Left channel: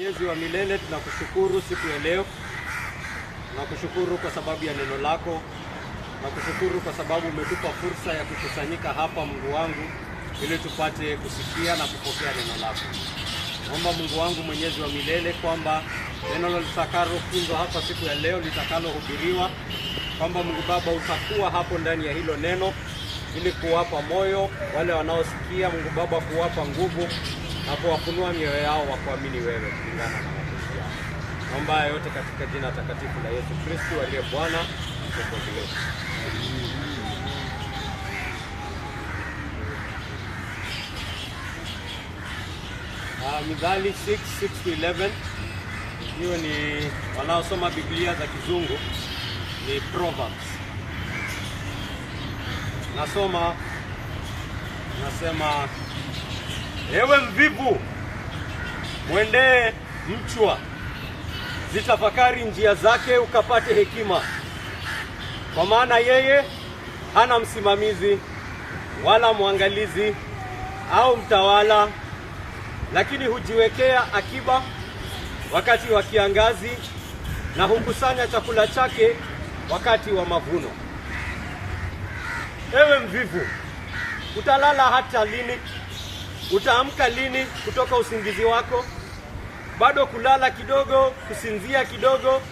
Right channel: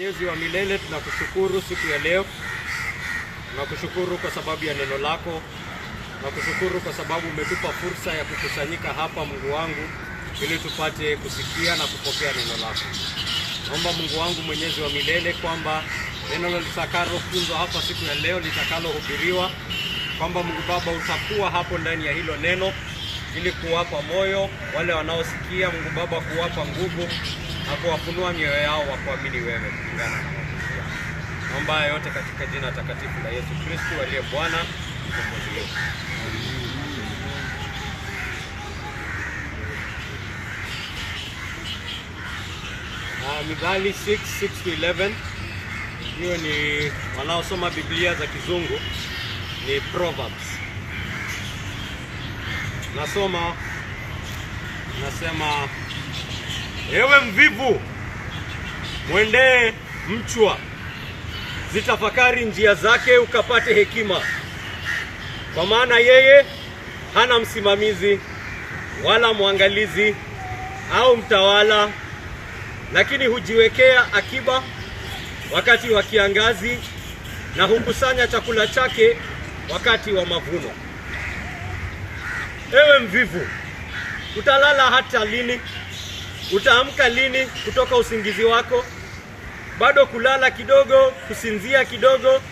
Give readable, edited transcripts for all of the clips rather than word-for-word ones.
Mwenyezi wa milele, tunakushukuru siku ya leo. Tunakushukuru kwa sababu ya neno lako. Tunakushukuru kwa sababu umetupa fursa ya kukusanyika hapa, Mungu wangu, ili tupate kusikia na kupokea neno lako. Naomba Mungu wangu Mwenyezi wa milele kwamba neno litakalofunzwa hapa siku ya leo, litakalohubiriwa, kwamba Mungu Baba utakuwa hapo ndani ya hilo neno ili kuwapa moyo wale wanaosikia, Mungu Baba, kuwapa nguvu na kuwafunua mioyo yao wa kuamini wewe kulingana na mapenzi yako. Naomba yote katika jina takatifu la Yesu Kristo aliye Bwana mkombozi wetu. Mithali 6:6-11. Hiyo ni wanaosoma Biblia za Kizungu, ni Proverbs. Nasema, ewe mvivu, mwendee mchwa, zitafakari njia zake ukapate hekima. Kwa maana yeye hana msimamizi wala mwangalizi au mtawala, lakini hujiwekea akiba wakati wa kiangazi na hukusanya chakula chake wakati wa mavuno. Ewe mvivu, utalala hata lini? Utaamka lini kutoka usingizi wako? Bado kulala kidogo, kusinzia kidogo,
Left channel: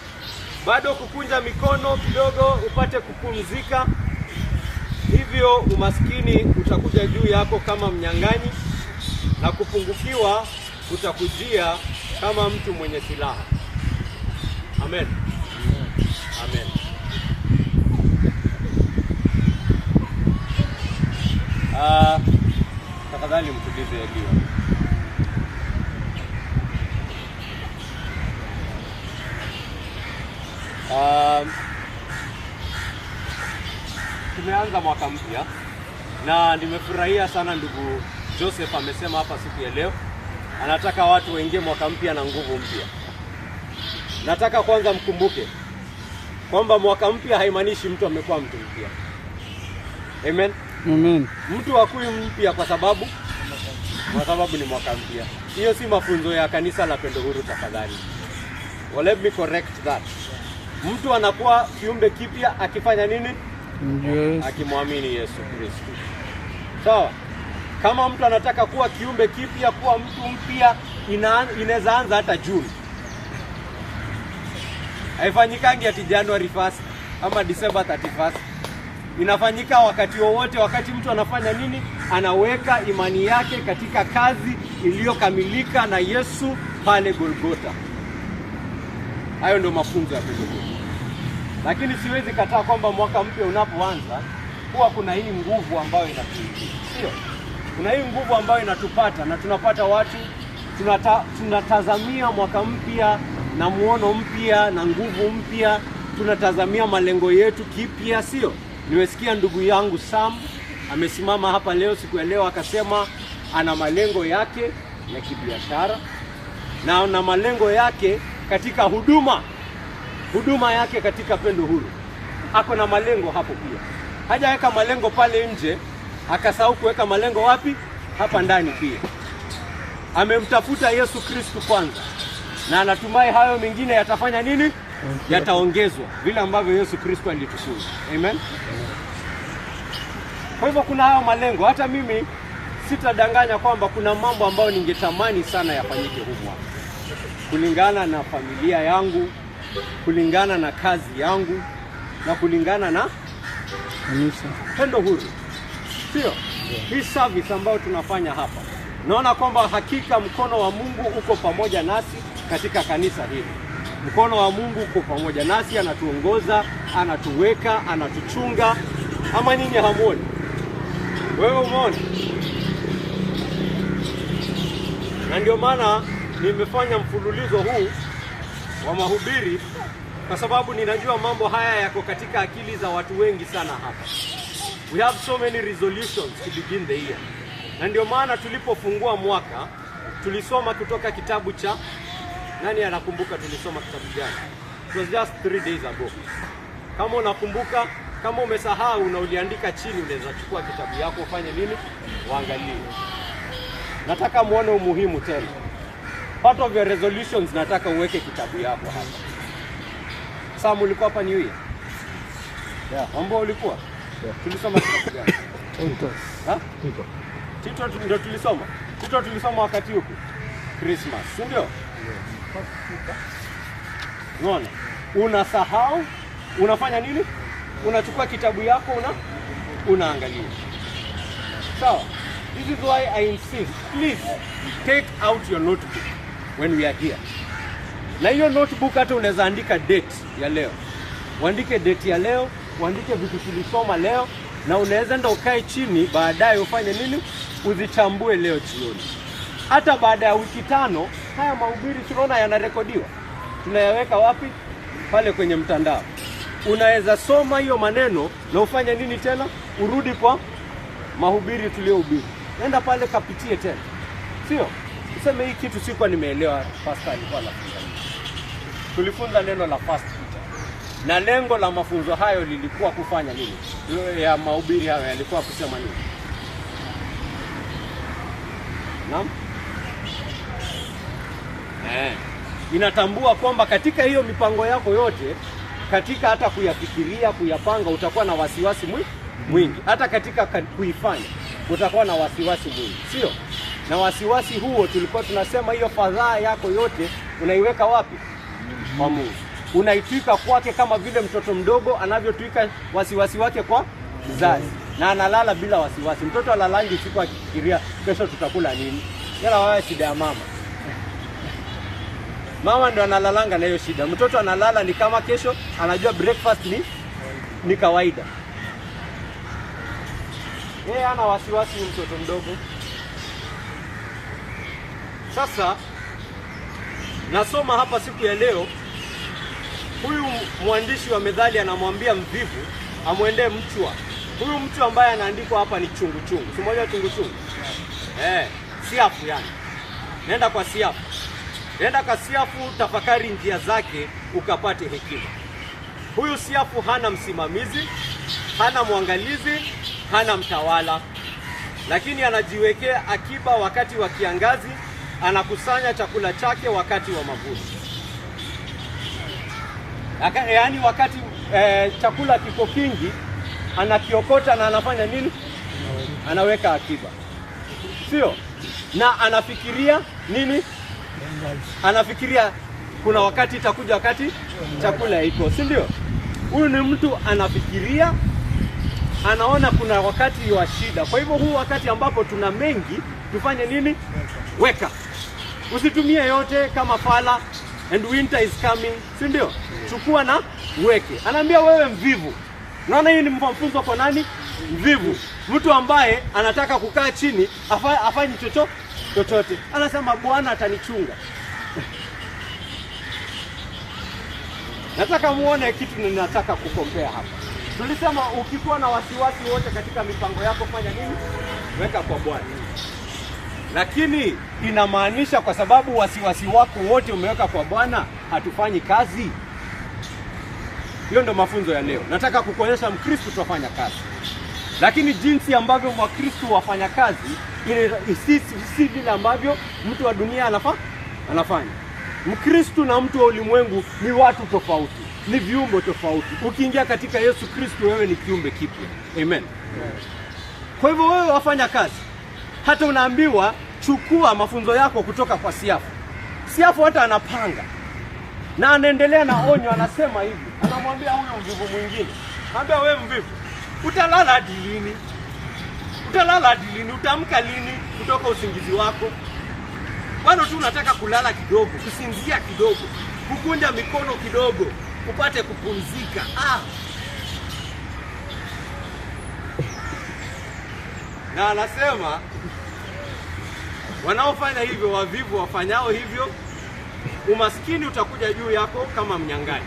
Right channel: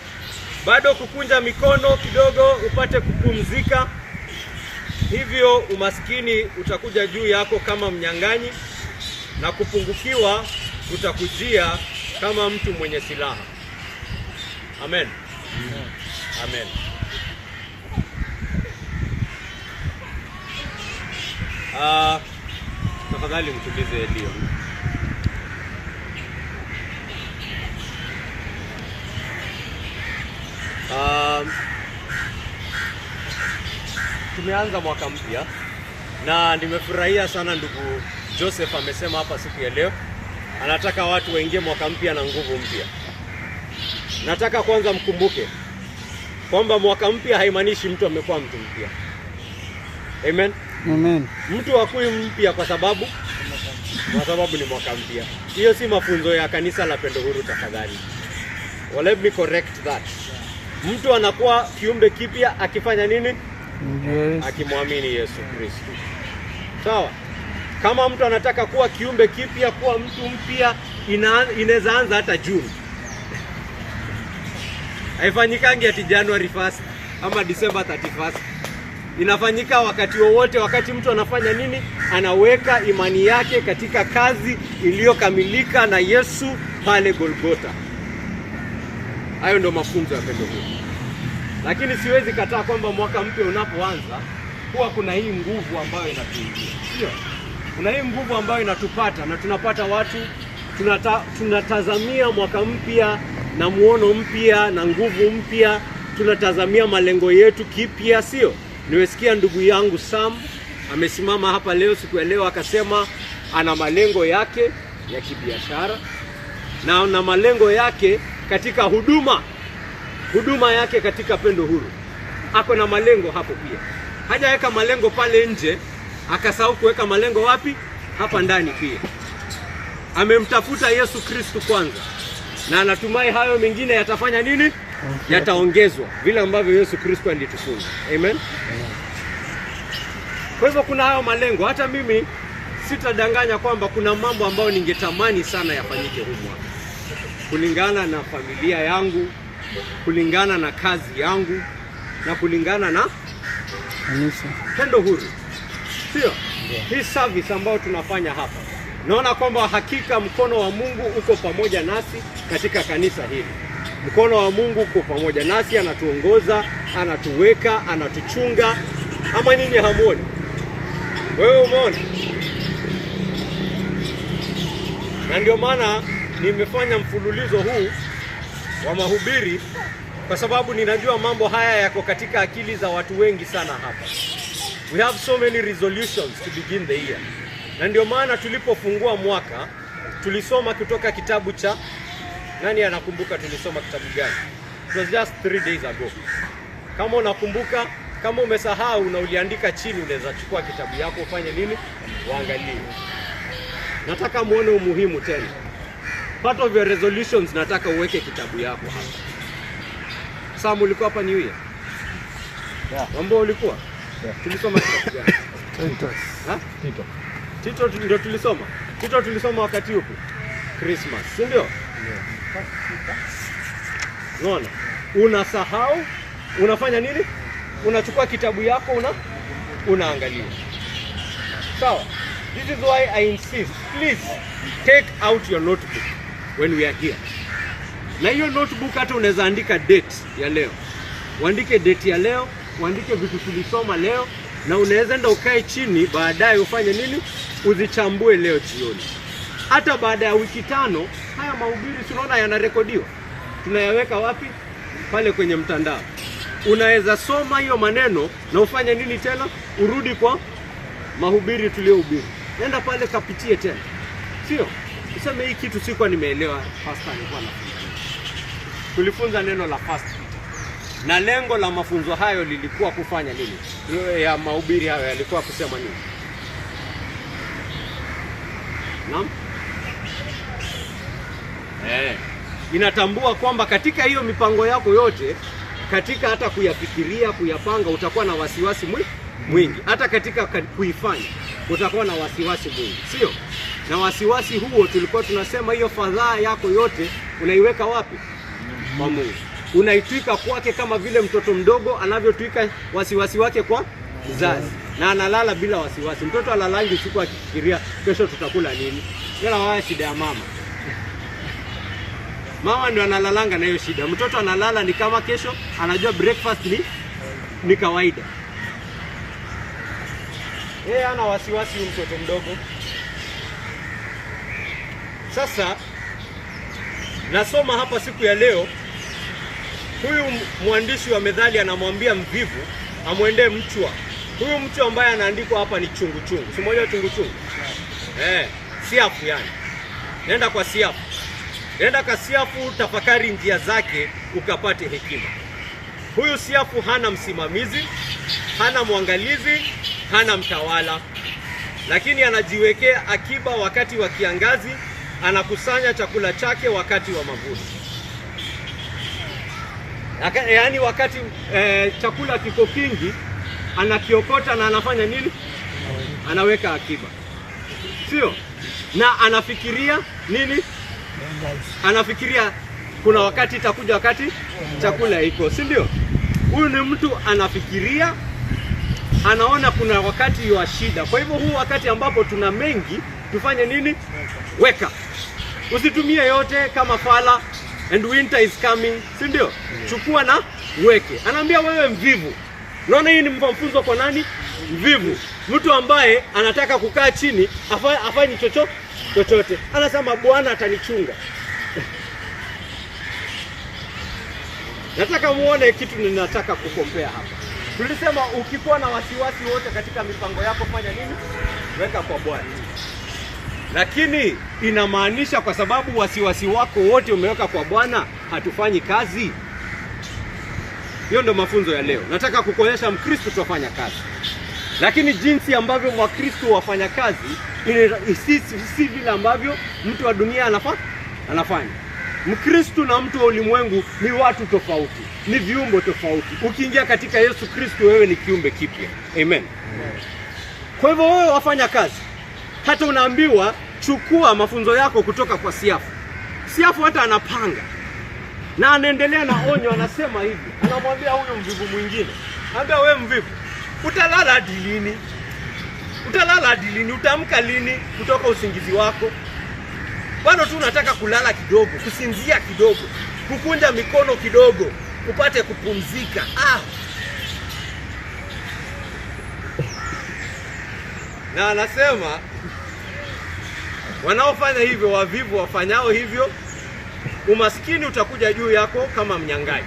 bado kukunja mikono kidogo upate kupumzika. Hivyo umaskini utakuja juu yako kama mnyang'anyi, na kupungukiwa utakujia kama mtu mwenye silaha. Amen. Amen. Tafadhali mtulize Elio. Tumeanza mwaka mpya na nimefurahia sana ndugu Joseph amesema hapa siku ya leo anataka watu waingie mwaka mpya na nguvu mpya. Nataka kwanza mkumbuke kwamba mwaka mpya haimaanishi mtu amekuwa mtu mpya. Amen. Amen. Mtu hakui mpya kwa sababu ni mwaka mpya. Hiyo si mafunzo ya kanisa la Pendo Huru, tafadhali. Well, let me correct that. Mtu anakuwa kiumbe kipya akifanya nini? Yes. Akimwamini Yesu Kristo. Sawa? Kama mtu anataka kuwa kiumbe kipya, kuwa mtu mpya, inaweza anza hata Juni. Haifanyikangi ati January 1st ama December 31st. Inafanyika wakati wowote, wakati mtu anafanya nini? Anaweka imani yake katika kazi iliyokamilika na Yesu pale Golgotha. Hayo ndio mafunzo ya Pendo Huru. Lakini siwezi kataa kwamba mwaka mpya unapoanza huwa kuna hii nguvu ambayo inatuingia. Sio? Kuna hii nguvu ambayo inatupata na tunapata watu tunatazamia mwaka mpya na muono mpya na nguvu mpya. Tunatazamia malengo yetu kipya, sio? Nimesikia ndugu yangu Sam amesimama hapa leo siku ya leo akasema ana malengo yake ya kibiashara na ana malengo yake katika huduma yake katika Pendo Huru. Ako na malengo hapo pia. Hajaweka malengo pale nje, akasahau kuweka malengo wapi? Hapa ndani pia. Amemtafuta Yesu Kristo kwanza, na anatumai hayo mengine yatafanya nini? Yataongezwa vile ambavyo Yesu Kristo alitufunza. Amen. Kwa hivyo kuna hayo malengo. Hata mimi sitadanganya kwamba kuna mambo ambayo ningetamani sana yafanyike huko, kulingana na familia yangu, kulingana na kazi yangu, na kulingana na kanisa Pendo Huru. Sio? Hii service ambayo tunafanya hapa, naona kwamba hakika mkono wa Mungu uko pamoja nasi katika kanisa hili. Mkono wa Mungu uko pamoja nasi, anatuongoza, anatuweka, anatuchunga. Ama nyinyi hamuoni? Wewe umeona? Na ndio maana nimefanya mfululizo huu wa mahubiri, kwa sababu ninajua mambo haya yako katika akili za watu wengi sana hapa. We have so many resolutions to begin the year. Na ndio maana tulipofungua mwaka tulisoma kutoka kitabu cha nani anakumbuka tulisoma kitabu gani? It was just 3 days ago. Kama unakumbuka, kama umesahau na uliandika chini, unaweza chukua kitabu yako ufanye nini? Uangalie. Nataka muone umuhimu tena. part of your resolutions nataka uweke kitabu yako hapa. Sam, ulikuwa hapa New Year? Yeah. Mambo ulikuwa? Yeah. Tulisoma kitabu gani? Titus. Ha? Tito ndio tulisoma. Tito tulisoma wakati upi? Christmas, si ndio? Unaona? Unasahau, unafanya nini? Unachukua kitabu yako unaangalia. Sawa? This is why I insist, please take out your notebook when we are here. Na hiyo notebook hata unaweza andika date ya leo. Uandike date ya leo, uandike vitu tulisoma leo, na unaweza enda ukae chini baadaye ufanye nini? Uzichambue leo jioni. Hata baada ya wiki 5 haya mahubiri tunaona yanarekodiwa. Tunayaweka wapi? Pale kwenye mtandao. Unaweza soma hiyo maneno na ufanye nini tena? Urudi kwa mahubiri tuliohubiri. Nenda pale kapitie tena. Sio? Useme hii kitu sikuwa nimeelewa pastor alikuwa anafunza. Tulifunza neno la fast. Na lengo la mafunzo hayo lilikuwa kufanya nini? Ya mahubiri hayo yalikuwa kusema nini? Naam? Inatambua kwamba katika hiyo mipango yako yote, katika hata kuyafikiria, kuyapanga, utakuwa na wasiwasi mwingi. Hata katika kuifanya utakuwa na wasiwasi mwingi, sio? Na wasiwasi huo tulikuwa tunasema hiyo fadhaa yako yote unaiweka wapi? Kwa Mungu. Unaitwika kwake kama vile mtoto mdogo anavyotwika wasiwasi wake kwa mzazi. Na analala bila wasiwasi. Mtoto alalangi usiku akifikiria kesho tutakula nini. Yana wao shida ya mama. Mama ndio analalanga na hiyo shida. Mtoto analala ni kama kesho anajua breakfast ni kawaida. Yeye ana wasiwasi mtoto mdogo. Sasa nasoma hapa siku ya leo, huyu mwandishi wa Methali anamwambia mvivu amwendee mchwa. Huyu mchwa ambaye anaandikwa hapa ni chungu. Si moja chungu. Siafu yani. Nenda kwa siafu. Nenda kwa siafu, tafakari njia zake ukapate hekima. Huyu siafu hana msimamizi, hana mwangalizi, hana mtawala. Lakini anajiwekea akiba wakati wa kiangazi, anakusanya chakula chake wakati wa mavuno. Yaani wakati chakula kiko kingi, anakiokota na anafanya nini? Anaweka akiba. Sio? Na anafikiria nini? Anafikiria kuna wakati itakuja wakati chakula iko, si ndio? Huyu ni mtu anafikiria, anaona kuna wakati wa shida. Kwa hivyo huu wakati ambapo tuna mengi, tufanye nini? Weka. Usitumie yote kama fala, and winter is coming, si ndio? Chukua na uweke. Anaambia wewe mvivu. Unaona hii ni mfunzo kwa nani? Mvivu. Mtu ambaye anataka kukaa chini afanye chochote. Anasema Bwana atanichunga. Nataka muone kitu ninataka kukompea hapa. Tulisema ukikuwa na wasiwasi wote katika mipango yako, fanya nini? Weka kwa Bwana. Lakini inamaanisha kwa sababu wasiwasi wako wote umeweka kwa Bwana, hatufanyi kazi? Hiyo ndio mafunzo ya leo. Nataka kukuonyesha Mkristo tufanya kazi. Lakini jinsi ambavyo Wakristo wafanya kazi si vile ambavyo mtu wa dunia anafanya. Mkristo na mtu wa ulimwengu ni watu tofauti, ni viumbe tofauti. Ukiingia katika Yesu Kristo, wewe ni kiumbe kipya. Amen. Kwa hivyo wewe wafanya kazi. Hata unaambiwa chukua mafunzo yako kutoka kwa siafu. Siafu hata anapanga na anaendelea na onyo, anasema hivi. Anamwambia huyo mvivu mwingine, anambia wewe mvivu, utalala hadi lini? Utaamka lini kutoka usingizi wako? Bado tu unataka kulala kidogo, kusinzia kidogo, kukunja mikono kidogo, upate kupumzika. Na anasema wanaofanya hivyo, wavivu wafanyao hivyo, umaskini utakuja juu yako kama mnyang'anyi.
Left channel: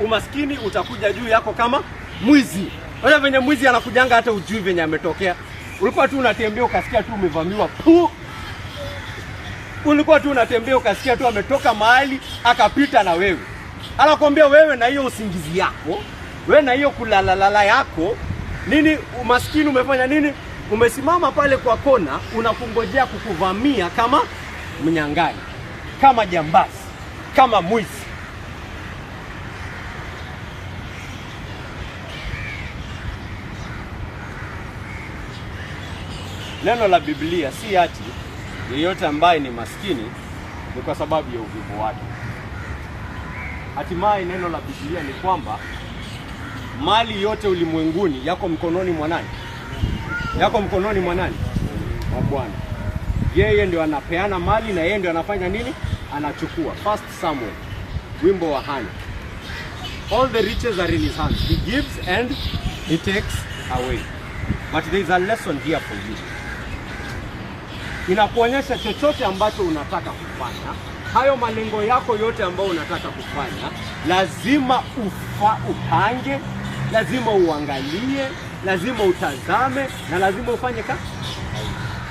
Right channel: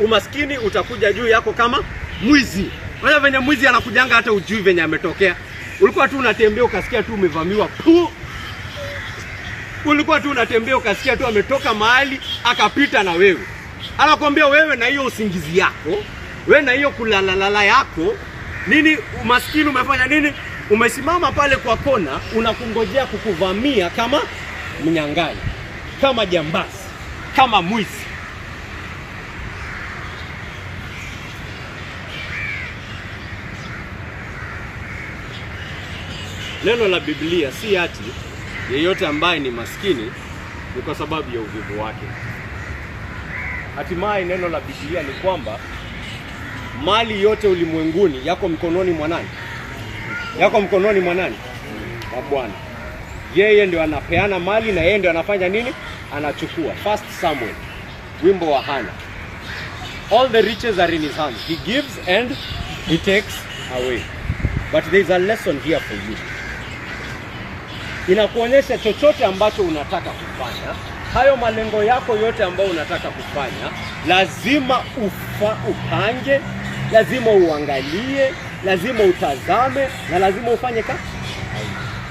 Umaskini utakuja juu yako kama mwizi. Wala venye mwizi anakujanga hata ujui venye ametokea. Ulikuwa tu unatembea ukasikia tu umevamiwa. Ulikuwa tu unatembea ukasikia tu ametoka mahali akapita na wewe. Anakuambia wewe na hiyo usingizi yako, wewe na hiyo kulalala yako, nini umaskini umefanya nini? Umesimama pale kwa kona, unakungojea kukuvamia mnyang'anyi, kama jambazi, kama mwizi. Neno la Biblia si ati yeyote ambaye ni maskini ni kwa sababu ya uvivu wake. Hatimaye neno la Biblia ni kwamba mali yote ulimwenguni yako mkononi mwa nani? Yako mkononi mwa nani? Wa Bwana. Yeye ndio anapeana mali na yeye ndio anafanya nini? Anachukua. First Samuel, wimbo wa Hana. All the riches are in his hands. He gives and he takes away. But there is a lesson here for you. Inakuonyesha chochote ambacho unataka kufanya, hayo malengo yako yote ambayo unataka kufanya, lazima upange, lazima uangalie, lazima utazame na lazima ufanye kazi.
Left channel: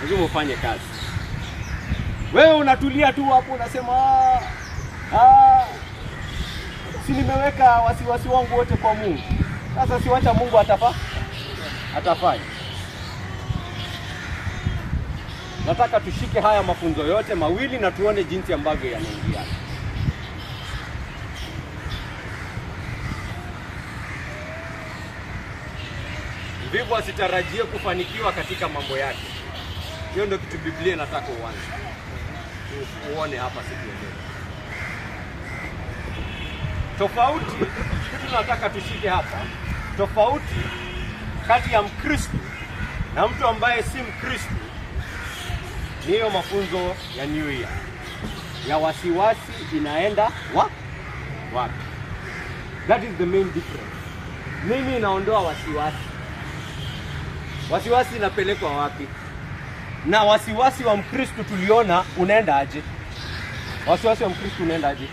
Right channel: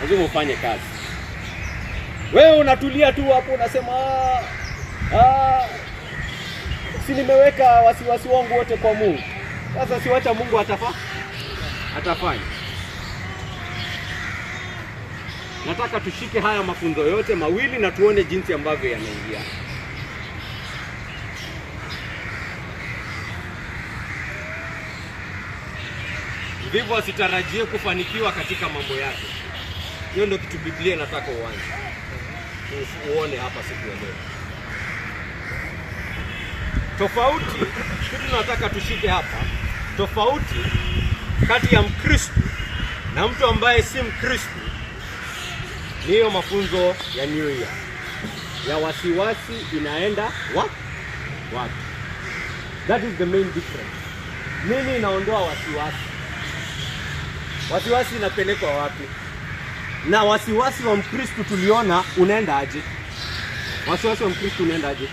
Lazima ufanye kazi. Wewe unatulia tu hapo unasema si nimeweka wasiwasi wangu wote kwa Mungu. Sasa siwacha Mungu atafanya. Nataka tushike haya mafunzo yote mawili na tuone jinsi ambavyo yanaingia. Ndivyo asitarajie kufanikiwa katika mambo yake. Hiyo ndio kitu Biblia nataka uone hapa siku ya leo. Tofauti, kitu nataka tushike hapa, tofauti kati ya Mkristo na mtu ambaye si Mkristo ni hiyo mafunzo ya New Year. Ya wasiwasi inaenda wapi? That is the main difference. Nini inaondoa wasiwasi? Wasiwasi inapelekwa wapi? Na wasiwasi wa Mkristo tuliona unaenda aje? Wasiwasi wa Mkristo unaenda aje?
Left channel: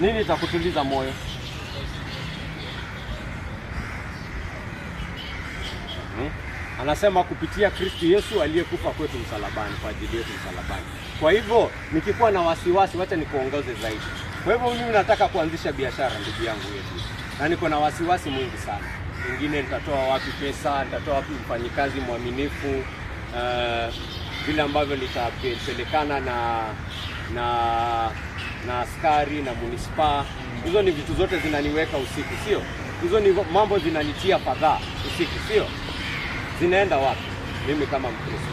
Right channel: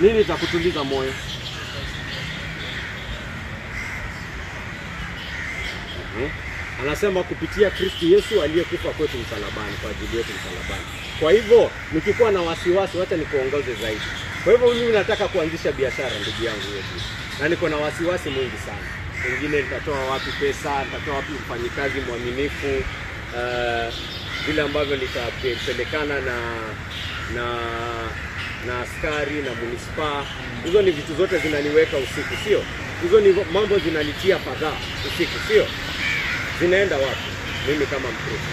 Nini itakutuliza moyo? Anasema kupitia Kristo Yesu aliyekufa kwetu msalabani, kwa ajili yetu msalabani. Kwa hivyo nikikuwa na wasiwasi, wacha nikuongoze zaidi. Kwa hivyo mimi nataka kuanzisha biashara, ndugu yangu yetu, na niko na wasiwasi mwingi sana. Wengine nitatoa wapi pesa, nitatoa wapi mfanyikazi mwaminifu, vile ambavyo nitapelekana na askari na munisipaa. Hizo ni vitu zote zinaniweka usiku, sio? Hizo ni mambo zinanitia fadhaa usiku, sio? Zinaenda wapi mimi kama Mkristo?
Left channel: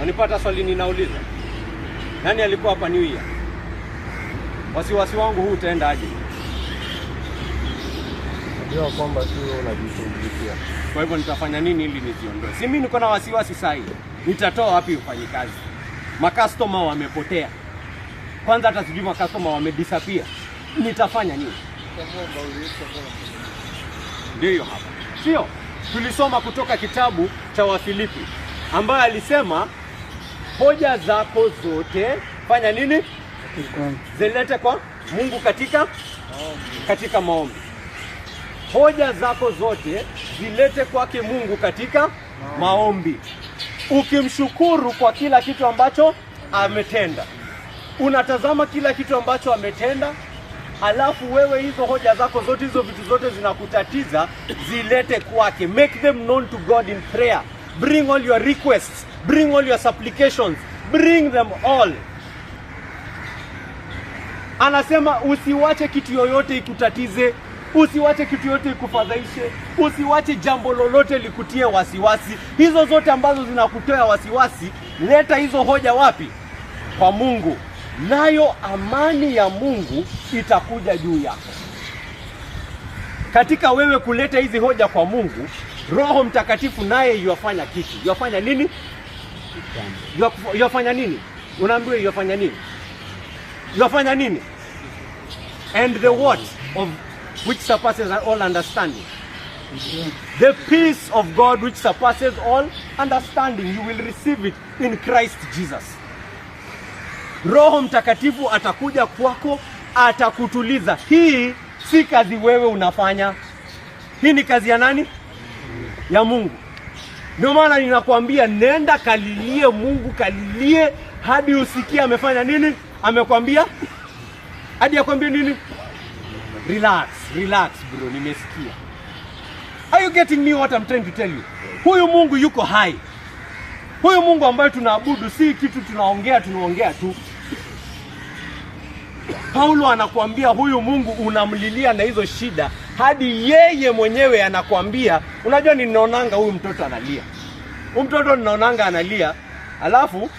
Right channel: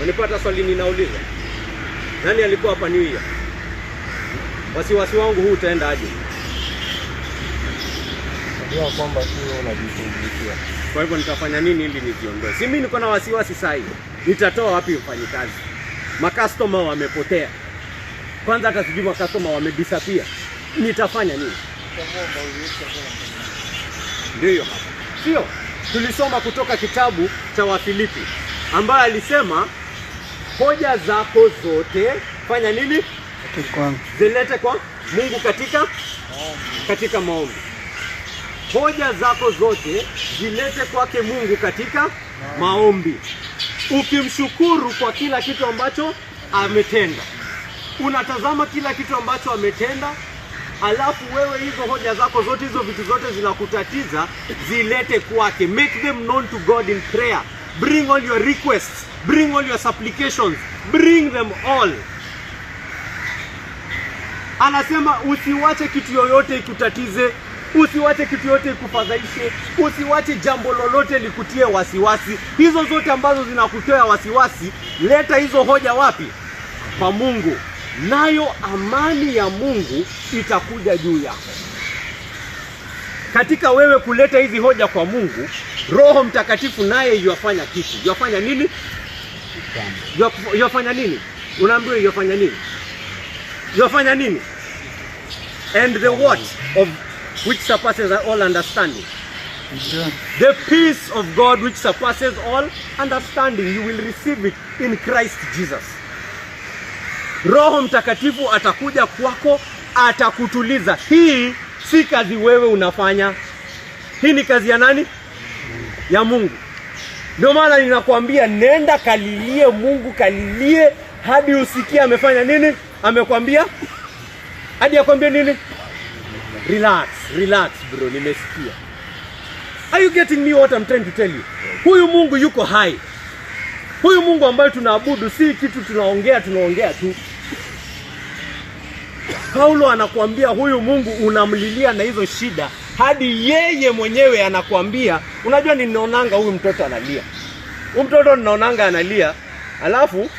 Wanipata swali ninauliza. Nani alikuwa hapa New Year? Wasiwasi wangu huu utaenda aje? Unajua kwamba sio unajishughulikia. Kwa hivyo nitafanya nini ili nijiondoe? Si mimi niko na wasiwasi sasa hivi. Nitatoa wapi mfanyikazi? Makastoma wamepotea. Kwanza hata sijui makastoma wamedisappear. Nitafanya nini? Ndio hapa. Sio? Tulisoma kutoka kitabu cha Wafilipi ambaye alisema hoja zako zote fanya nini? Zilete kwa Mungu katika maombi. Hoja zako zote zilete kwake Mungu katika maombi. Ukimshukuru kwa kila kitu ambacho ametenda. Unatazama kila kitu ambacho ametenda, alafu wewe hizo hoja zako zote, hizo vitu zote zinakutatiza, zilete kwake. Make them known to God in prayer. Bring all your requests, bring all your supplications, bring them all. Anasema usiwache kitu yoyote ikutatize, usiwache kitu yoyote ikufadhaishe, usiwache jambo lolote likutie wasiwasi. Hizo zote ambazo zinakutia wasiwasi, leta hizo hoja wapi? Kwa Mungu. Nayo amani ya Mungu itakuja juu yako. Katika wewe kuleta hizi hoja kwa Mungu, Roho Mtakatifu naye yafanya kitu. Yafanya nini? Yafanya nini? Unaambiwa yafanya nini? Yafanya nini? And the what of which surpasses all understanding. The peace of God which surpasses all understanding, you will receive it in Christ Jesus. Roho Mtakatifu atakuja kwako, atakutuliza. Hii si kazi wewe unafanya. Hii ni kazi ya nani? Ya Mungu. Ndio maana ninakwambia nenda kalilie Mungu, kalilie hadi usikie amefanya nini? Amekwambia? Hadi akwambie nini? Relax bro, nimesikia. Are you getting me what I'm trying to tell you? Huyu Mungu yuko hai. Huyu Mungu ambaye tunaabudu si kitu tunaongea tu. Paulo anakuambia huyu Mungu unamlilia na hizo shida, hadi yeye mwenyewe anakuambia, unajua ninaonanga huyu mtoto analia. Huyu mtoto ninaonanga analia, alafu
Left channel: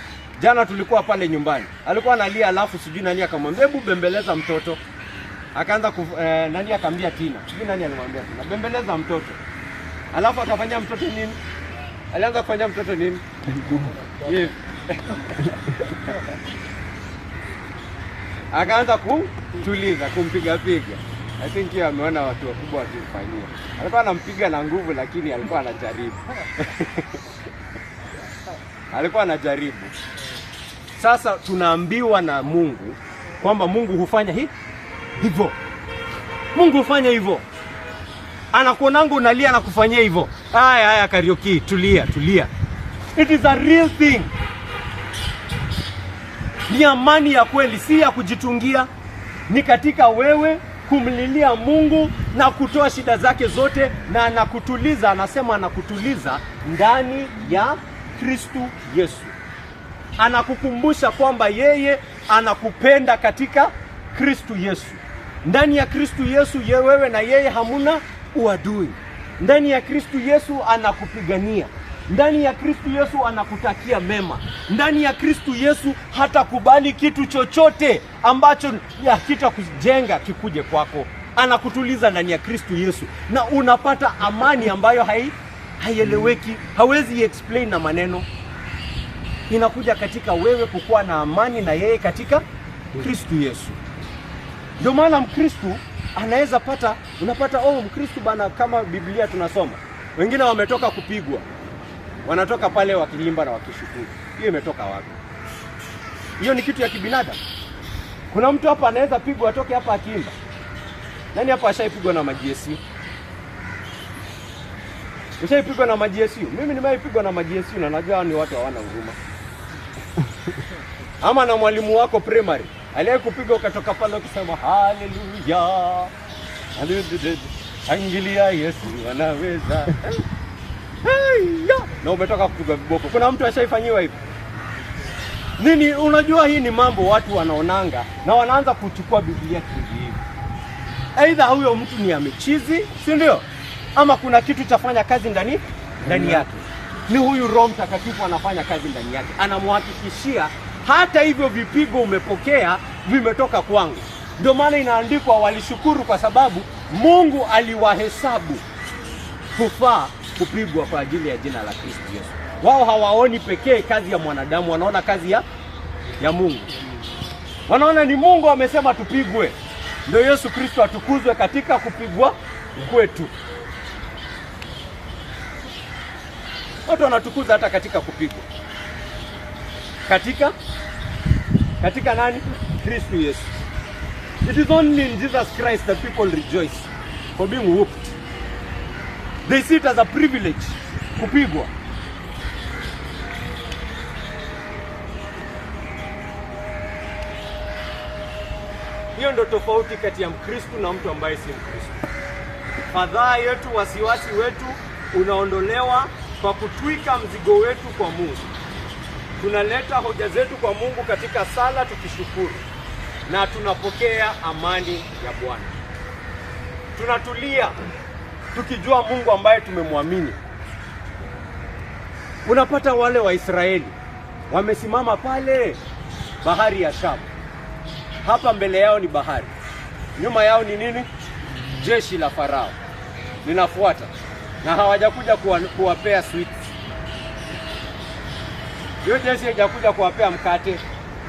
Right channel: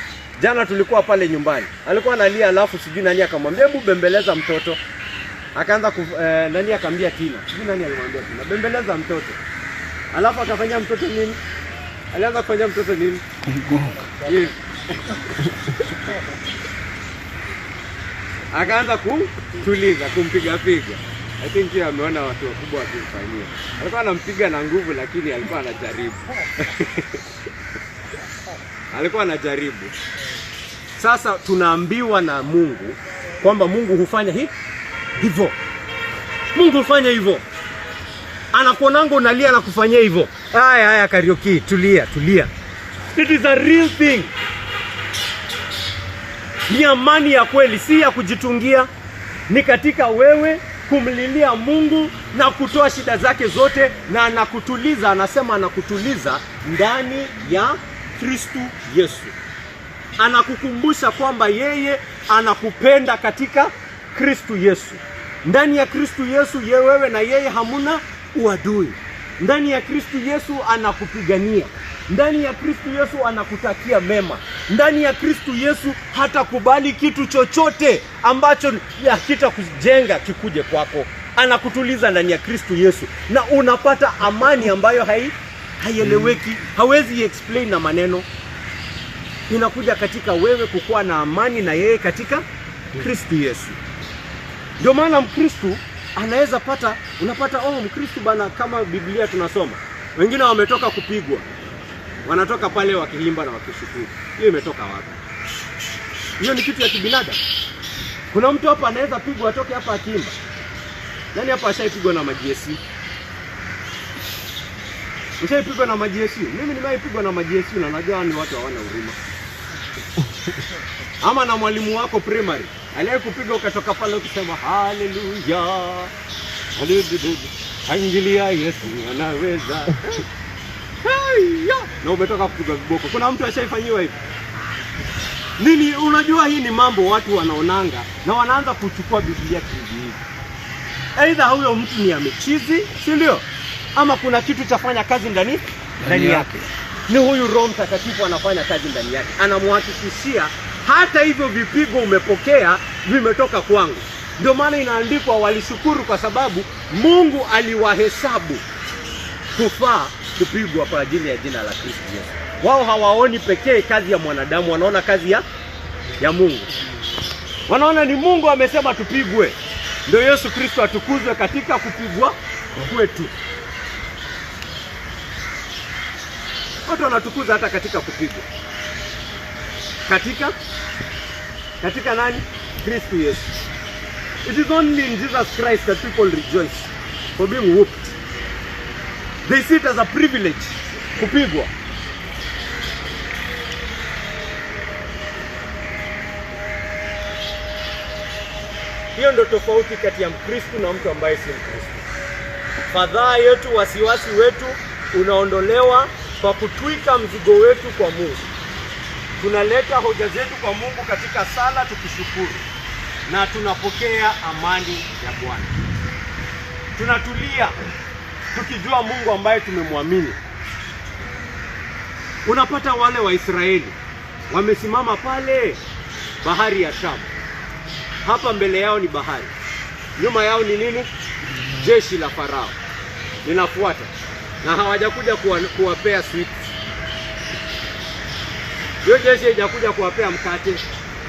jana tulikuwa pale nyumbani. Alikuwa analia, alafu sijui nani akamwambia hebu bembeleza mtoto. Akaanza nani akamwambia Tina. Sijui nani alimwambia Tina, bembeleza mtoto. Alafu akafanya mtoto nini? Alianza kufanya mtoto nini? Akaanza kutuliza, kumpiga. I think yeye ameona watu wakubwa wakifanyia. Alikuwa anampiga na nguvu, lakini alikuwa anajaribu. Alikuwa anajaribu. Sasa tunaambiwa na Mungu kwamba Mungu hufanya hivyo. Mungu hufanya hivyo. Anakuonanga unalia na kufanyia hivyo. Haya Kariuki, tulia. It is a real thing. Ni amani ya kweli, si ya kujitungia. Ni katika wewe kumlilia Mungu na kutoa shida zake zote, na anakutuliza. Anasema anakutuliza ndani ya Kristo Yesu. Anakukumbusha kwamba yeye anakupenda katika Kristo Yesu. Ndani ya Kristo Yesu wewe na yeye hamuna uadui. Ndani ya Kristo Yesu anakupigania. Ndani ya Kristo Yesu anakutakia mema. Ndani ya Kristo Yesu hatakubali kitu chochote ambacho hakitakujenga kikuje kwako. Anakutuliza ndani ya Kristo Yesu, na unapata amani ambayo haieleweki, hawezi explain na maneno. Inakuja katika wewe kukuwa na amani na yeye katika Kristo Yesu. Ndio maana Mkristo anaweza unapata Mkristo bana, kama Biblia tunasoma, wengine wametoka kupigwa, wanatoka pale wakilimba na wakishukuru. Hiyo imetoka wapi? Hiyo ni kitu ya kibinadamu. Kuna mtu hapa anaweza pigwa atoke hapa akiimba? Nani hapa ashaipigwa na majiesi? Ushaipigwa na majiesi? Mimi nimeipigwa na majiesi, na najua ni watu hawana huruma. Ama na mwalimu wako primary aliyekupiga ukatoka pale ukisema haleluya, haleluya, angilia Yesu anaweza. Na umetoka kupiga viboko. Kuna mtu ashaifanyiwa hivi? Nini? Unajua hii ni mambo watu wanaonanga na wanaanza kuchukua Biblia kihivi. Aidha huyo mtu ni amechizi, si ndio? Ama kuna kitu chafanya kazi ndani yake. Ni huyu Roho Mtakatifu anafanya kazi ndani yake. Anamhakikishia hata hivyo vipigo umepokea vimetoka kwangu. Ndio maana inaandikwa walishukuru kwa sababu Mungu aliwahesabu kufaa kupigwa kwa ajili ya jina la Kristo Yesu. Wao hawaoni pekee kazi ya mwanadamu, wanaona kazi ya Mungu. Wanaona ni Mungu amesema tupigwe, ndio Yesu Kristo atukuzwe katika kupigwa kwetu. Watu wanatukuza hata katika kupigwa. Katika nani? Kristo Yesu. It is only in Jesus Christ that people rejoice for being whooped. They see it as a privilege kupigwa. Hiyo ndio tofauti kati ya Mkristo na mtu ambaye si Mkristo. Fadhaa yetu, wasiwasi wetu unaondolewa kwa kutwika mzigo wetu kwa Mungu. Tunaleta hoja zetu kwa Mungu katika sala tukishukuru, na tunapokea amani ya Bwana. Tunatulia tukijua Mungu ambaye tumemwamini. Unapata wale wa Israeli wamesimama pale bahari ya Shamu. Hapa mbele yao ni bahari, nyuma yao ni nini? Jeshi la Farao linafuata, na hawajakuja kuwapea sweets. Hiyo jeshi hajakuja kuwapea mkate.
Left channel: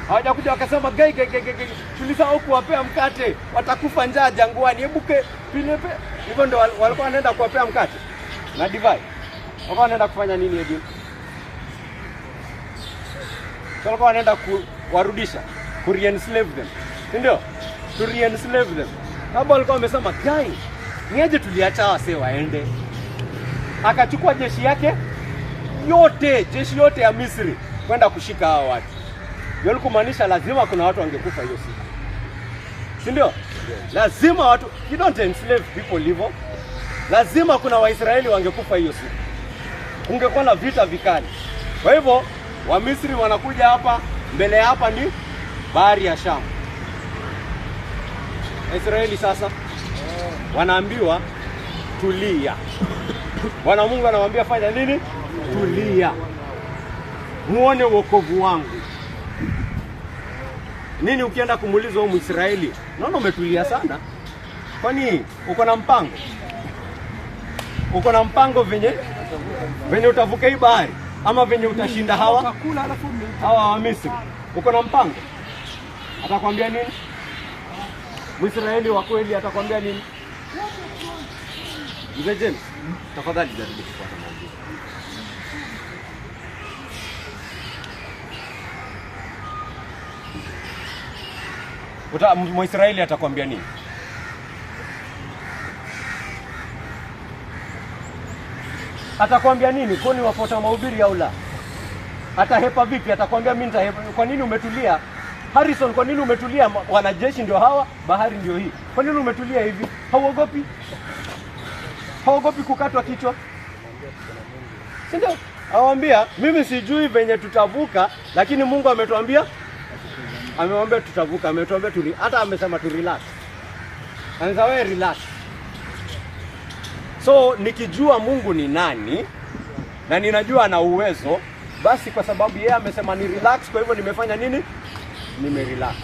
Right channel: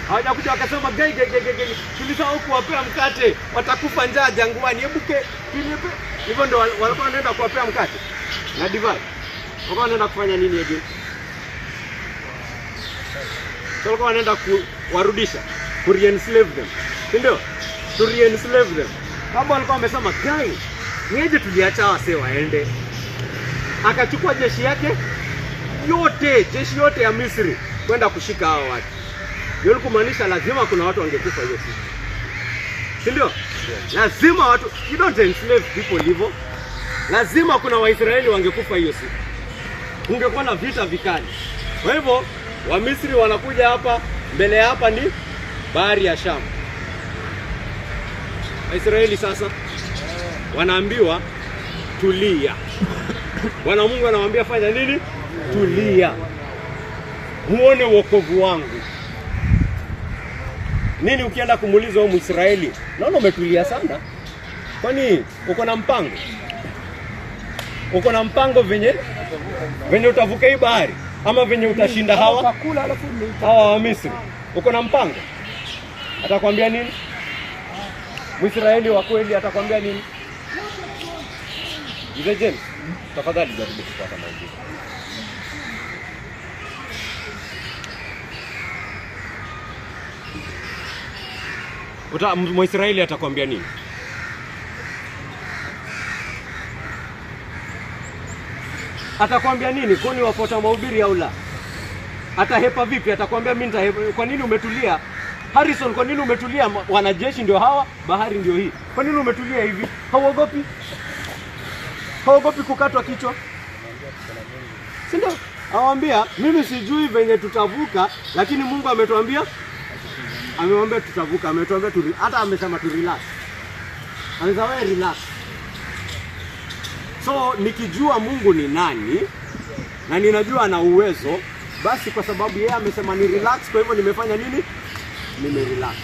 Hawajakuja wakasema gai tulisahau kuwapea mkate, watakufa njaa jangwani, ebuke pinepe. Hivyo ndio walikuwa wanaenda kuwapea mkate na divai. Walikuwa wanaenda kufanya nini hivi? Walikuwa wanaenda kuwarudisha, ku-re-enslave them. Ndio? To re-enslave them. Baba walikuwa wamesema gai, niaje tuliacha wase waende. Akachukua jeshi yake yote, jeshi yote ya Misri kwenda kushika hao watu. Hiyo ni kumaanisha lazima kuna watu wangekufa hiyo siku. Si ndio? Lazima watu, you don't enslave people hivyo. lazima kuna Waisraeli wangekufa hiyo siku. Kungekuwa na vita vikali. Kwa hivyo Wamisri wanakuja hapa, mbele hapa ni bahari ya Shamu. Waisraeli sasa wanaambiwa tulia. Bwana Mungu anawaambia fanya nini? Tulia. Muone wokovu wangu. Nini ukienda kumuuliza huyo Mwisraeli? Naona umetulia sana. Kwani uko na mpango? Uko na mpango venye utavuka hii bahari ama venye utashinda hawa wa Misri? Uko na mpango? Atakwambia nini? Mwisraeli wa kweli atakwambia nini? Mzee James, tafadhali jaribu kupata majibu. Mwisraeli atakwambia nini? Atakwambia nini? Kwani wafuata mahubiri au la? Atahepa vipi? Atakwambia mimi nitahepa. Kwa nini umetulia? Harrison, kwa nini umetulia? Wanajeshi ndio hawa, bahari ndio hii. Kwa nini umetulia hivi? Hauogopi? Hauogopi kukatwa kichwa? Si ndio? Awaambia, mimi sijui venye tutavuka, lakini Mungu ametuambia, amemwambia tutavuka, ametuambia hata amesema tu relax. Anasema wewe relax. So nikijua Mungu ni nani na ninajua ana uwezo, basi kwa sababu yeye amesema ni relax, kwa hivyo nimefanya nini? Nimerelax.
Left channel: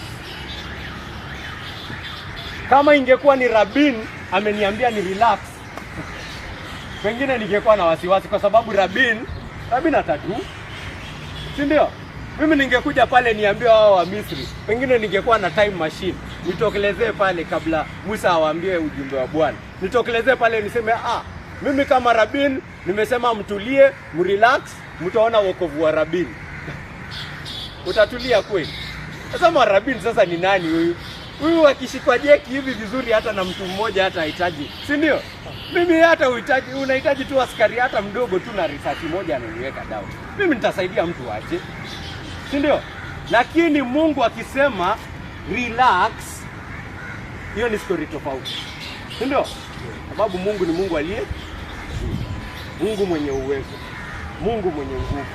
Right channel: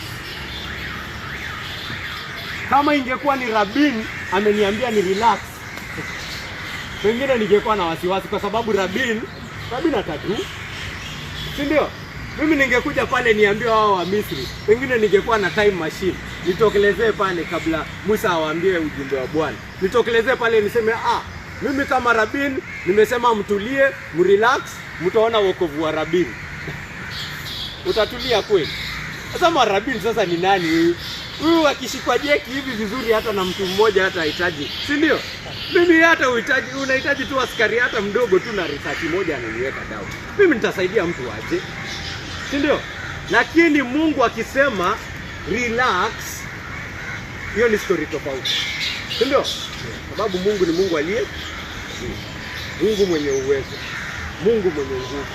Kama ingekuwa ni Rabin ameniambia ni relax, pengine ningekuwa na wasiwasi, kwa sababu Rabin atatu. Si ndio? Mimi ningekuja pale niambie hao wa Misri, pengine ningekuwa na time machine, nitokelezee pale kabla Musa awaambie ujumbe wa Bwana. Nitokelezee pale niseme mimi kama Rabin nimesema mtulie, mrelax, mtaona wokovu wa Rabin. Utatulia kweli? Sasa Rabin sasa ni nani huyu? Huyu akishikwa jeki hivi vizuri hata na mtu mmoja hata hahitaji. Si ndio? Mimi hata unahitaji tu askari hata mdogo tu na risasi moja ananiweka dawa. Mimi nitasaidia mtu aje. Si ndio? Lakini Mungu akisema relax, hiyo ni story tofauti. Si ndio? Sababu Mungu ni Mungu aliye Mungu mwenye uwezo, Mungu mwenye nguvu.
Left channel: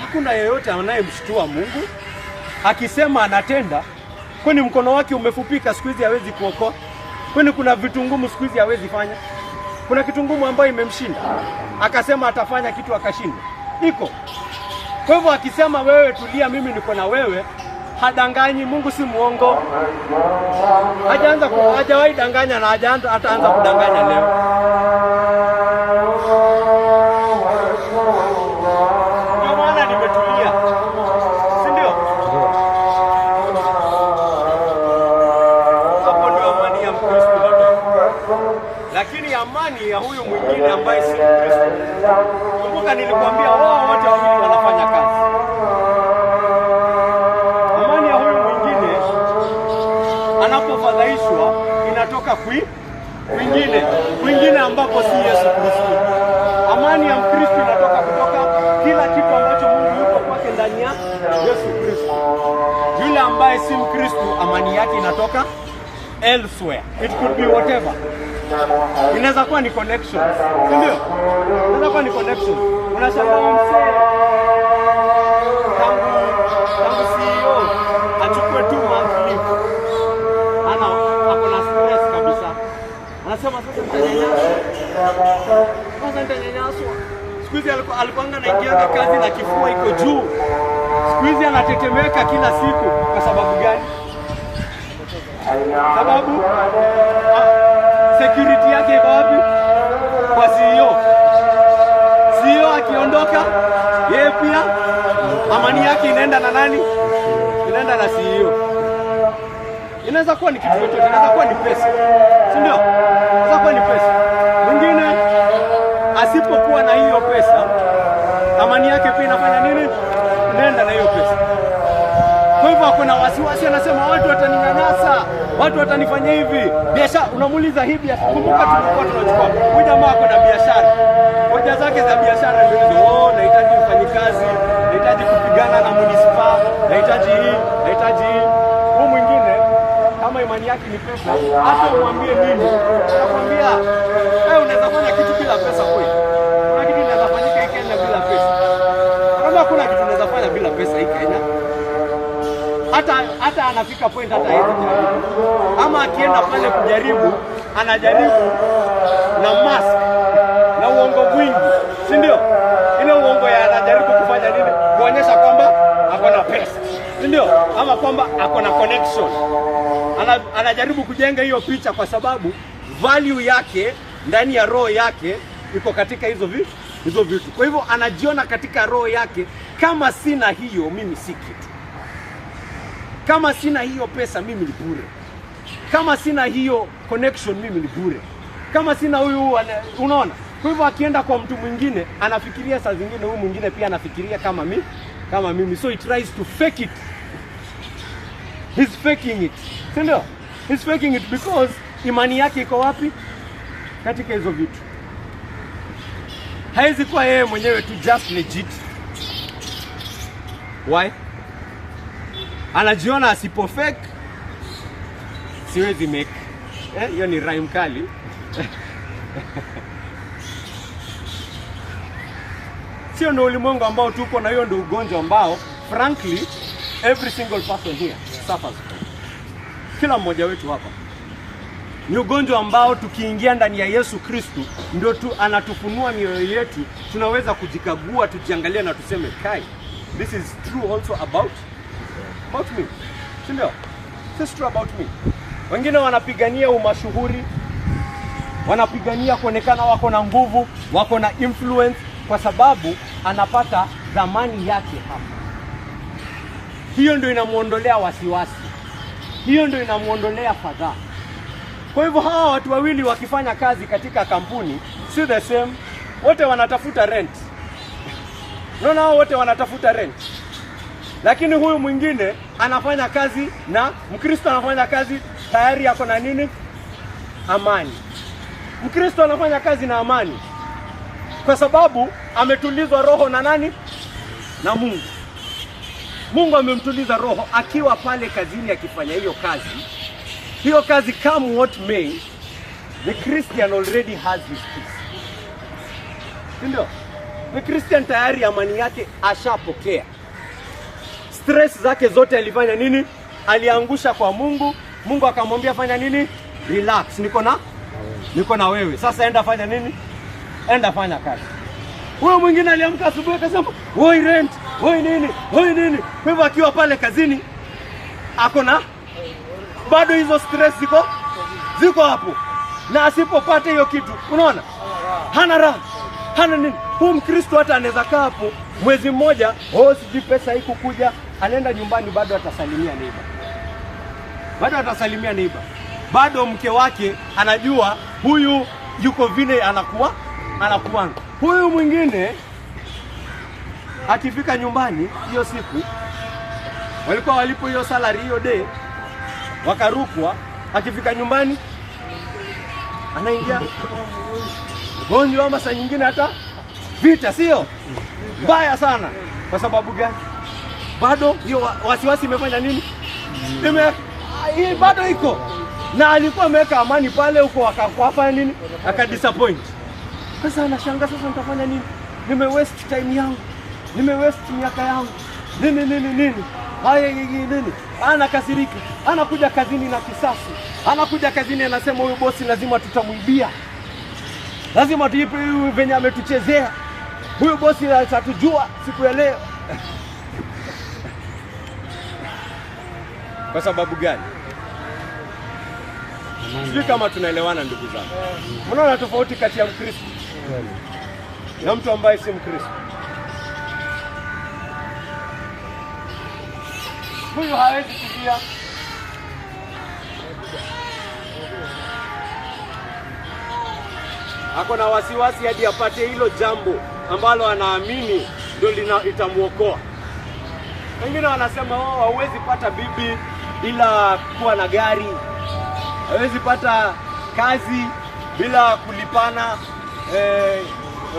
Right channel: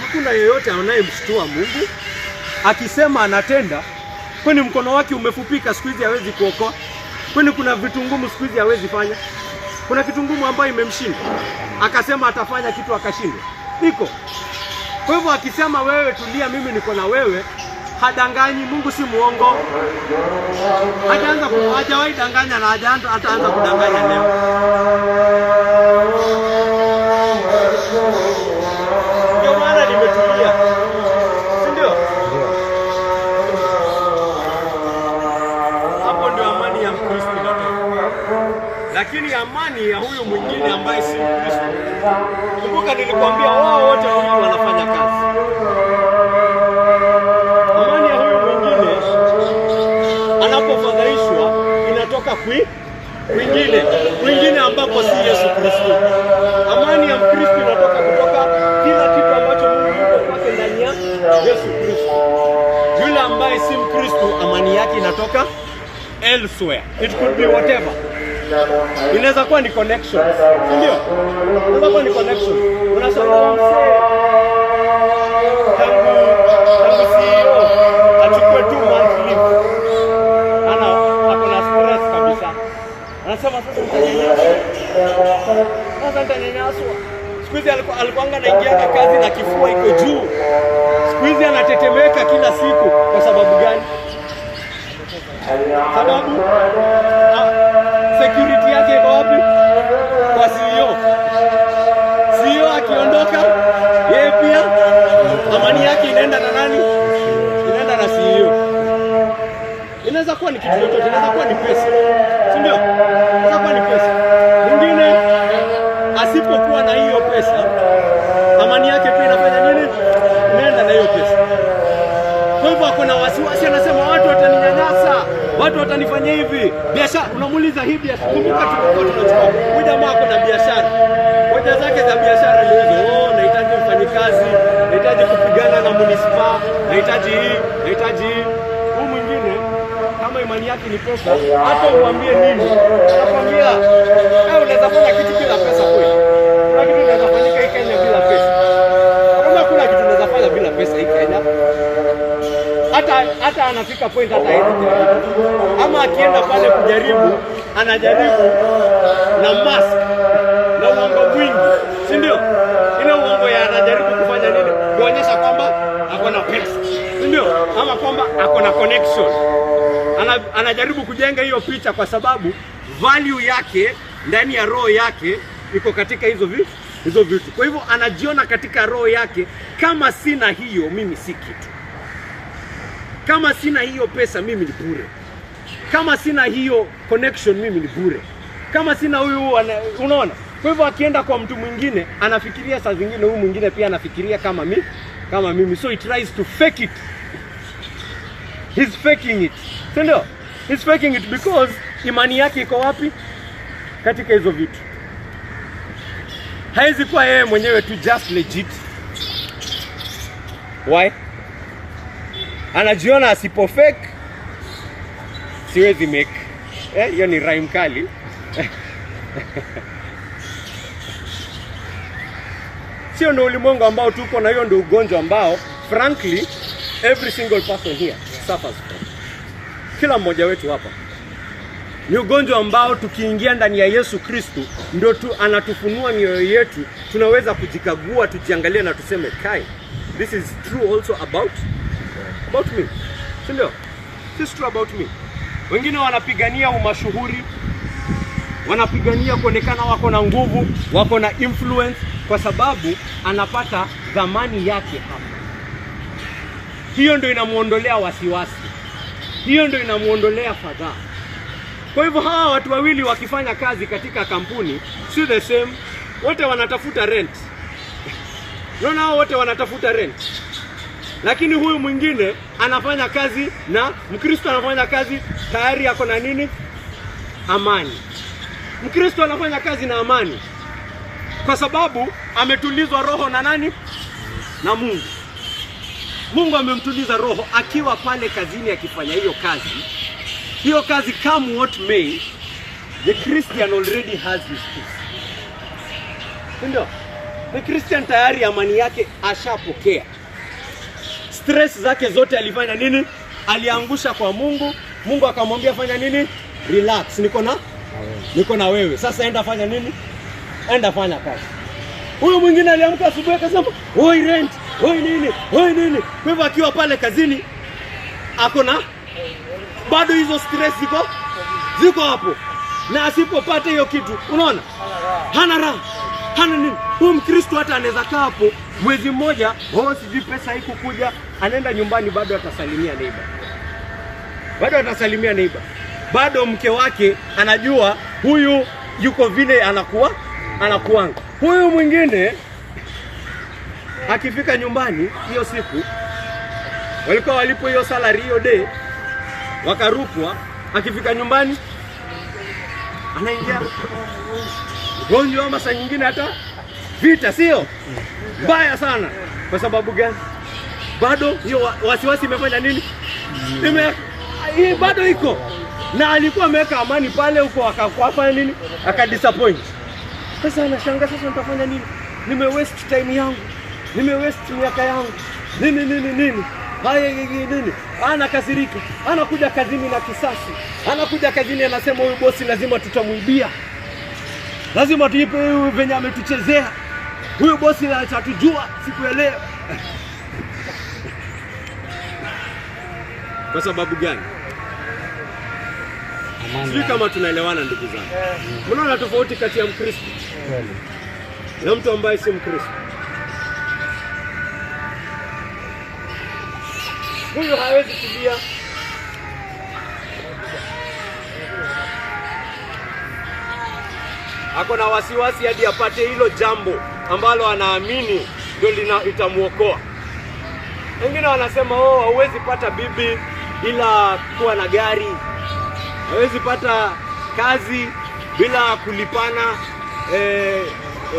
Hakuna yeyote anayemshtua Mungu. Akisema anatenda, kwani mkono wake umefupika siku hizi hawezi kuokoa? Kwani kuna vitu ngumu siku hizi hawezi fanya? Kuna kitu ngumu ambayo imemshinda akasema atafanya kitu akashinda? Iko. Kwa hivyo akisema wewe tulia, mimi niko na wewe, hadanganyi. Mungu si muongo. Hajawahi danganya na ataanza kudanganya leo. Ndio maana nimetulia. Si ndio? Hapo ndio amani ya Kristo. Lakini amani ya huyu mwingine ambaye si Kristo, kumbuka nilikwambia wao wote wawili wanafanya kazi. Amani ya huyu mwingine anapofadhaishwa inatoka kwingine ambapo si Yesu Kristo. Amani ya Mkristo inatoka kutoka kila kitu ambacho Mungu yuko kwake ndani ya Yesu Kristo. Yule ambaye si Mkristo, amani yake inatoka elsewhere. It could be whatever. Inaweza kuwa ni connection. Ndio? Inaweza kuwa ni connection. Unashangaa msee kama CEO achukue 2 months leave. Ako na stress kabisa. Anasema sasa utanyanyaswa. Siku hizi alikuwa anaingia kazi na kifua iko juu. Siku hizi anatetemeka kila siku. Kwa sababu gani? Sababu security yake iko wapi? Kwa CEO. CEO akiondoka, yeye pia amani yake inaenda na nani? Inaenda na CEO. Inaweza kuwa ni kitu chochote, inaweza kuwa ni pesa. Si ndio? Inaweza kuwa ni pesa. Mwingine asipokuwa na hiyo pesa, amani yake pia inafanya nini? Inaenda na hiyo pesa. Kwa hivyo kuna wasiwasi, anasema watu wataninyanyasa, watu watanifanya hivi. Biashara, unamuuliza hii biashara. Kumbuka tulikuwa tunachukua. Huyu jamaa ako na biashara. Hoja zake za biashara ndio hizo. Nahitaji mfanyikazi, nahitaji kupigana na municipal, nahitaji hii. Huyu mwingine kama imani yake ati ni pesa, hata uambie nini, nakwambia unaweza fanya kitu bila pesa kweli. Kuna kitu inaweza fanyika hii Kenya bila pesa. Kama kuna kitu inaweza fanya bila pesa hii Kenya. Hata anafika point hata hiyo. Ama akienda pale kujaribu, anajaribu na mask na uongo mwingi, si ndio? Ile uongo ya anajaribu kufanya nini? Kuonyesha kwamba ako na pesa, si ndio? Ama kwamba ako na connection. Anajaribu kujenga hiyo picha kwa sababu value yake ndani ya roho yake iko katika hizo vitu. Kwa hivyo anajiona katika roho yake, kama sina hiyo mimi si kitu. Kama sina hiyo pesa mimi ni bure. Kama sina hiyo connection mimi ni bure. Kama sina huyu, unaona? Kwa hivyo akienda kwa mtu mwingine anafikiria saa zingine huyu mwingine pia anafikiria kama mimi. So he tries to fake it. He's faking it. Ndio? He's faking it because imani yake iko wapi? Katika hizo vitu. Haizi kuwa yeye mwenyewe tu just legit. Why? Anajiona asipo fake siwezi make. Hiyo ni rhyme kali. Sio ndio ulimwengu ambao tuko na, hiyo ndio ugonjwa ambao frankly every single person here suffers. Kila mmoja wetu hapa. Ni ugonjwa ambao tukiingia ndani ya Yesu Kristo ndio anatufunua mioyo yetu, tunaweza kujikagua, tujiangalia na tuseme kai, this is true also about me. Ndio. This is true about me. Wengine wanapigania umashuhuri, wanapigania kuonekana wako na nguvu, wako na influence kwa sababu anapata dhamani yake hapa. Hiyo ndio inamuondolea wasiwasi. Hiyo ndio inamuondolea fadhaa. Kwa hivyo hawa watu wawili wakifanya kazi katika kampuni si the same. Wote wanatafuta rent. Unaona, wote wanatafuta rent. Lakini huyu mwingine anafanya kazi na Mkristo, anafanya kazi tayari yako na nini? Amani. Mkristo anafanya kazi na amani kwa sababu ametulizwa roho na nani? Na Mungu. Mungu amemtuliza roho akiwa pale kazini akifanya hiyo kazi. Hiyo kazi, come what may, the Christian already has his peace. Ndio. The Christian tayari amani yake ashapokea. Stress zake zote alifanya nini? Aliangusha kwa Mungu. Mungu akamwambia fanya nini? Relax, niko na wewe. Sasa enda fanya nini? Enda fanya kazi. Huyo mwingine aliamka asubuhi akasema, "Oi rent, oi nini? Kwa hivyo akiwa pale kazini akona bado hizo stress ziko hapo. Na asipopata hiyo kitu, unaona? Hana raha. Hana nini? Huyu Mkristo hata anaweza kaa hapo mwezi mmoja, sijui pesa haikukuja, anaenda nyumbani bado atasalimia neighbor. Bado mke wake anajua huyu yuko vile anakuanga. Huyu mwingine akifika nyumbani hiyo siku, walikuwa walipo hiyo salary hiyo day, wakarupwa, akifika nyumbani anaingia gonjwa ama saa nyingine hata vita, sio? Mbaya sana. Kwa sababu gani? Bado hiyo wasiwasi imefanya nini? Hii bado iko. Na alikuwa ameweka amani pale huko, akafanya nini? Akadisappoint. Sasa anashangaa, sasa nitafanya nini? Waste time yangu. Waste miaka yangu. Nini? Nini? Anakasirika. Anakuja kazini na kisasi. Anakuja kazini anasema huyu bosi lazima tutamwibia. Lazima tuipe huyu venye ametuchezea. Huyu bosi atatujua siku ya leo. Kwa sababu gani? Sisi kama tunaelewana ndugu zangu. Mnaona tofauti kati ya Mkristo na mtu ambaye si Mkristo? Huyu hawezi kulia. Ako na wasiwasi hadi apate hilo jambo ambalo anaamini ndio litamuokoa. Wengine wanasema hauwezi pata bibi bila kuwa na gari. Hawezi pata kazi bila kulipana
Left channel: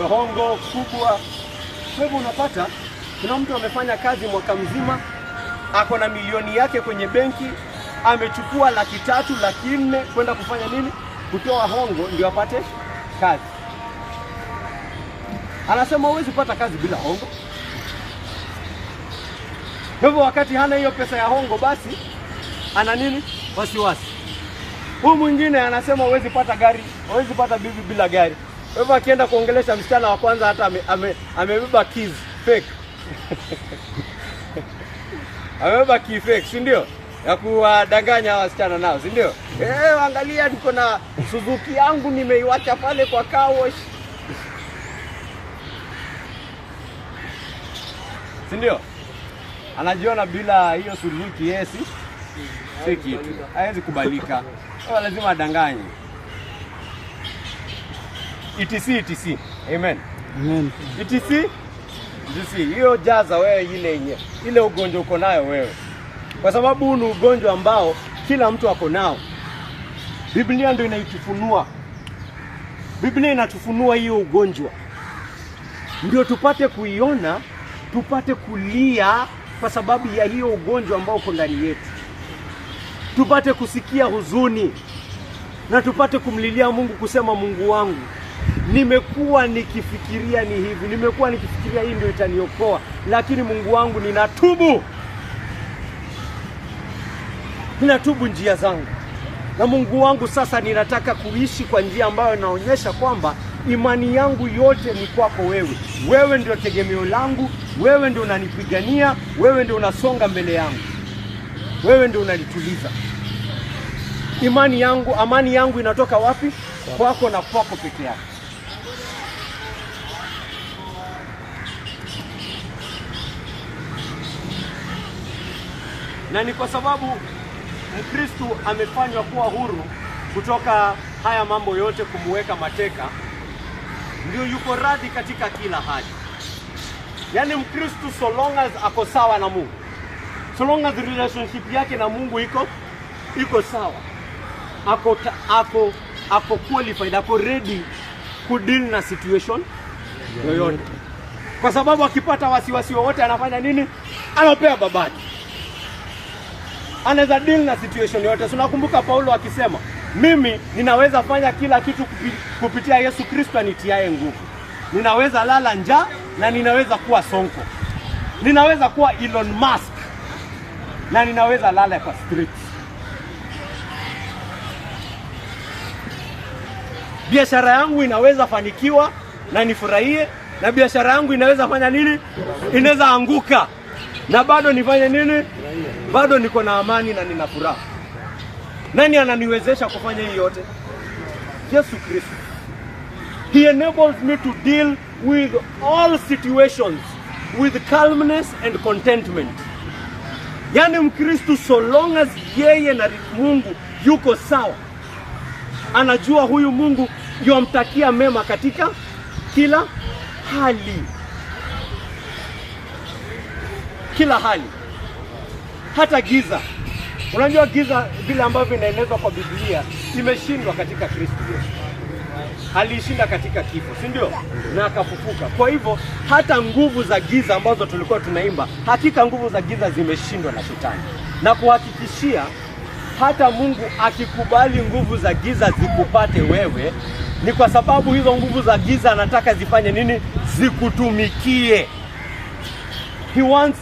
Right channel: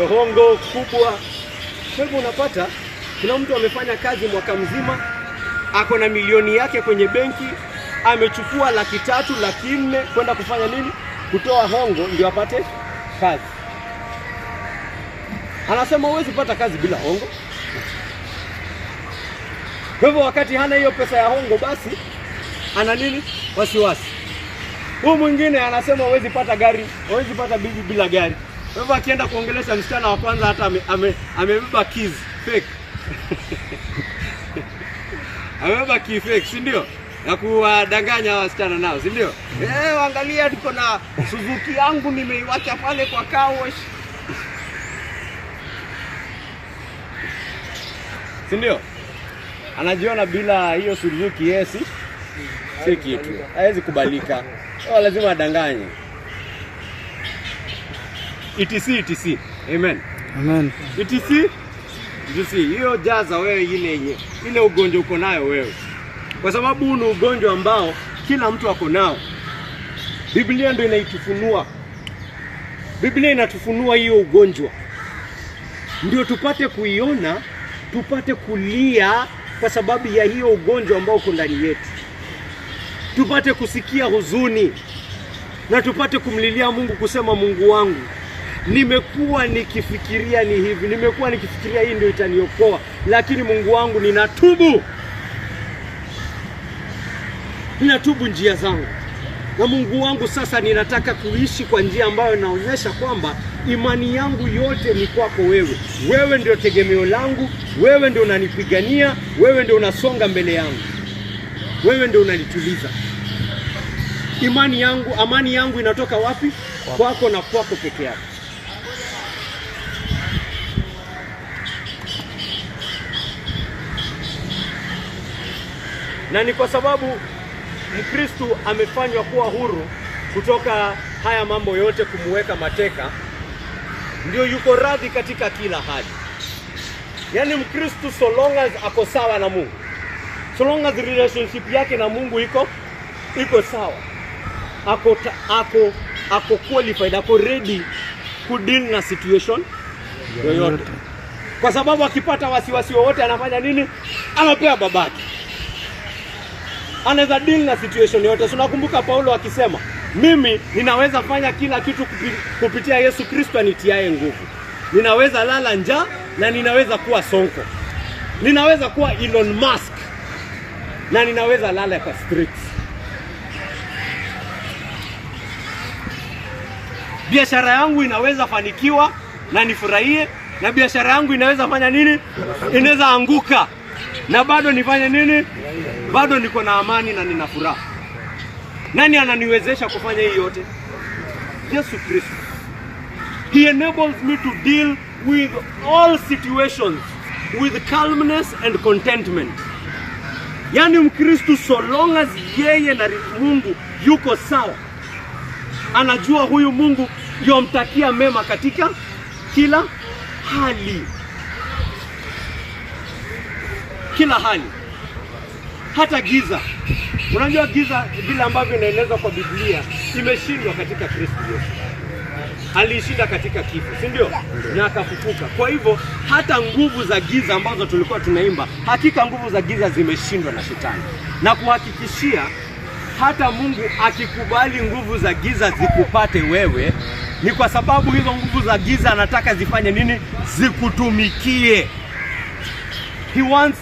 hongo kubwa. Kwa hivyo unapata kuna mtu amefanya kazi mwaka mzima, ako na milioni yake kwenye benki, amechukua 300,000, 400,000 kwenda kufanya nini? Kutoa hongo ndio apate kazi. Anasema huwezi pata kazi bila hongo. Kwa hivyo wakati hana hiyo pesa ya hongo, basi ana nini? Wasiwasi. Huyu mwingine anasema huwezi pata gari, huwezi pata bibi bila gari. Kwa hivyo akienda kuongelesha msichana wa kwanza hata amebeba keys fake. Amebeba key fake, si ndio? Na kuwadanganya wasichana nao, si ndio? Angalia niko na Suzuki yangu nimeiacha pale kwa car wash. Si ndio? Anajiona bila hiyo Suzuki yesi. Si kitu. Hawezi kubalika. Lazima adanganye. etc. Amen. Amen. etc. Hiyo jaza wewe ile ugonjwa uko nayo wewe. Kwa sababu huu ni ugonjwa ambao kila mtu ako nao. Biblia ndio inaitufunua. Biblia inatufunua hiyo ugonjwa. Ndio tupate kuiona, tupate kulia kwa sababu ya hiyo ugonjwa ambao uko ndani yetu. Tupate kusikia huzuni na tupate kumlilia Mungu, kusema Mungu wangu, nimekuwa nikifikiria ni hivi, nimekuwa nikifikiria hii ndio itaniokoa, lakini Mungu wangu ninatubu. Ninatubu njia zangu. Na Mungu wangu sasa ninataka kuishi kwa njia ambayo inaonyesha kwamba imani yangu yote ni kwako wewe. Wewe ndio tegemeo langu, wewe ndio unanipigania, wewe ndio unasonga mbele yangu. Wewe ndio unanituliza. Imani yangu, amani yangu inatoka wapi? Kwako na kwako peke yako. Na ni kwa sababu Mkristo amefanywa kuwa huru kutoka haya mambo yote, kumuweka mateka, ndio yuko radhi katika kila hali. Yaani Mkristo so long as ako sawa na Mungu, so long as relationship yake na Mungu iko sawa, ako qualified, ako ready ku deal na situation yoyote. Kwa sababu akipata wasiwasi wowote anafanya nini? Anapea babaki. Anaweza deal na situation yote. Tunakumbuka Paulo akisema, mimi ninaweza fanya kila kitu kupitia Yesu Kristo anitiaye nguvu. Ninaweza lala njaa na ninaweza kuwa sonko. Ninaweza kuwa Elon Musk na ninaweza lala kwa streets. Biashara yangu inaweza fanikiwa na nifurahie, na biashara yangu inaweza fanya nini? Inaweza anguka na bado nifanye nini? Bado niko na amani na nina furaha. Nani ananiwezesha kufanya hii yote? Yesu Kristo. He enables me to deal with all situations with calmness and contentment. Yaani Mkristo so long as yeye na Mungu yuko sawa, anajua huyu Mungu yomtakia mema katika kila hali. Kila hali. Hata giza. Unajua giza vile ambavyo inaelezwa kwa Biblia imeshindwa katika Kristo Yesu. Alishinda katika kifo, si ndio? Na akafufuka. Kwa hivyo hata nguvu za giza ambazo tulikuwa tunaimba, hakika nguvu za giza zimeshindwa na Shetani. Na kuhakikishia hata Mungu akikubali nguvu za giza zikupate wewe, ni kwa sababu hizo nguvu za giza anataka zifanye nini? Zikutumikie. He wants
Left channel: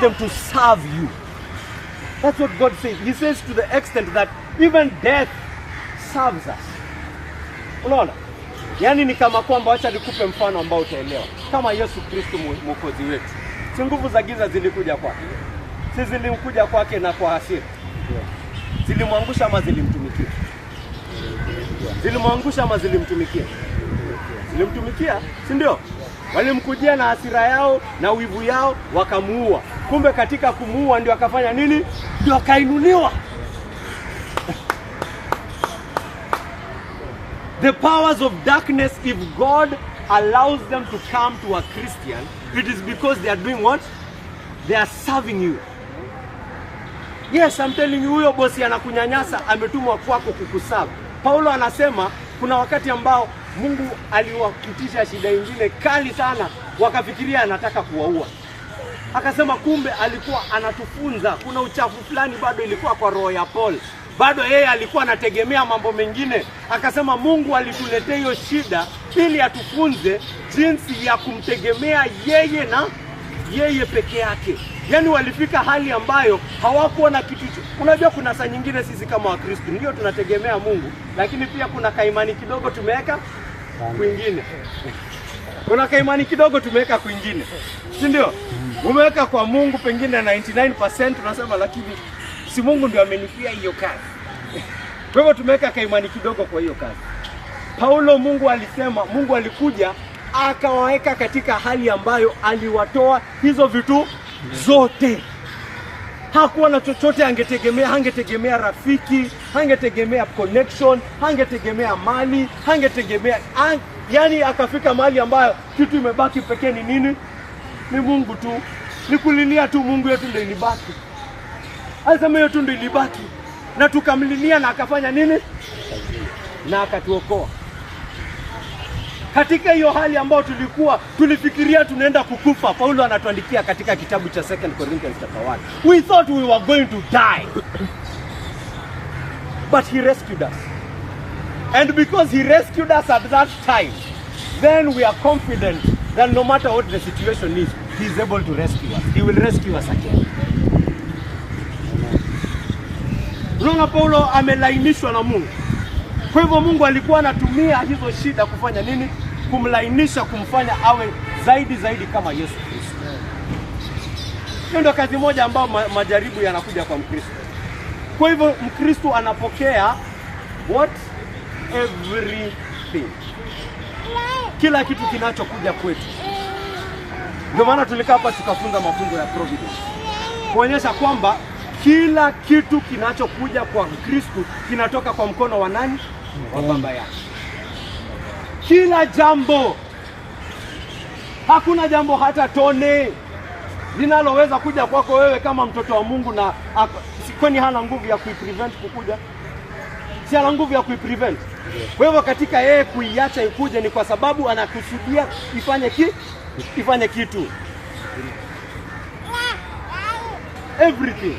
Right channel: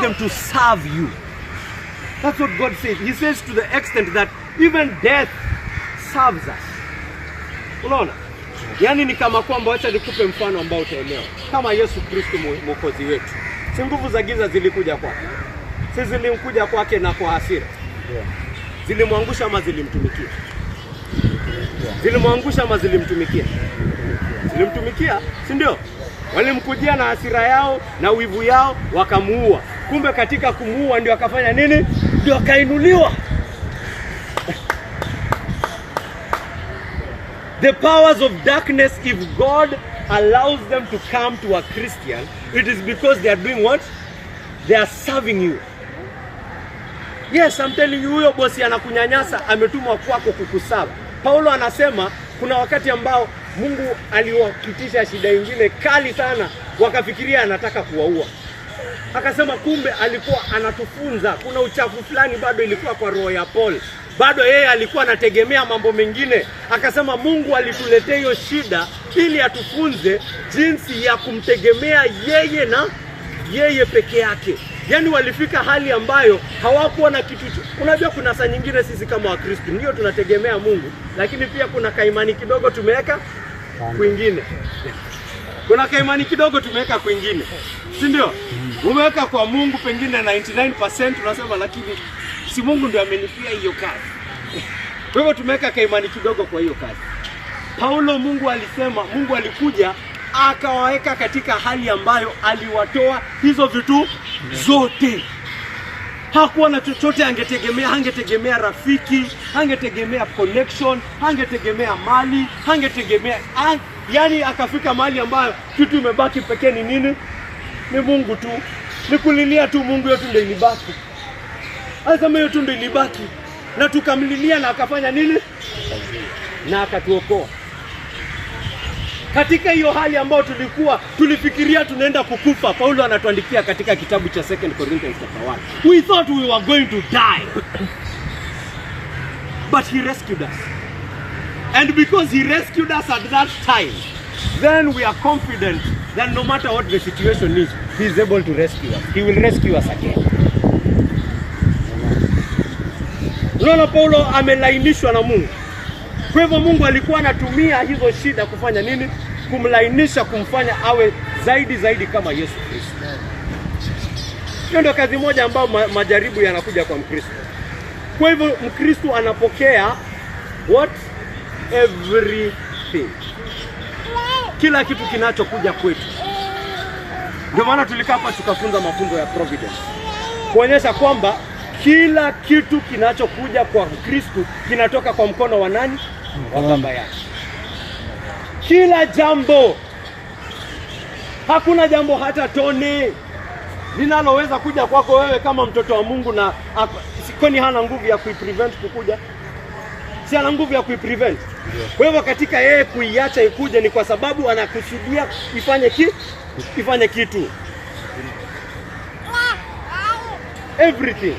them to serve you. That's what God says. He says to the extent that even death serves us. Unaona? Yaani ni kama kwamba, acha nikupe mfano ambao utaelewa. Kama Yesu Kristo mwokozi wetu. Si nguvu za giza zilikuja kwake. Si zilimkuja kwake na kwa hasira. Zilimwangusha ama zilimtumikia? Zilimwangusha ama zilimtumikia? Zilimtumikia, si ndio? Walimkujia na hasira yao na wivu yao wakamuua. Kumbe katika kumuua ndio akafanya nini? Ndio kainuliwa. The powers of darkness, if God allows them to come to a Christian, it is because they are doing what? They are serving you. Yes, I'm telling you, huyo bosi anakunyanyasa, ametumwa kwako kukuserve. Paulo anasema kuna wakati ambao Mungu aliwakitisha shida nyingine kali sana, wakafikiria anataka kuwaua. Akasema kumbe alikuwa anatufunza, kuna uchafu fulani bado ilikuwa kwa roho ya Paul. Bado yeye alikuwa anategemea mambo mengine. Akasema Mungu alituletea hiyo shida ili atufunze jinsi ya kumtegemea yeye na yeye peke yake. Yaani walifika hali ambayo hawakuwa na kitu. Unajua kuna saa nyingine sisi kama Wakristo ndio tunategemea Mungu, lakini pia kuna kaimani kidogo tumeweka kwingine. Kuna kaimani kidogo tumeweka kwingine. Si ndio? Umeweka kwa Mungu pengine 99% unasema lakini si Mungu ndio amenipia hiyo kazi. Kwa hivyo tumeweka kaimani kidogo kwa hiyo kazi. Paulo, Mungu alisema, Mungu alikuja akawaweka katika hali ambayo aliwatoa hizo vitu zote. Hakuwa na chochote angetegemea, hangetegemea rafiki, hangetegemea connection, hangetegemea mali, hangetegemea yani akafika mahali ambayo kitu imebaki pekee ni nini? Ni Mungu tu. Ni kulilia tu Mungu, yetu ndio ilibaki. Alisema yetu ndio ilibaki. Na tukamlilia na akafanya nini? Na akatuokoa. Katika hiyo hali ambayo tulifikiria tunaenda kukufa, Paulo anatuandikia katika kitabu cha 2 Corinthians chapter 1. We thought we were going to die. But he rescued us. And because he rescued us at that time, then we are confident that no matter what the situation is, he is able to rescue us. He will rescue us again. Unaona Paulo amelainishwa na Mungu. Kwa hivyo Mungu alikuwa anatumia hizo shida kufanya nini? Kumlainisha, kumfanya awe zaidi kama Yesu Kristo. Hiyo ndio kazi moja ambayo majaribu yanakuja kwa Mkristo. Kwa hivyo Mkristo anapokea what? Everything. Kila kitu kinachokuja kwetu. Ndio maana tulikaa hapa tukafunza mafunzo ya providence. Kuonyesha kwamba kila kitu kinachokuja kwa Mkristo kinatoka kwa mkono wa nani? Wa Baba yake. Kila jambo. Hakuna jambo hata tone linaloweza kuja kwako wewe kama mtoto wa Mungu na kwani hana nguvu ya kuiprevent kukuja? Si ana nguvu ya kuiprevent. Kwa hivyo katika yeye kuiacha ikuje ni kwa sababu anakusudia ifanye kitu. Everything.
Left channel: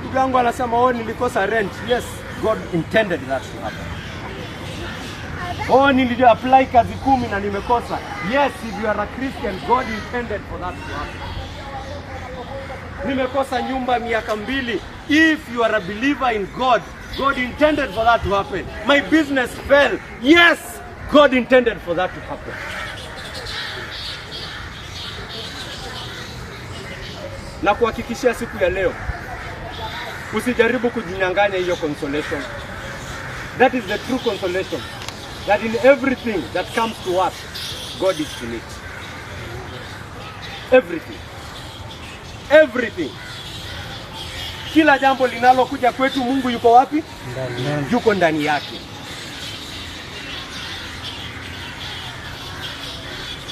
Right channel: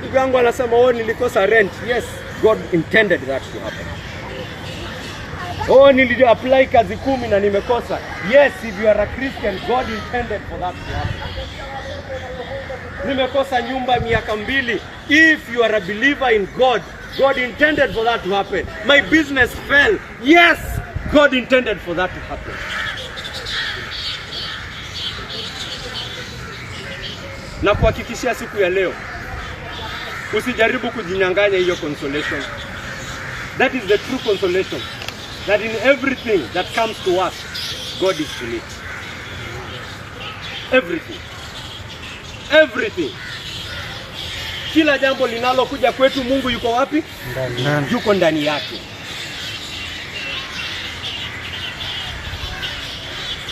Ndugu yangu anasema nilikosa rent. Yes, God intended that to happen. Nili-apply kazi 10 na nimekosa. Yes, if you are a Christian, God intended for that to happen. Nimekosa nyumba miaka 2. If you are a believer in God, God intended for that to happen. My business fell. Yes, God intended for that to happen. Na kuhakikishia siku ya leo, usijaribu kujinyang'anya hiyo consolation. That is the true consolation. That in everything that comes to us, God is in it. Everything. Everything. Kila jambo linalokuja kwetu, Mungu yuko wapi? Ndani. Yuko ndani yake.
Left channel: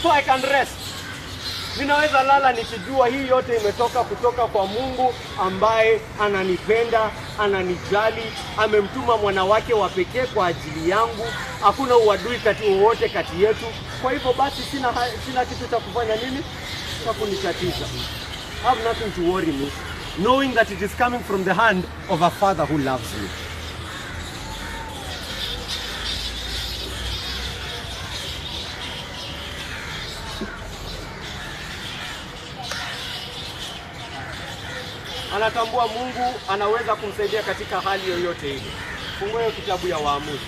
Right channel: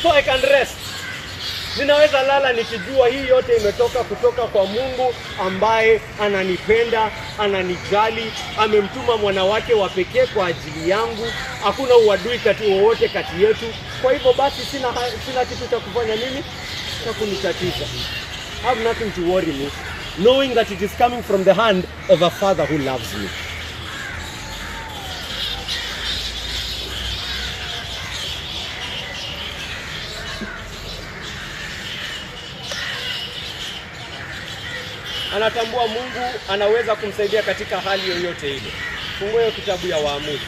So I can rest. Ninaweza lala nikijua hii yote imetoka kutoka kwa Mungu ambaye ananipenda, ananijali, amemtuma mwana wake wa pekee kwa ajili yangu. Hakuna uadui wowote kati yetu. Kwa hivyo basi sina kitu cha kufanya nini? Cha kunitatiza. I have nothing to worry me, knowing that it is coming from the hand of a Father who loves me. Anatambua Mungu anaweza kumsaidia katika hali yoyote ile. Fungua hiyo kitabu ya Waamuzi.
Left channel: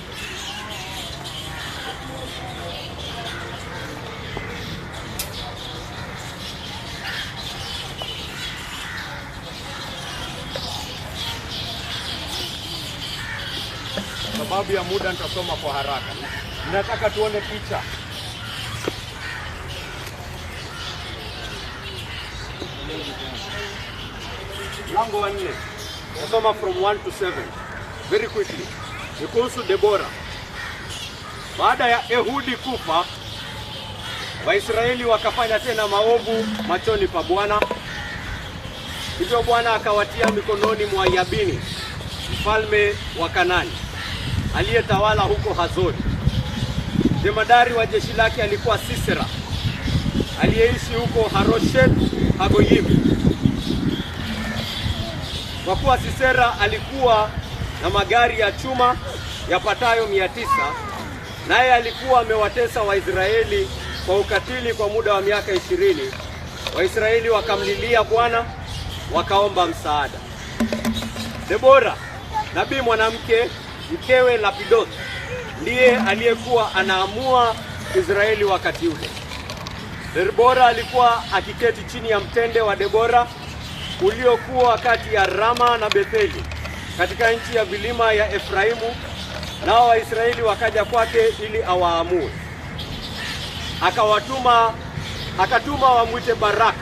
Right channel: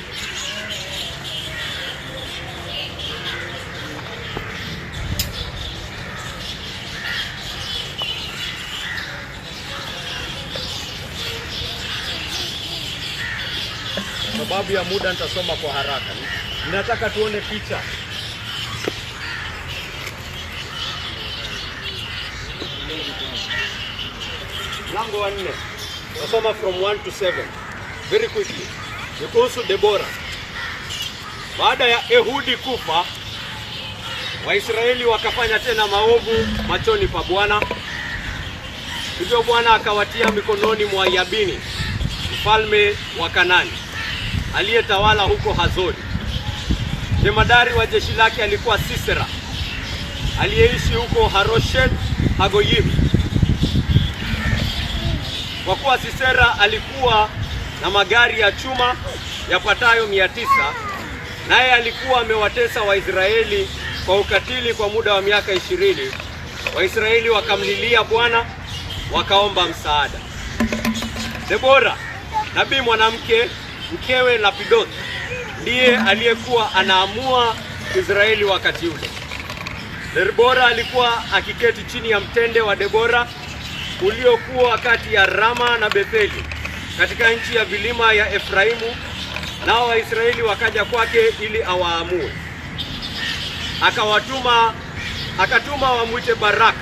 Sababu ya muda nitasoma kwa haraka. Ninataka tuone picha. Lango wa 4. Nasoma from 1 to 7. Very quickly. Kuhusu Debora. Baada ya Ehudi kufa, Waisraeli wakafanya tena maovu machoni pa Bwana. Hivyo Bwana akawatia mikononi mwa Yabini, mfalme wa Kanani, aliyetawala huko Hazori. Jemadari wa jeshi lake alikuwa Sisera, aliyeishi huko Haroshet Hagoyim. Kwa kuwa Sisera alikuwa na magari ya chuma yapatayo 900, naye alikuwa amewatesa Waisraeli kwa ukatili kwa muda wa miaka 20, Waisraeli wakamlilia Bwana, wakaomba msaada. Debora, nabii mwanamke, mkewe Lapidoth, ndiye aliyekuwa anaamua Israeli wakati ule. Debora alikuwa akiketi chini ya mtende wa Debora uliokuwa kati ya Rama na Betheli katika nchi ya vilima ya Efraimu, nao Waisraeli wakaja kwake ili awaamue. Akatuma wamwite Baraka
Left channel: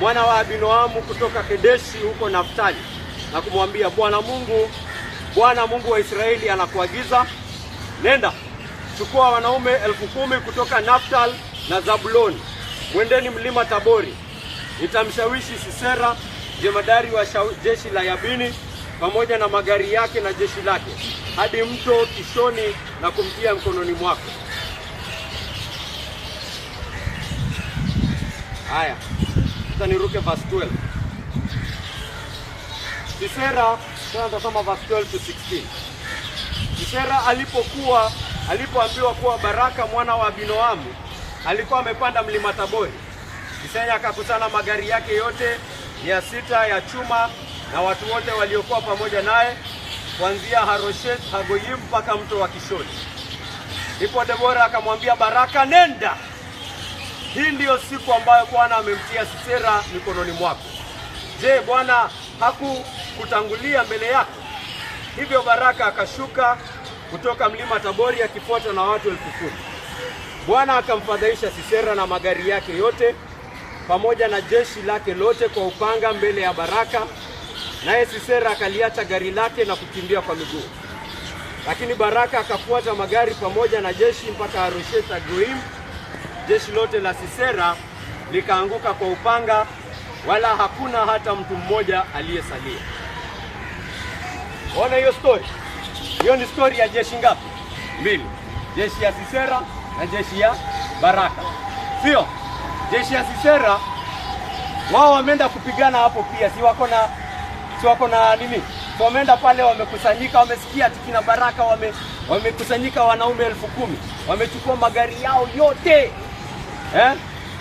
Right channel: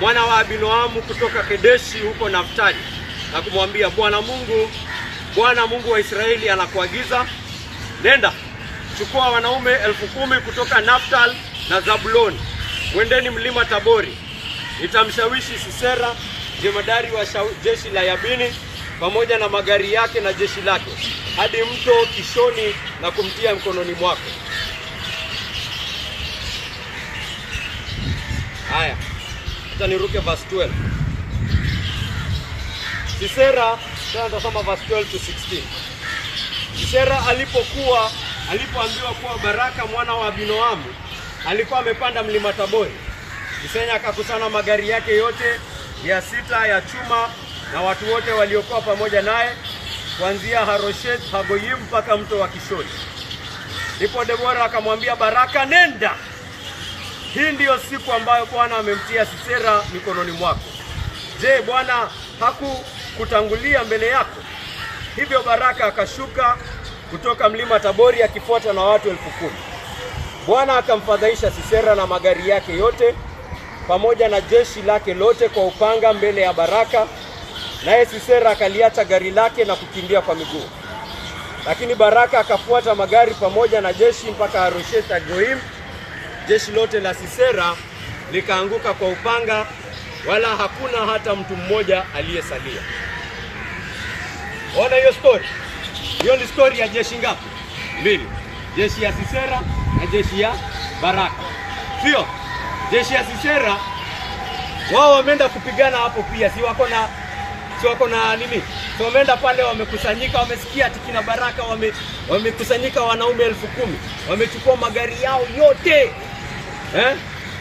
mwana wa Abinoamu kutoka Kedeshi huko Naftali, na kumwambia, Bwana Mungu wa Israeli anakuagiza, nenda, chukua wanaume 10,000 kutoka Naftal na Zabuloni, mwendeni mlima Tabori. Nitamshawishi Sisera, jemadari wa jeshi la Yabini, pamoja na magari yake na jeshi lake, hadi mto Kishoni na kumtia mkononi mwako. Haya, acha niruke verse 12. Sisera, tunasoma verse 12 to 16. Sisera alipoambiwa kuwa Baraka mwana wa Abinoamu alikuwa amepanda mlima Tabori, Sisera akakusana magari yake yote 600 ya chuma na watu wote waliokuwa pamoja naye, kuanzia Haroshet Hagoyim mpaka mto wa Kishoni. Ndipo Debora akamwambia Baraka, nenda, hii ndiyo siku ambayo Bwana amemtia Sisera mikononi mwako. Je, Bwana hakukutangulia mbele yako? Hivyo Baraka akashuka kutoka mlima Tabori akifuatwa na watu 10,000. Bwana akamfadhaisha Sisera na magari yake yote pamoja na jeshi lake lote kwa upanga mbele ya Baraka, naye Sisera akaliacha gari lake na kukimbia kwa miguu. Lakini Baraka akafuata magari pamoja na jeshi mpaka Haroshet Hagoyim. Jeshi lote la Sisera likaanguka kwa upanga, wala hakuna hata mtu mmoja aliyesalia. Ona hiyo story. Hiyo ni story ya jeshi ngapi? 2. Jeshi ya Sisera na jeshi ya Baraka. Sio? Jeshi ya Sisera wao wameenda kupigana hapo pia, si wako na nini? So wameenda pale, wamekusanyika, wamesikia tikina Baraka wamekusanyika wanaume 10,000. Wamechukua magari yao yote.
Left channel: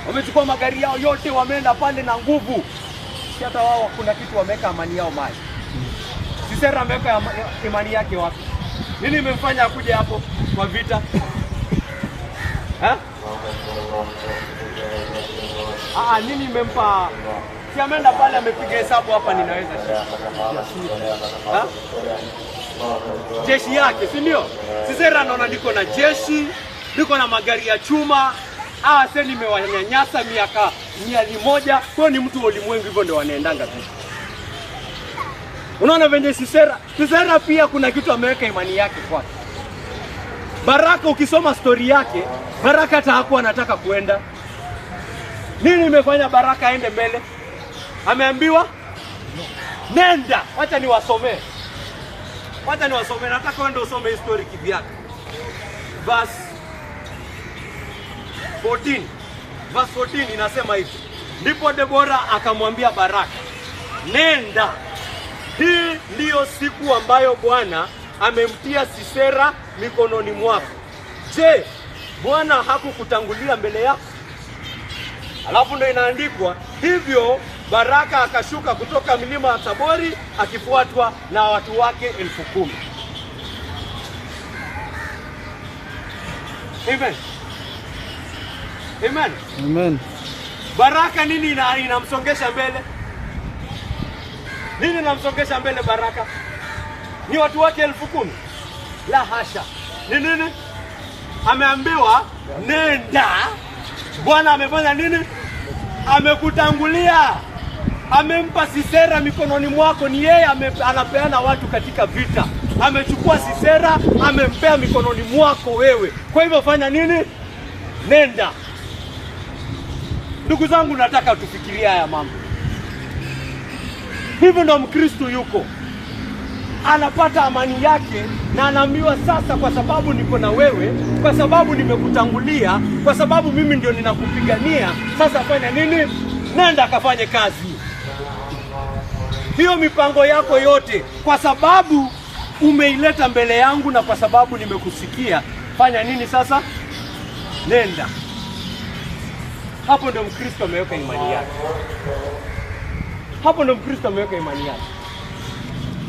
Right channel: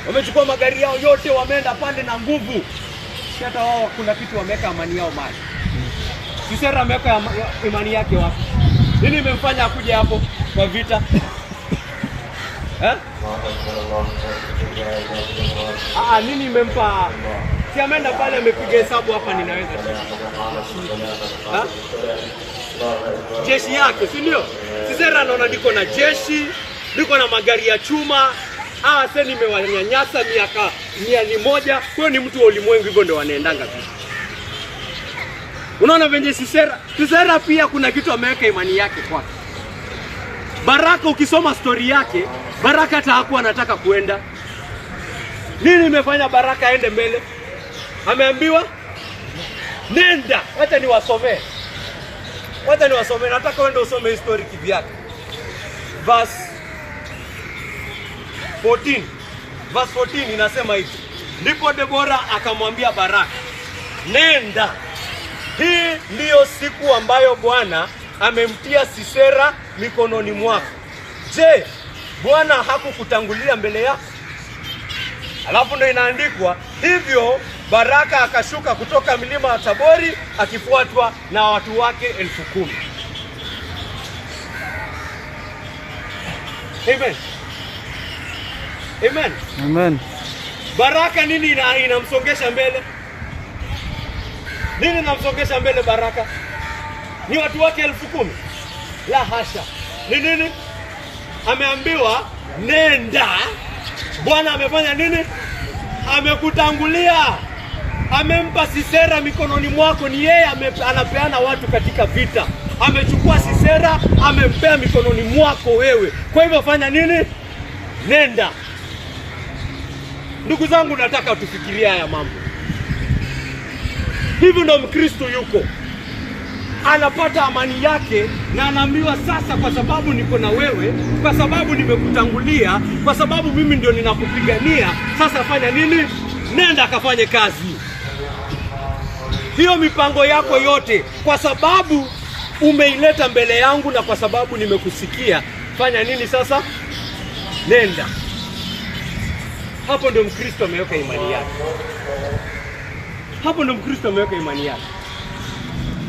Wamechukua magari yao yote, wameenda pale na nguvu. Hata wao kuna kitu wameka amani yao mali. Sisera ameweka imani yake wapi? Nini imemfanya akuje hapo kwa vita? Nini imempa? Si ameenda pale amepiga hesabu, hapa ninaweza jeshi yake, si ndio? Sisera anaona niko na jeshi, niko na magari ya chuma. Sasa nimewanyanyasa miaka 100. Kwa ni mtu wa ulimwengu, hivyo ndio wanaendanga tu. Unaona venye Sisera pia kuna kitu ameweka imani yake kwake. Baraka, ukisoma story yake, Baraka hata hakuwa anataka kuenda. Nini imefanya Baraka aende mbele? Ameambiwa nenda. Wacha niwasomee. Nataka uende usome hii story kivyake. Verse 14. Verse 14 inasema hivi. Ndipo Debora akamwambia Baraka, nenda, hii ndiyo siku ambayo Bwana amemtia Sisera mikononi mwako. Je, Bwana hakukutangulia mbele yako? Alafu ndio inaandikwa hivyo, Baraka akashuka kutoka milima ya Tabori akifuatwa na watu wake 10,000. Amen. Amen. Amen. Baraka nini inamsongesha mbele? Nini inamsongesha mbele Baraka? Ni watu wake 10,000? La hasha. Ni nini? Ameambiwa nenda. Bwana amefanya nini? Amekutangulia. Amempa Sisera mikononi mwako. Ni yeye anapeana watu katika vita. Amechukua Sisera, amempea mikononi mwako wewe. Kwa hivyo fanya nini? Nenda. Ndugu zangu, nataka tufikirie haya mambo. Hivyo ndo Mkristo yuko. anapata amani yake na anaambiwa sasa, kwa sababu niko na wewe, kwa sababu nimekutangulia, kwa sababu mimi ndio ninakupigania, sasa fanya nini? Nenda akafanye kazi. Hiyo mipango yako yote, kwa sababu umeileta mbele yangu na kwa sababu nimekusikia, fanya nini sasa? Nenda. Hapo ndio Mkristo ameweka imani yake. Hapo ndio Mkristo ameweka imani yake.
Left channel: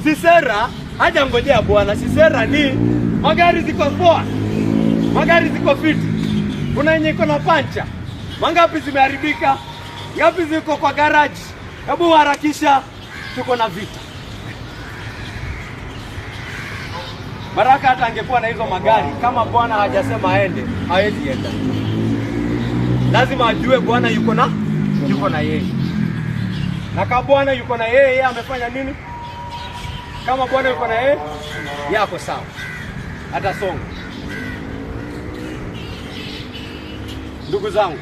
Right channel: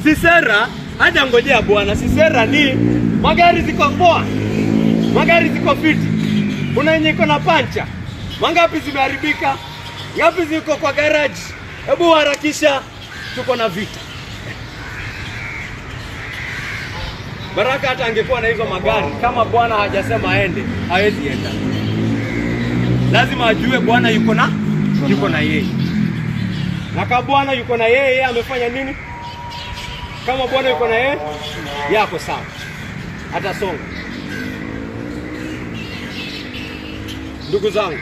Sisera haja ngojea Bwana. Sisera ni magari ziko poa, magari ziko fiti, kuna yenye iko na pancha, mangapi zimeharibika, ngapi ziko kwa garage, hebu harakisha, tuko na vita. Baraka hata angekuwa na hizo magari, kama Bwana hajasema aende, hawezi enda. Lazima ajue Bwana yuko na yeye. Na kama Bwana yuko na yeye, amefanya nini? Kama Bwana yuko na yeye, yako sawa, atasonga. Ndugu zangu,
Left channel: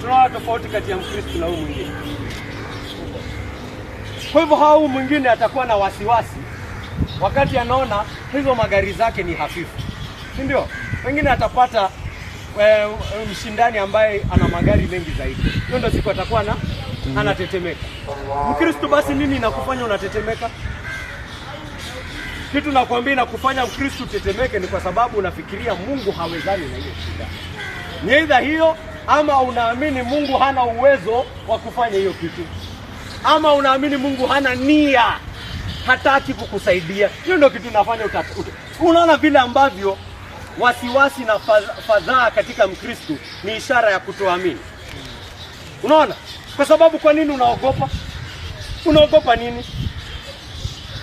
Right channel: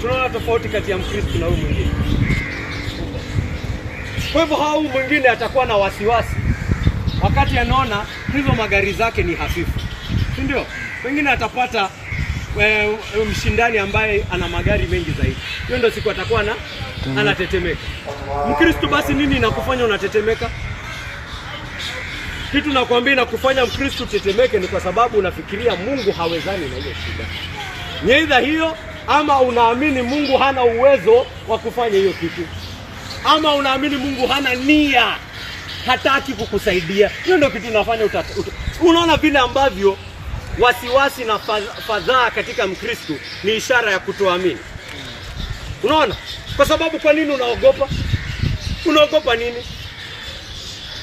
tunaona tofauti kati ya Mkristo na huyu mwingine. Kwa hivyo huyu mwingine atakuwa na wasiwasi wakati anaona hizo magari zake ni hafifu, si ndio? Pengine atapata mshindani ambaye ana magari mengi zaidi. Hiyo ndio siku atakuwa anatetemeka. Mkristo basi nini inakufanya unatetemeka? Kitu nakwambia inakufanya Mkristo tetemeke ni kwa sababu unafikiria Mungu hawezani na hiyo shida. Ni aidha hiyo, ama unaamini Mungu hana uwezo wa kufanya hiyo kitu, ama unaamini Mungu hana nia, hataki kukusaidia. Hiyo ndio kitu inafanya unaona vile ambavyo wasiwasi na fadhaa katika Mkristo ni ishara ya kutoamini. Unaona? Kwa sababu kwa nini unaogopa? Unaogopa nini?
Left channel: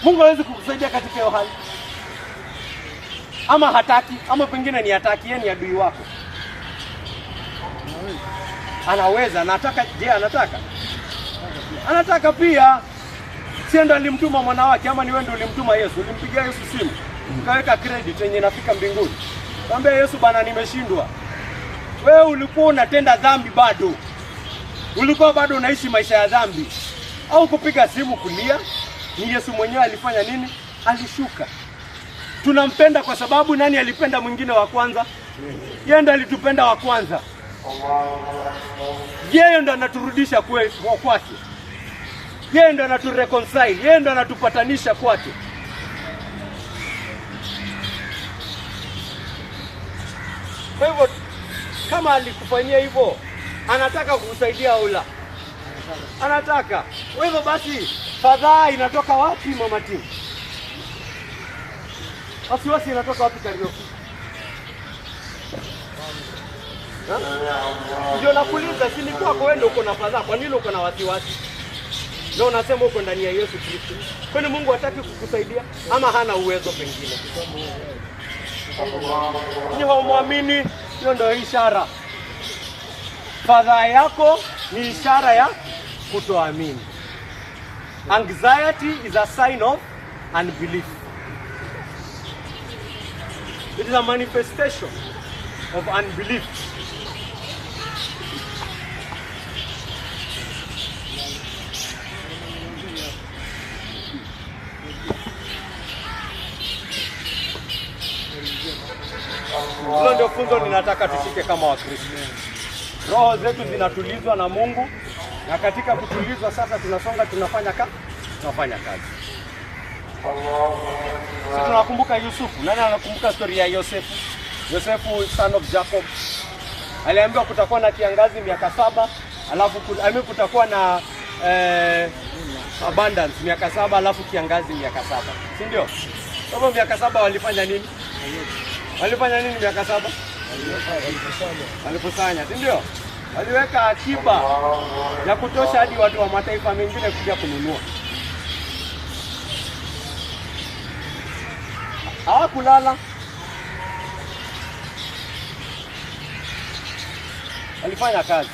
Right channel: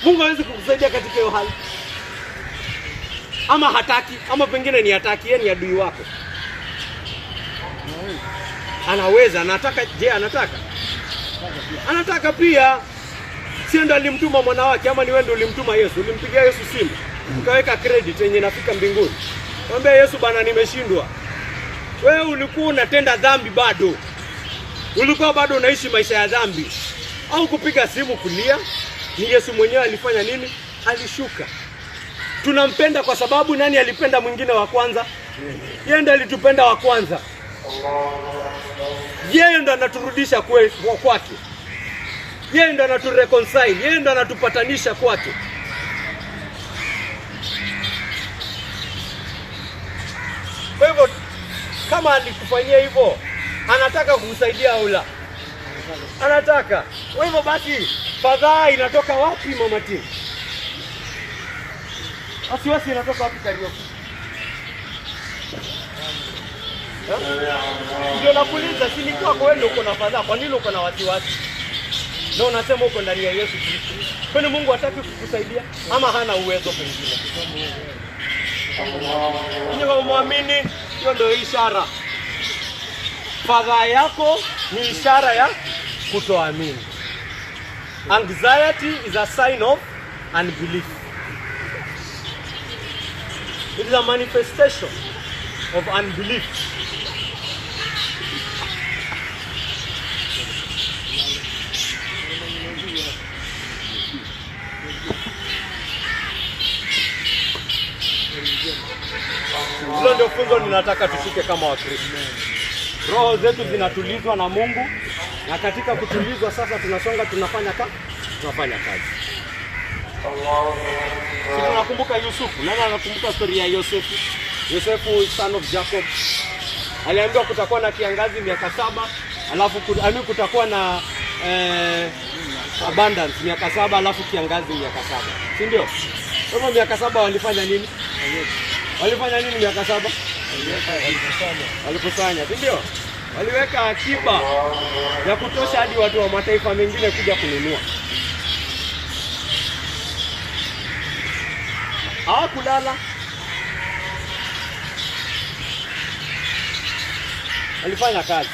Mungu hawezi kukusaidia katika hiyo hali. Ama hataki, ama pengine ni hataki, yeye ni adui wako. Anaweza, anataka, je, anataka? Anataka pia. Si ndio alimtuma mwana wake, ama ni wewe ndio ulimtuma Yesu? Ulimpigia Yesu simu, ukaweka credit yenye inafika mbinguni. Mwambie Yesu, bana nimeshindwa. Wewe ulikuwa unatenda dhambi bado. Ulikuwa bado unaishi maisha ya dhambi. Au kupiga simu kulia. Ni Yesu mwenyewe alifanya nini? Alishuka. Tunampenda kwa sababu nani alipenda mwingine wa kwanza? Yeye ndo alitupenda wa kwanza. Yeye ndo anaturudisha kwake. Yeye ndo anatureconcile, yeye ndo anatupatanisha kwake. Kwa hivyo kama alikufanyia hivyo, anataka kukusaidia au la? Anataka. Kwa hivyo basi fadhaa inatoka wapi mama Tim? Wasiwasi inatoka wapi Karioki? Ndio nakuuliza, si ni kwako wewe uko na fadhaa, kwa nini uko na wasiwasi? Ndio unasema uko ndani ya Yesu Kristo. Kwani Mungu hataki kukusaidia ama hana uwezo pengine? Hiyo muamini, hiyo ndio ishara. Fadhaa yako ni ishara ya kutoamini. Anxiety is a sign of unbelief. It is a manifestation of unbelief. Hilo ndio funzo ninataka tushike kama Wakristo. Roho zetu zinatulizwa na Mungu, na katika kutulizwa sasa tunasonga, tunafanya kazi. Sisi tunakumbuka Yusufu. Nani anakumbuka historia ya Yosefu? Yosefu, son of Jacob. Aliambiwa kutakuwa na kiangazi miaka 7, alafu kutakuwa na abundance miaka 7, alafu kiangazi miaka 7. Si ndio? Kwa hivyo miaka 7 walifanya nini? Walifanya nini miaka 7? Walikusanya, si ndio? Waliweka akiba ya kutosha hadi watu wa mataifa mengine kuja kununua. Hawakulala. Walifanya kazi.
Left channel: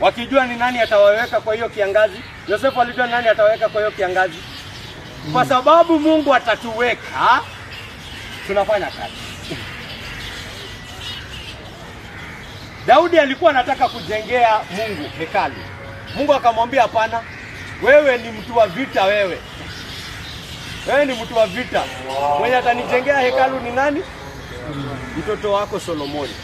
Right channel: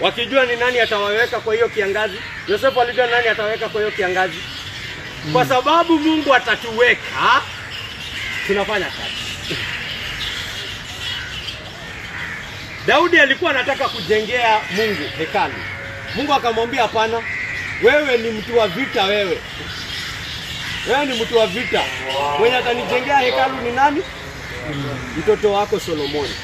Wakijua ni nani atawaweka kwa hiyo kiangazi. Yosefu alijua nani atawaweka kwa hiyo kiangazi. Kwa sababu Mungu atatuweka, tunafanya kazi. Daudi alikuwa anataka kujengea Mungu hekalu. Mungu akamwambia hapana, wewe ni mtu wa vita wewe. Wewe ni mtu wa vita. Mwenye atanijengea hekalu ni nani? Mtoto wako Solomoni.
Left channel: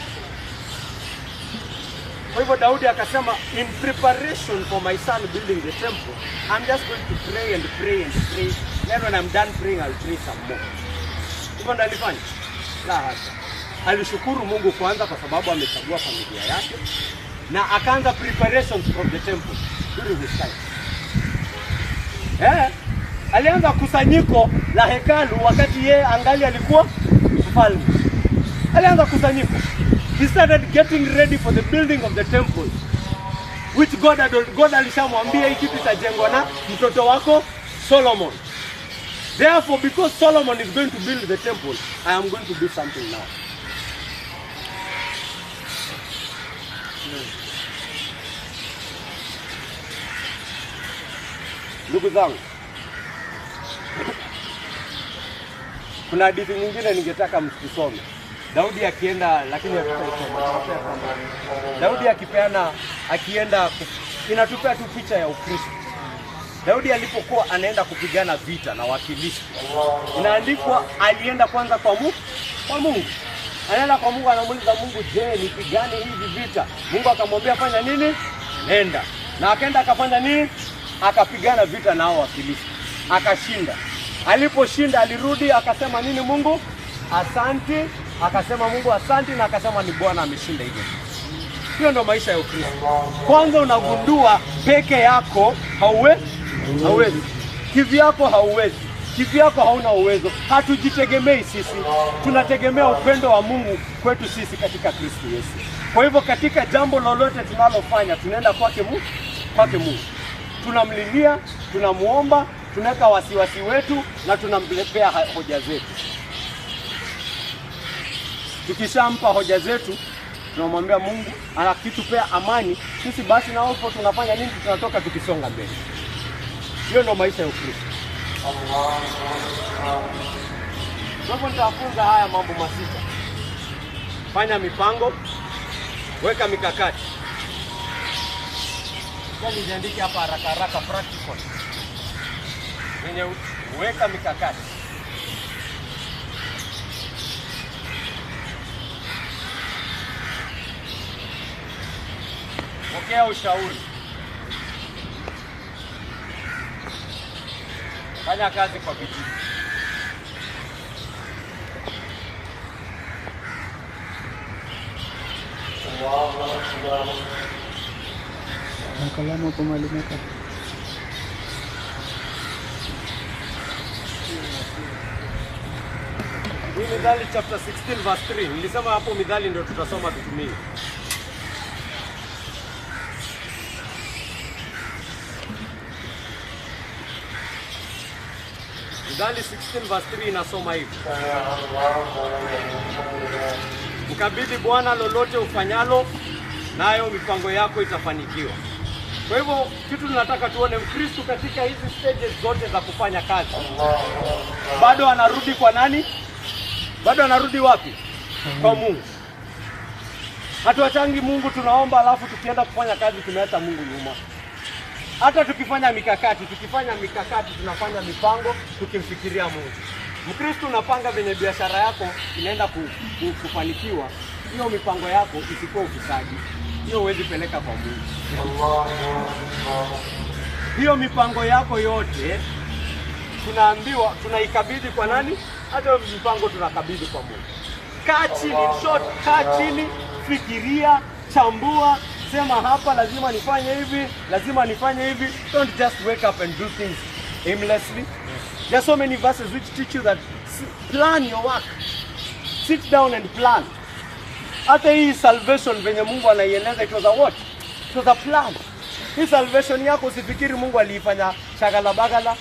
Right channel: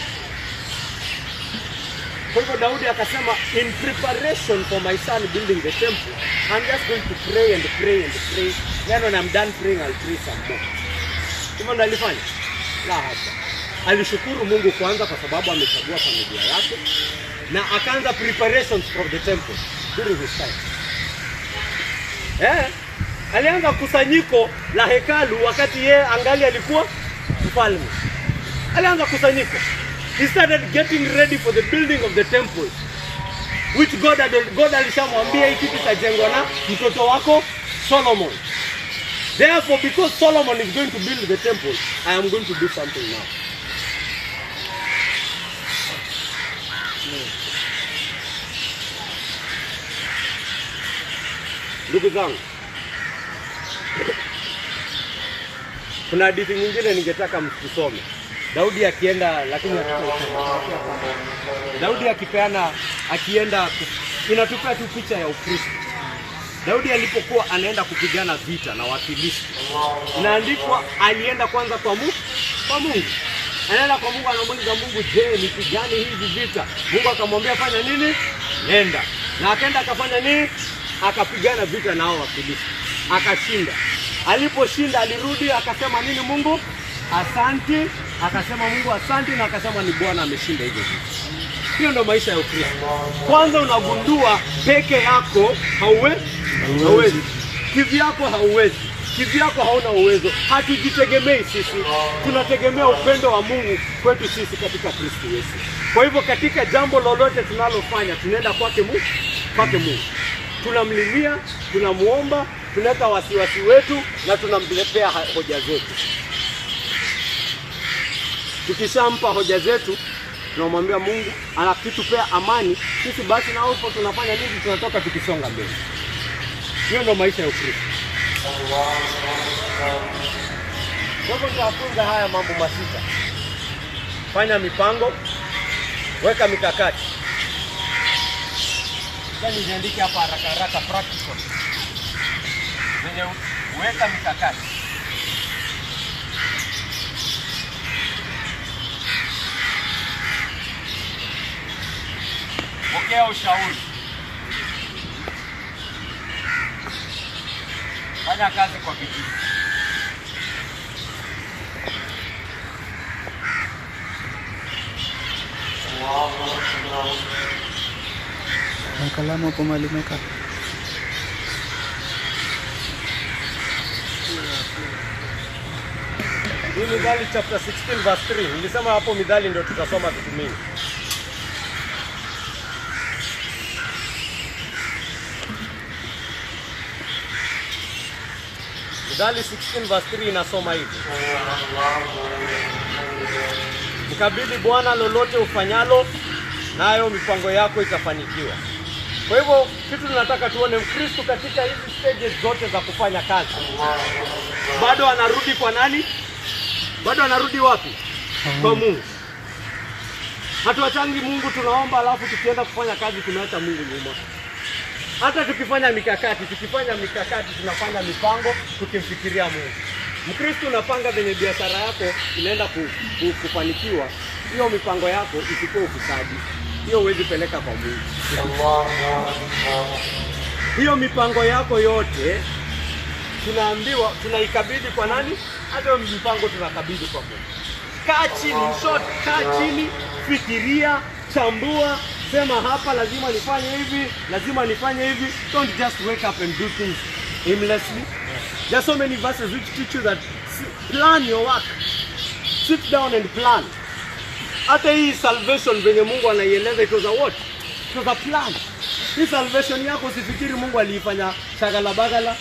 Kwa hivyo Daudi akasema, in preparation for my son building the temple, I'm just going to pray and pray and pray. Then when I'm done praying, I'll pray some more. Hivyo ndo alifanya? La hasha. Alishukuru Mungu kwanza kwa sababu amechagua familia yake, na akaanza preparations from the temple during his time. Alianza kusanyiko la hekalu wakati yeye angali alikuwa mfalme. Alianza kusanyiko. He started getting ready for the building of the temple, which God alishamwambia hiki kitajengwa na mtoto wako Solomon. Therefore, because Solomon is going to build the temple, I am going to do something now. Ndugu zangu, kuna hadithi nyingine ningetaka msisome. Daudi akienda, lakini Daudi akienda inatupa tu picha ya Ukristo. Daudi alipokuwa anaenda kupigana vita na Wafilisti, inaandikwa alienda kwanza kwa Mungu. Anaenda kwa Mungu, anamuuliza Mungu, je, nipigane hivi vita? Mungu akamwambia fanya nini? Nenda. Na akaenda akafanya nini? Akapigana vita na hao Wafilisti. Akashinda. Aliposhinda alirudi akasema nini Mungu? Asante. Akasema Mungu asante, na akasema ni Bwana ameshinda hivyo. Hiyo ndio maisha ya Ukristo. Kwanza unagundua peke yako hauwezi. Kivyako hauwezi. Kivyako hauna uwezo. Hatujitegemei sisi. Tunategemea upendo wa Mungu kwetu sisi katika Kristo Yesu. Kwa hivyo katika jambo lolote tunalofanya tunaenda kwake Mungu. Tunamlilia, tunamuomba, tunaweka wasiwasi wetu na tunamletea hoja zetu. Tukishampa hoja zetu, tunamwambia Mungu, anakitupea amani, sisi basi na hapo tunafanya nini? Tunatoka tukisonga mbele. Hiyo ndio maisha ya Ukristo. Hapo nitafunza haya mambo masita. Fanya mipango, weka mikakati. Sasa niandike hapa haraka practical. Weka mikakati. Pokea ushauri. Fanya kazi kwa bidii. Na kalamu hapo mahali umeka. Mithali chapter 16 verse 3. Nilisema hapo Mithali ndio tutasoma tutumie. Mithali 16 verse 3 inasoma hivi. Mkabidhi Bwana lolote ufanyalo, nayo mipango yako itafanikiwa. Kwa hivyo kitu tunataka tuone Mkristo katika hizi stages zote za kufanya kazi. Bado anarudi kwa nani? Bado anarudi wapi? Kwa Mungu. Hatuachangi Mungu tunaomba alafu tukienda kufanya kazi tumeacha Mungu nyuma. Hata tukifanya mikakati tunafanya mipango tukimfikiria Mungu. Mkristo unapanga venye biashara yako inaenda kufanikiwa, hiyo mipango yako isikuwa ufisadi. Hiyo huwezi peleka kwa Mungu. Hiyo mipango yako yote tunaambiwa tunaikabidhi kwa nani? Hata mipango tunakabidhi kwa Mungu. Kaa chini, fikiria, chambua, sema hapa lazima nifanye hivi, lazima nifanye hivi. Don't just wake up and do things aimlessly. There are so many verses which teach you that plan your work. Sit down and plan. Hata hii salvation venye Mungu anaieleza, it was a what? It was a plan. Hii salvation yako usifikiri Mungu aliifanya shagala bagala.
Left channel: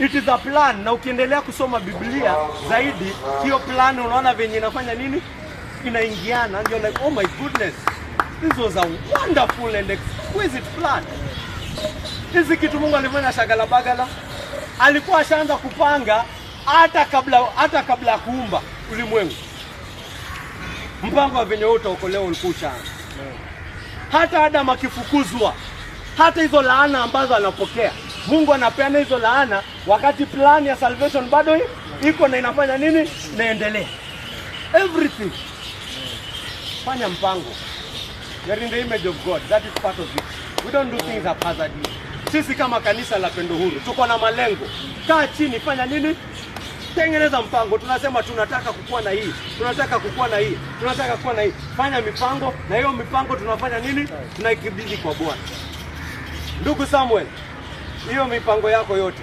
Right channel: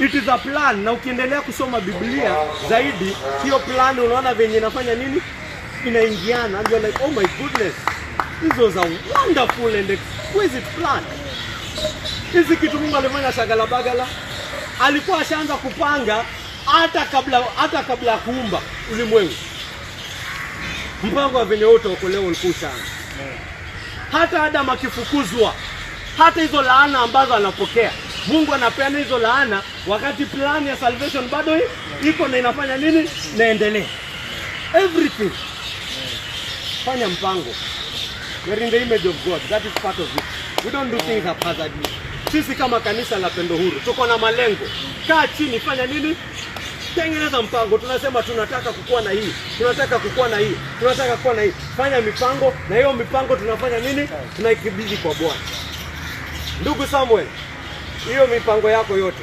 It is a plan. Na ukiendelea kusoma Biblia zaidi, hiyo plan unaona venye inafanya nini? Inaingiana. And you're like, oh my goodness, this was a wonderful and exquisite plan. Hizi kitu Mungu alifanya shagala bagala. Alikuwa ashaanza kupanga hata kabla kuumba ulimwengu. Mpango wa venye wote ukoleo ulikuwa sana. Hata Adam akifukuzwa, hata hizo laana ambazo anapokea, Mungu anapeana hizo laana wakati plan ya salvation bado iko na inafanya nini? Naendelea. Everything. Fanya mpango. We are in the image of God. That is part of it. We don't do things haphazardly. Sisi kama kanisa la Pendo Huru tuko na malengo. Kaa chini, fanya nini? Tengeneza mpango. Tunasema tunataka kukua na hii, tunataka kukua na hii, tunataka kukua na hii. Fanya mipango, na hiyo mipango tunafanya nini? Tunaikabidhi kwa Bwana. Ndugu Samuel, hiyo mipango yako yote,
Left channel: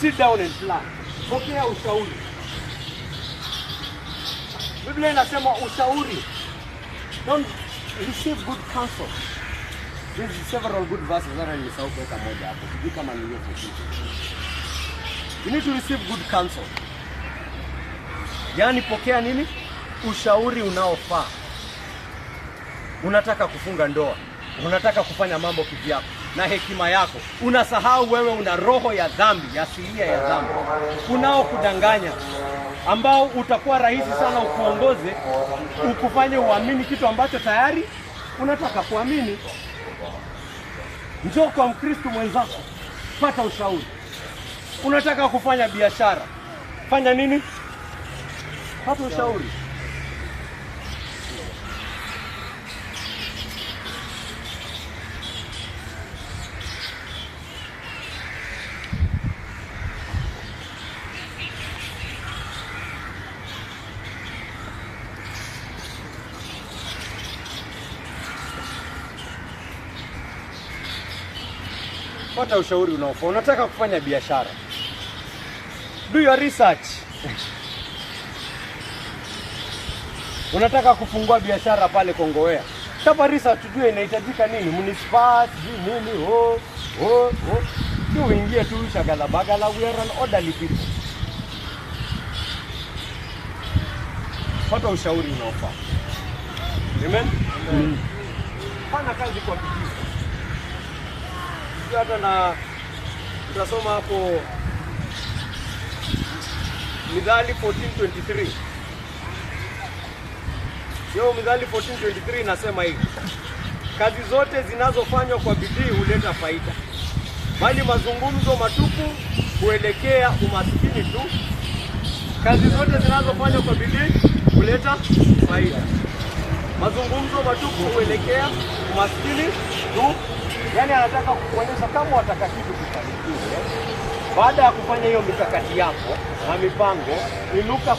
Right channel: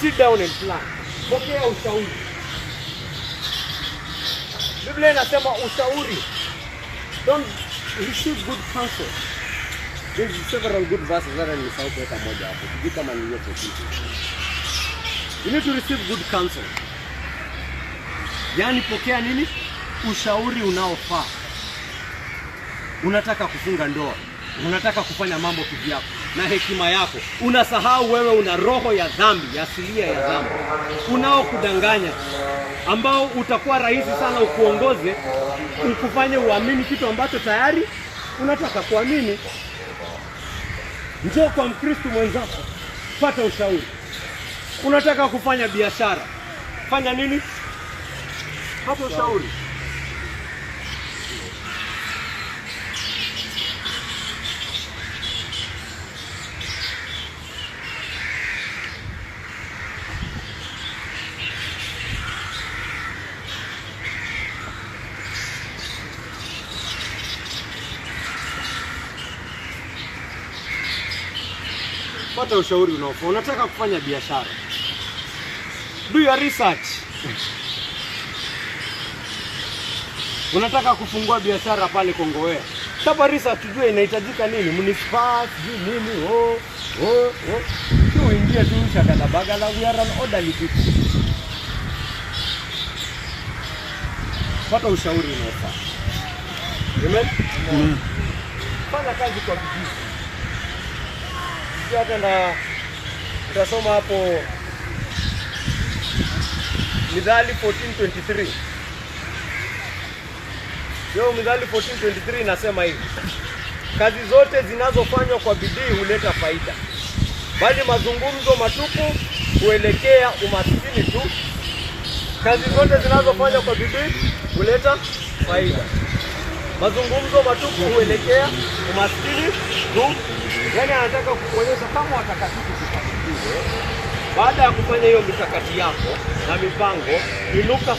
sit down and plan. Pokea ushauri. Biblia inasema ushauri. Don't receive good counsel. There's several good verses that I'm nisahau kuweka moja hapo. Sijui kama ni hiyo kitu. You need to receive good counsel. Yaani pokea nini? Ushauri unaofaa. Unataka kufunga ndoa, unataka kufanya mambo kivyako na hekima yako, unasahau wewe una roho ya dhambi, asilia ya dhambi, unaokudanganya, ambao utakuwa rahisi sana ukuongoze, ukufanye uamini kitu ambacho tayari unataka kuamini. Njoo kwa Mkristo mwenzako, pata ushauri. Unataka kufanya biashara, fanya nini? Pata ushauri. Pata ushauri unaofaa. Unataka kufanya biashara, do your research. Unataka kufungua biashara pale Kongowea, chapa research, tujue inahitajika nini, municipal, sijui nini, sio uingie tu shagala bagala. We are an orderly people. Pata ushauri unaofaa. Amen. Fanya kazi kwa bidii. Yote na tutasoma hapo Mithali 14:23. Mithali 14:23 inasema hivi: kazi zote zinazofanywa kwa bidii huleta faida, bali mazungumzo matupu huelekea umaskini tu. Kazi zote zinazofanywa kwa bidii huleta faida, mazungumzo matupu huelekea umaskini tu. Yaani anataka kukuonyesha kama watakatifu kufanikiwa. Baada ya kufanya hiyo mikakati yako na mipango, inuka,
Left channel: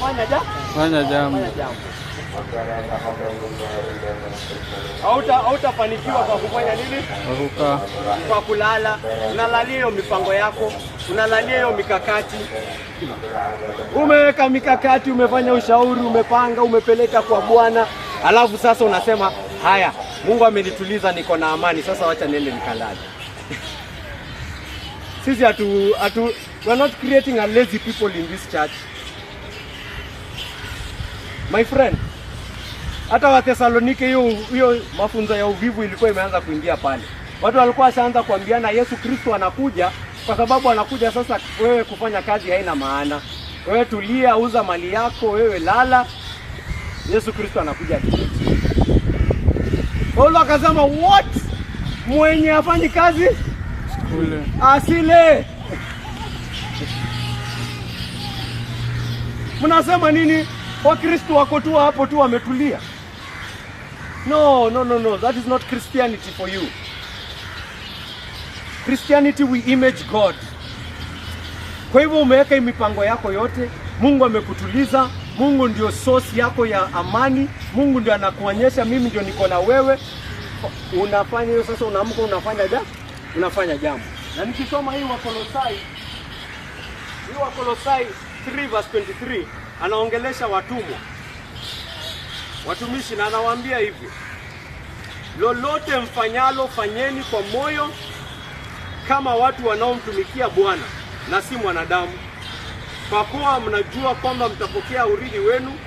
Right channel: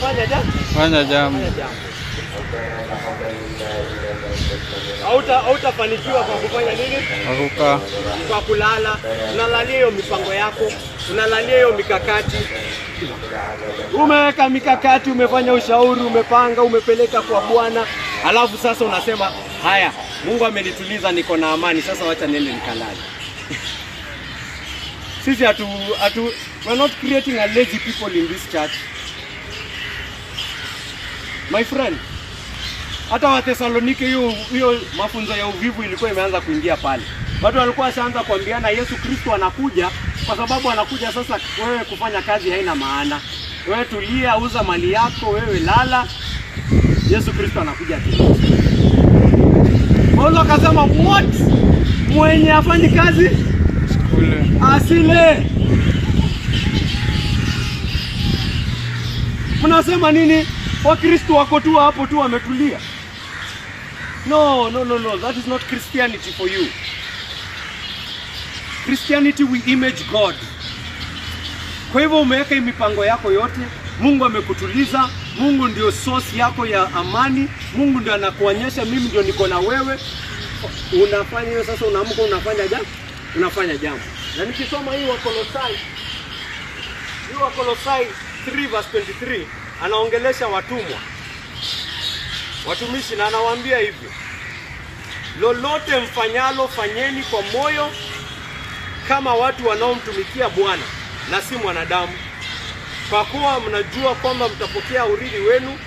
fanya jambo. Hautafanikiwa kwa kufanya nini? Kwa kulala. Unalalia hiyo mipango yako, unalalia hiyo mikakati. Umeweka mikakati, umefanya ushauri, umepanga, umepeleka kwa Bwana, alafu sasa unasema, haya, Mungu amenituliza, niko na amani, sasa wacha niende nikalale. Sisi we're not creating a lazy people in this church. My friend, hata wa Thessalonike hiyo mafunzo ya uvivu ilikuwa imeanza kuingia pale. Watu walikuwa washaanza kuambiana Yesu Kristo anakuja, kwa sababu anakuja sasa wewe kufanya kazi haina maana. Wewe tulia, uza mali yako, wewe lala. Yesu Kristo anakuja tena. Paulo akasema, what? Mwenye afanyi kazi asile. Mnasema nini? Wakristo wako tu hapo tu wametulia. No. That is not Christianity for you. Christianity, we image God. Kwa hivyo umeweka mipango yako yote, Mungu amekutuliza, Mungu ndio source yako ya amani, Mungu ndio anakuonyesha mimi ndio niko na wewe. Unafanya hiyo sasa, unaamka unafanya jambo. Na nikisoma hii Wakolosai 3:23 anaongelesha watumwa, watumishi, na anawaambia hivi: lolote mfanyalo fanyeni kwa moyo kama watu wanaomtumikia Bwana na si mwanadamu, kwa kuwa mnajua kwamba mtapokea urithi wenu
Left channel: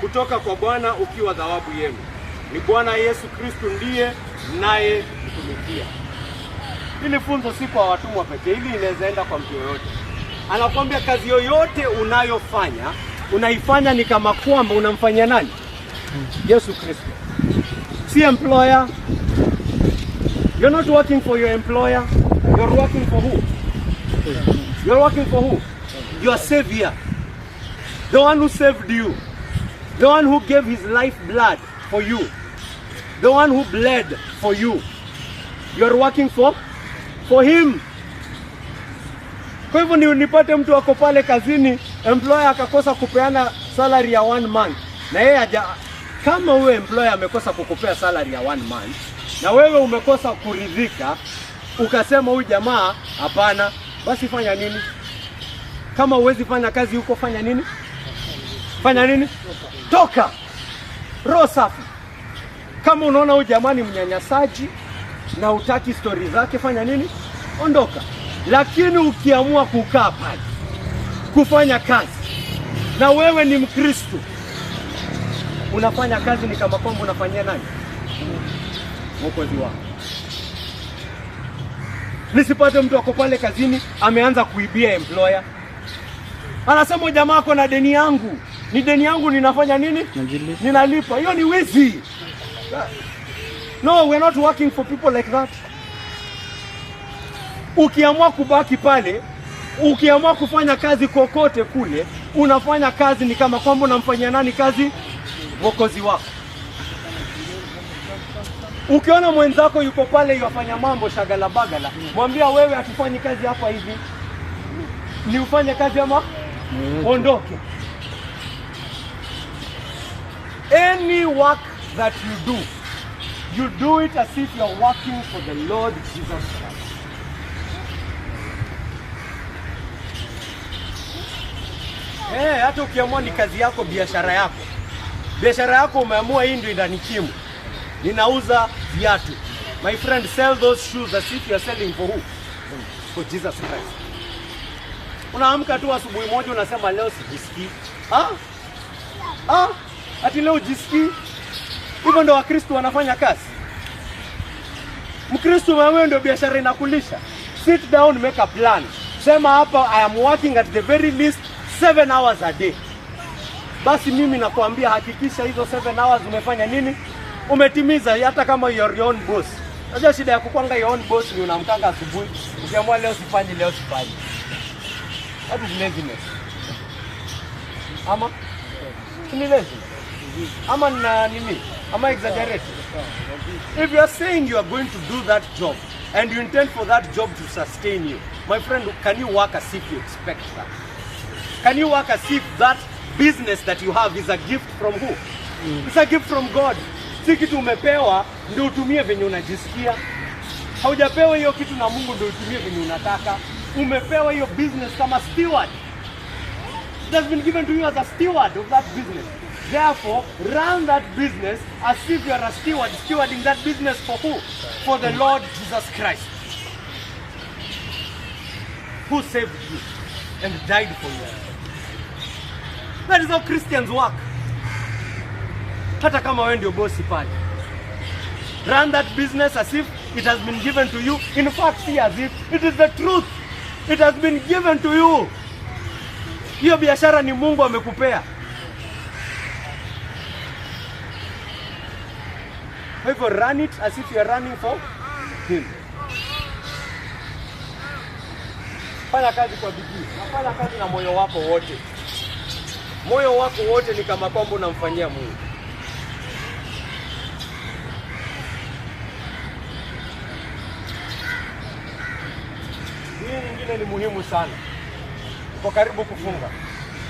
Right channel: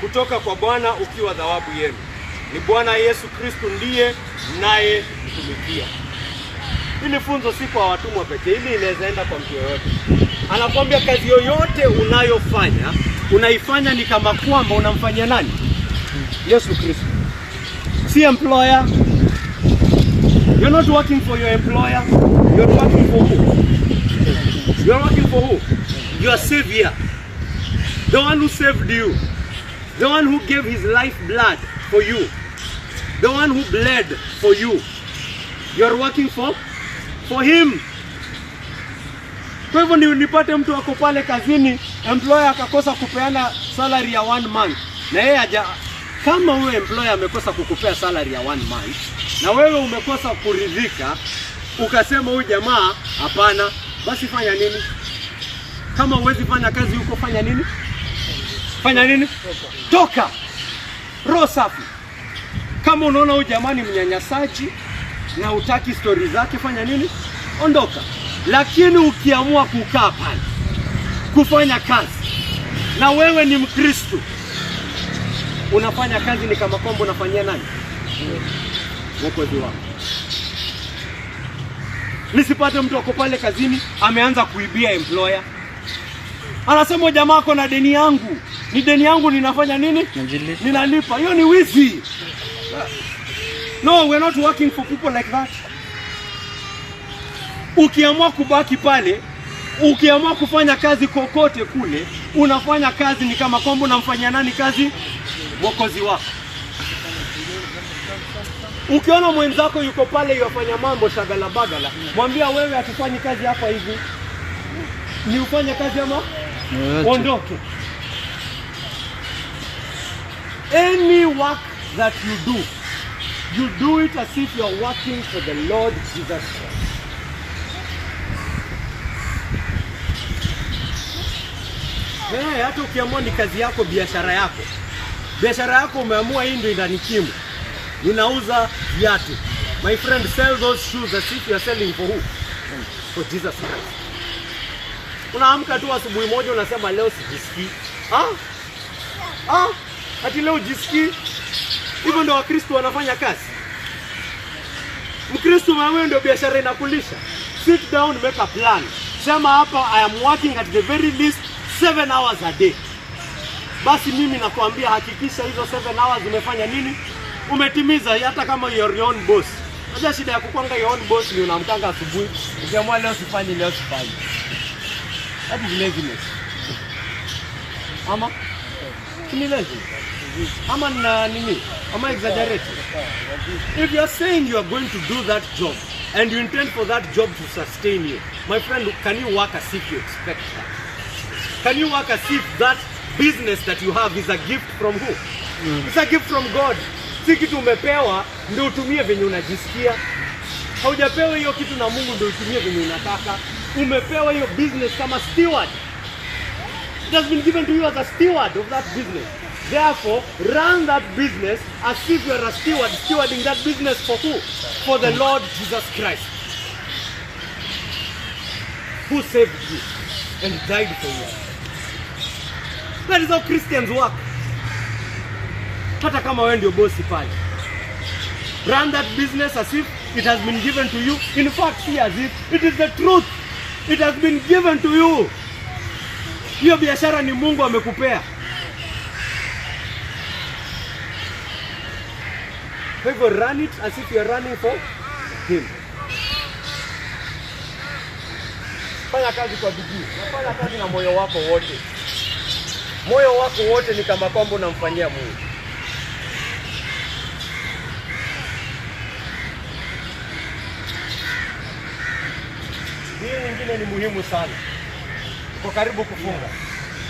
kutoka kwa Bwana ukiwa thawabu yenu. Ni Bwana Yesu Kristo ndiye naye mtumikia. Hili funzo si kwa watumwa pekee, hili inaweza enda kwa mtu yoyote. Anakuambia kazi yoyote unayofanya, unaifanya ni kama kwamba unamfanyia nani? Yesu Kristo. Si employer, You're not working for your employer. You're working for who? You're working for who? Your Savior. The one who saved you. The one who gave his life blood for you. The one who bled for you. You're working for him. Kwa hivyo nipate mtu wako pale kazini, employer akakosa kupeana salary ya 1 month. Na yeye kama huyo employer amekosa kukupea salary ya 1 month, na wewe umekosa kuridhika, ukasema huyu jamaa hapana, basi fanya nini? Kama huwezi fanya kazi huko, fanya nini? Fanya nini? Toka. Roho safi. Kama unaona huyu jamaa ni mnyanyasaji na hutaki story zake, fanya nini? Ondoka. Lakini ukiamua kukaa pale kufanya kazi, na wewe ni Mkristo, unafanya kazi ni kama kwamba unafanyia nani? Mwokozi wako. Nisipate mtu wako pale kazini ameanza kuibia employer. Anasema jamaa ako na deni yangu. Ni deni yangu, ninafanya nini? Ninalipa. Hiyo ni wizi. No, we're not working for people like that. Ukiamua kubaki pale, ukiamua kufanya kazi kokote kule, unafanya kazi ni kama kwamba unamfanyia nani kazi? Mwokozi wako. Ukiona mwenzako yuko pale yafanya mambo shagala bagala, mwambia wewe hatufanyi kazi hapa hivi. Ni ufanye kazi ama ondoke. Any work that you do it as if you're working for the Lord Jesus Christ. Hata ukiamua ni kazi yako, biashara yako. Biashara yako umeamua hii ndio inanikimu. Ninauza viatu. My friend, sell those shoes as if you are selling for who? For Jesus Christ. Unaamka tu asubuhi moja unasema leo sijisikii. Ati leo jisikii. Hivyo ndio Wakristo wanafanya kazi. Mkristo wewe ndio biashara inakulisha. Sit down, make a plan. Sema hapa, I am working at the very least 7 hours a day. Basi mimi nakwambia hakikisha hizo 7 hours umefanya nini? Umetimiza, hata kama you're your own boss. Unajua shida ya kukwanga your own boss ni unamkanga asubuhi, ukiamua leo sifanyi. That is laziness. Ama? Ni lazy. Ama nini? Ama exaggerate. If you are saying you are going to do that job and you intend for that job to sustain you, my friend, can you work as if you expect that? Can you work as if that business that you have is a gift from who? It's a gift from God. Si kitu umepewa ndio utumie venye unajisikia. Haujapewa hiyo kitu na Mungu ndio utumie venye unataka. Umepewa hiyo business kama steward. It has been given to you as a steward of that business. Therefore, run that business as if you are a steward, stewarding that business for who? For the Lord Jesus Christ, who saved you and died for you. That is how Christians work. Hata kama wewe ndio bosi pale, run that business as if it has been given to you. In fact, see as if it is the truth. It has been given to you. Hiyo biashara ni Mungu amekupea. Kwa hivyo run it as if you are running for him. Fanya kazi kwa bidii. Fanya kazi na moyo wako wote. Moyo wako wote ni kama kwamba unamfanyia Mungu. Hii nyingine ni muhimu sana. Tuko karibu kufunga.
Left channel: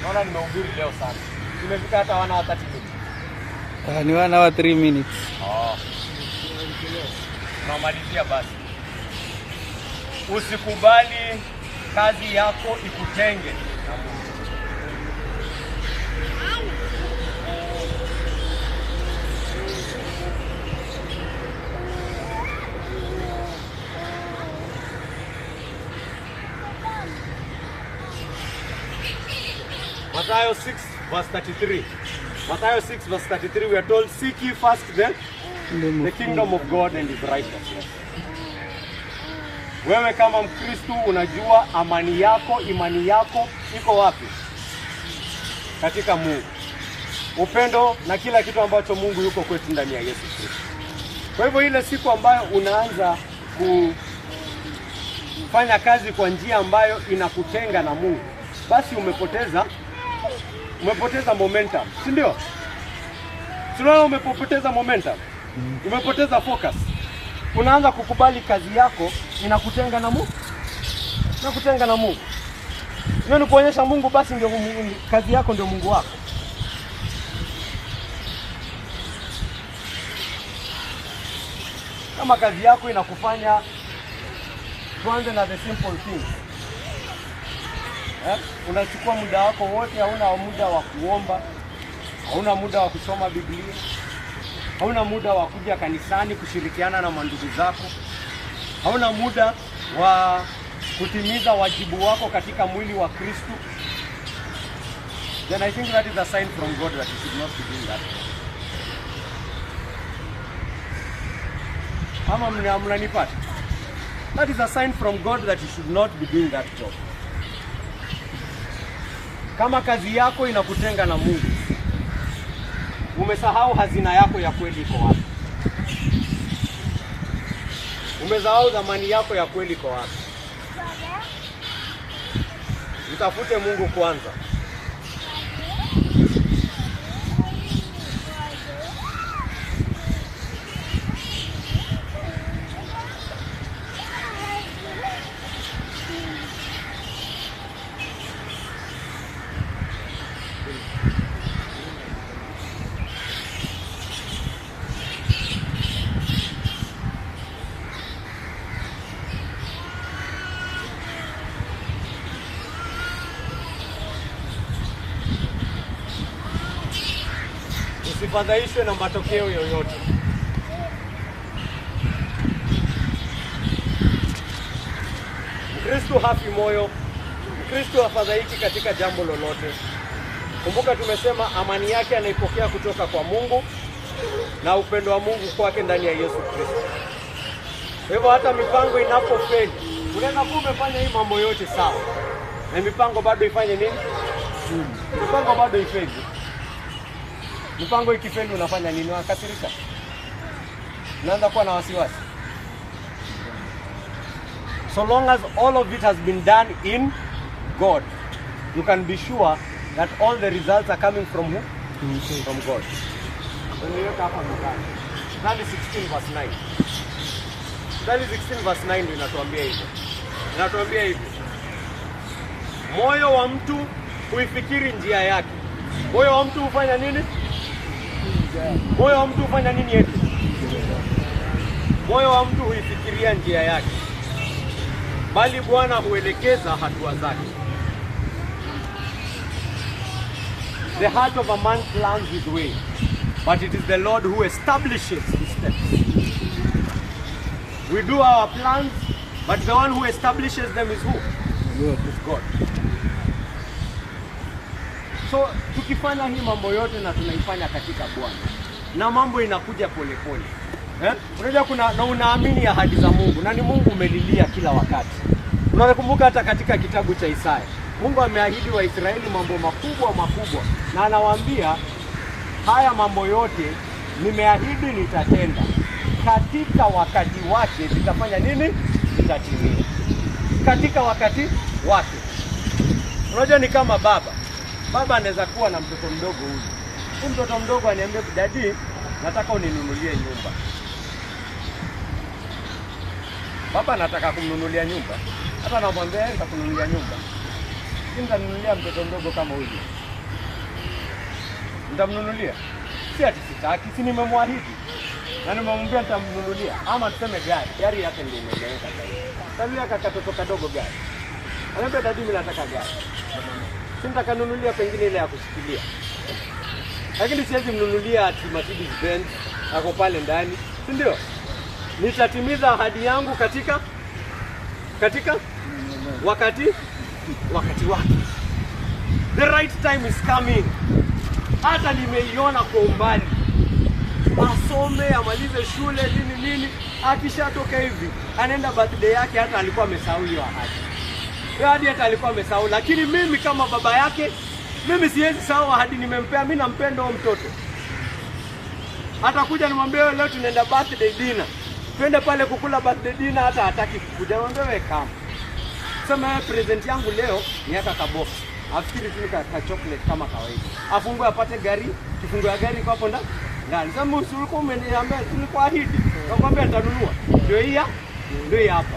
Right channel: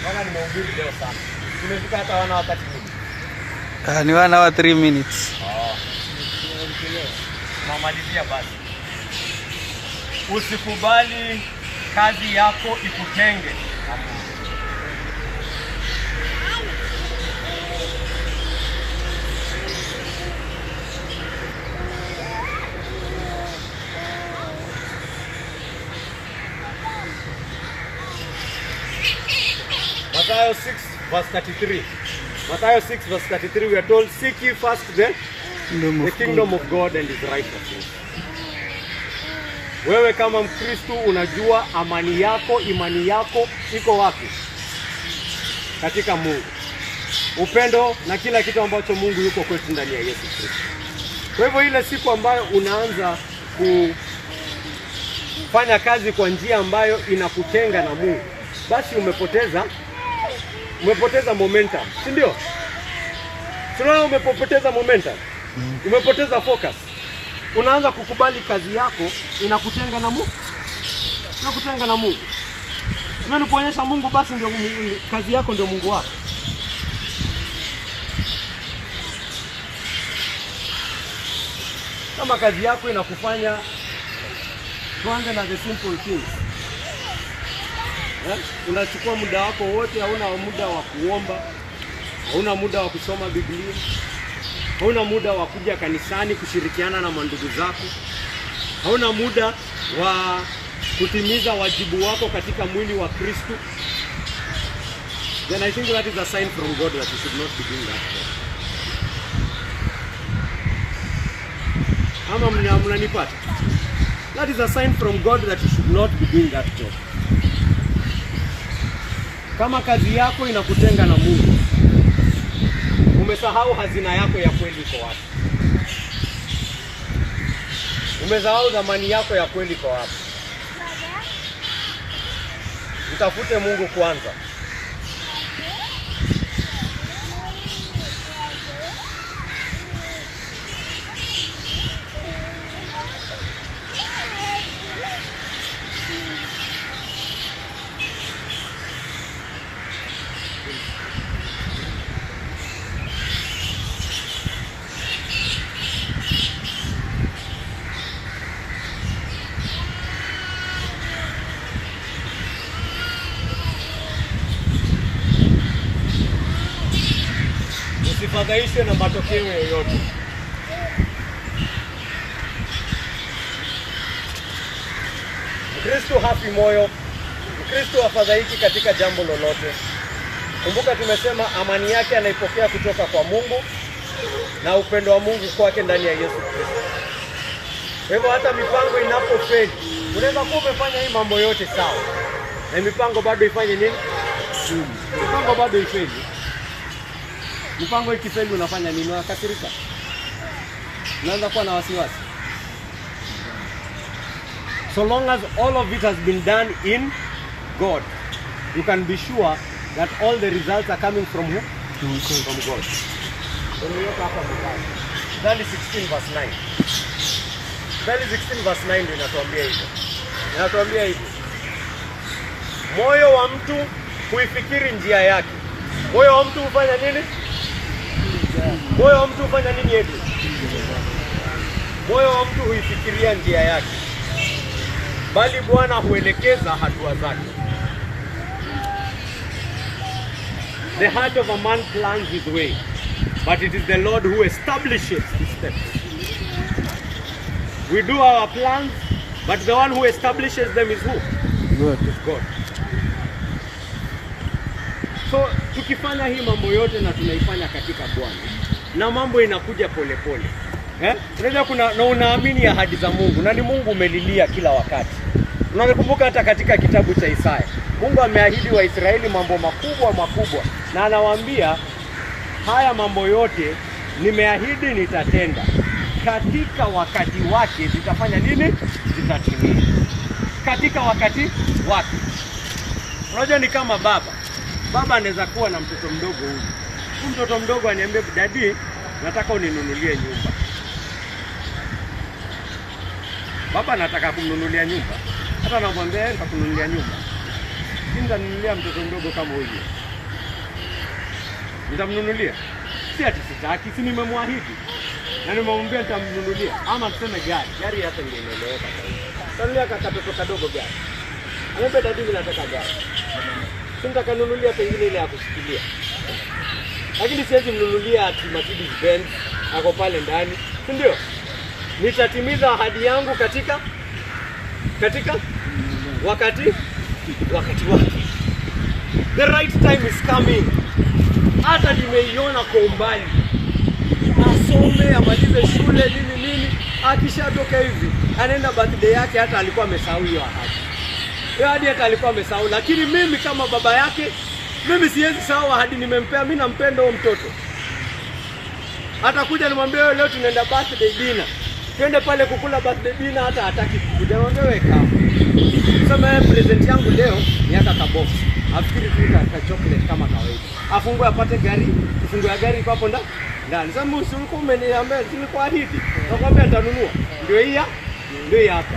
Naona nimehubiri leo sana. Tumefika hata 1 hour 30 minutes. Ni 1 hour 3 minutes. Namalizia basi. Usikubali kazi yako ikutenge. Matthew 6 verse 33. Matthew 6 verse 33, we are told, seek ye first the kingdom of God and his righteousness. Wewe kama Mkristo unajua imani yako iko wapi? Katika Mungu. Upendo na kila kitu ambacho Mungu yuko kwetu ndani ya Yesu Kristo. Kwa hivyo ile siku ambayo unaanza kufanya kazi kwa njia ambayo inakutenga na Mungu, basi umepoteza momentum, si ndio? Tunaona umepoteza momentum, umepoteza focus. Unaanza kukubali kazi yako inakutenga na Mungu, inakutenga na Mungu. Ndio kuonyesha Mungu basi ndio kazi yako ndio Mungu wako. Kama kazi yako inakufanya tuanze na the simple things. Unachukua muda wako wote, hauna muda wa kuomba, hauna muda wa kusoma Biblia, hauna muda wa kuja kanisani kushirikiana na mandugu zako, hauna muda wa kutimiza wajibu wako katika mwili wa Kristo, then I think that is a sign from God that you should not be doing that. Ama mnanipata? That is a sign from God that you should not be doing that job. Kama kazi yako inakutenga na Mungu, umesahau hazina yako ya kweli iko wapi? Umesahau dhamani yako ya kweli iko wapi? Mtafute Mungu kwanza. Usifadhaishwe na matokeo yoyote. Kristo hafi moyo, Kristo hafadhaiki katika jambo lolote. Kumbuka tumesema amani yake anaipokea kutoka kwa Mungu na upendo wa Mungu kwake ndani ya Yesu Kristo. Kwa hivyo hata mipango inapofeli, unaweza kuwa umefanya hii mambo yote sawa, na mipango bado ifanye nini? Mipango bado ifeli. Mipango ikifeli unafanya nini? Unakasirika, unaanza kuwa na wasiwasi. So long as all of it has been done in God, you can be sure that all the results are coming from who? From God. Mithali 16 verse 9. Mithali 16 verse 9 ndio inatuambia hivyo. Inatuambia hivyo. Moyo wa mtu huifikiri njia yake. Moyo wa mtu hufanya nini? Moyo wa mtu hufanya nini eti? Moyo wa mtu huifikiria njia yake, bali Bwana huelekeza hatua zake. The heart of a man plans his way, but it is the Lord who establishes his steps. We do our plans, but the one who establishes them is who? God. Is God. So tukifanya hii mambo yote na tunaifanya katika Bwana, na mambo inakuja polepole. Unajua na unaamini ahadi za Mungu, na ni Mungu umelilia kila wakati. Unakumbuka hata katika kitabu cha Isaya, Mungu ameahidi Waisraeli mambo makubwa, na anawaambia haya mambo yote nimeahidi nitatenda. Katika wakati wake vitafanya nini? Vitatimia. Katika wakati wake. Unajua ni kama baba anaweza kuwa na mtoto mdogo huyu. Huyu mtoto mdogo aniambia, "Daddy, nataka uninunulie nyumba." Baba anataka kumnunulia nyumba. Hata namwambia nitakununulia nyumba. Nitamnunulia mtoto mdogo kama huyu. Nitamnunulia. Si ati sitaki, si nimemwahidi. Na nimemwambia nitamnunulia. Ama tuseme gari hata ndio inaeleweka sasa. Tanulia katoto kadogo gari. Anambia, "Daddy, mimi nataka gari." Nitakanunulia pengine ile ya kushikilia. Lakini siwezi mnunulia ati Mercedes Benz ako pale ndani, si ndio? Nitatimiza ahadi yangu katika wakati wake. The right time is coming. Hata nimeiona kwa umbali. Asome, amalize shule, nini, akishatoka hivi, anaenda birthday yake, hata alikuwa amesahau hiyo ahadi. Hadi hata alikuwa amesahau, lakini mimi kama baba yake, mimi siwezi sahau ahadi nimempea. Mimi nampenda huyo mtoto. Atakuja nimwambie leo tunaenda birthday dinner. twende pale kukula birthday dinner, hata hataki kukuja. Wewe kama sema present yangu leo ni hata kabox, afikiri tu ka chocolate kama kawaida, afungue apate gari, kifungo ya gari iko hapo ndani. Sasa ulikuwa umeniambia tulikuahidi, nakwambia nitanunua. Ndio hii hapa.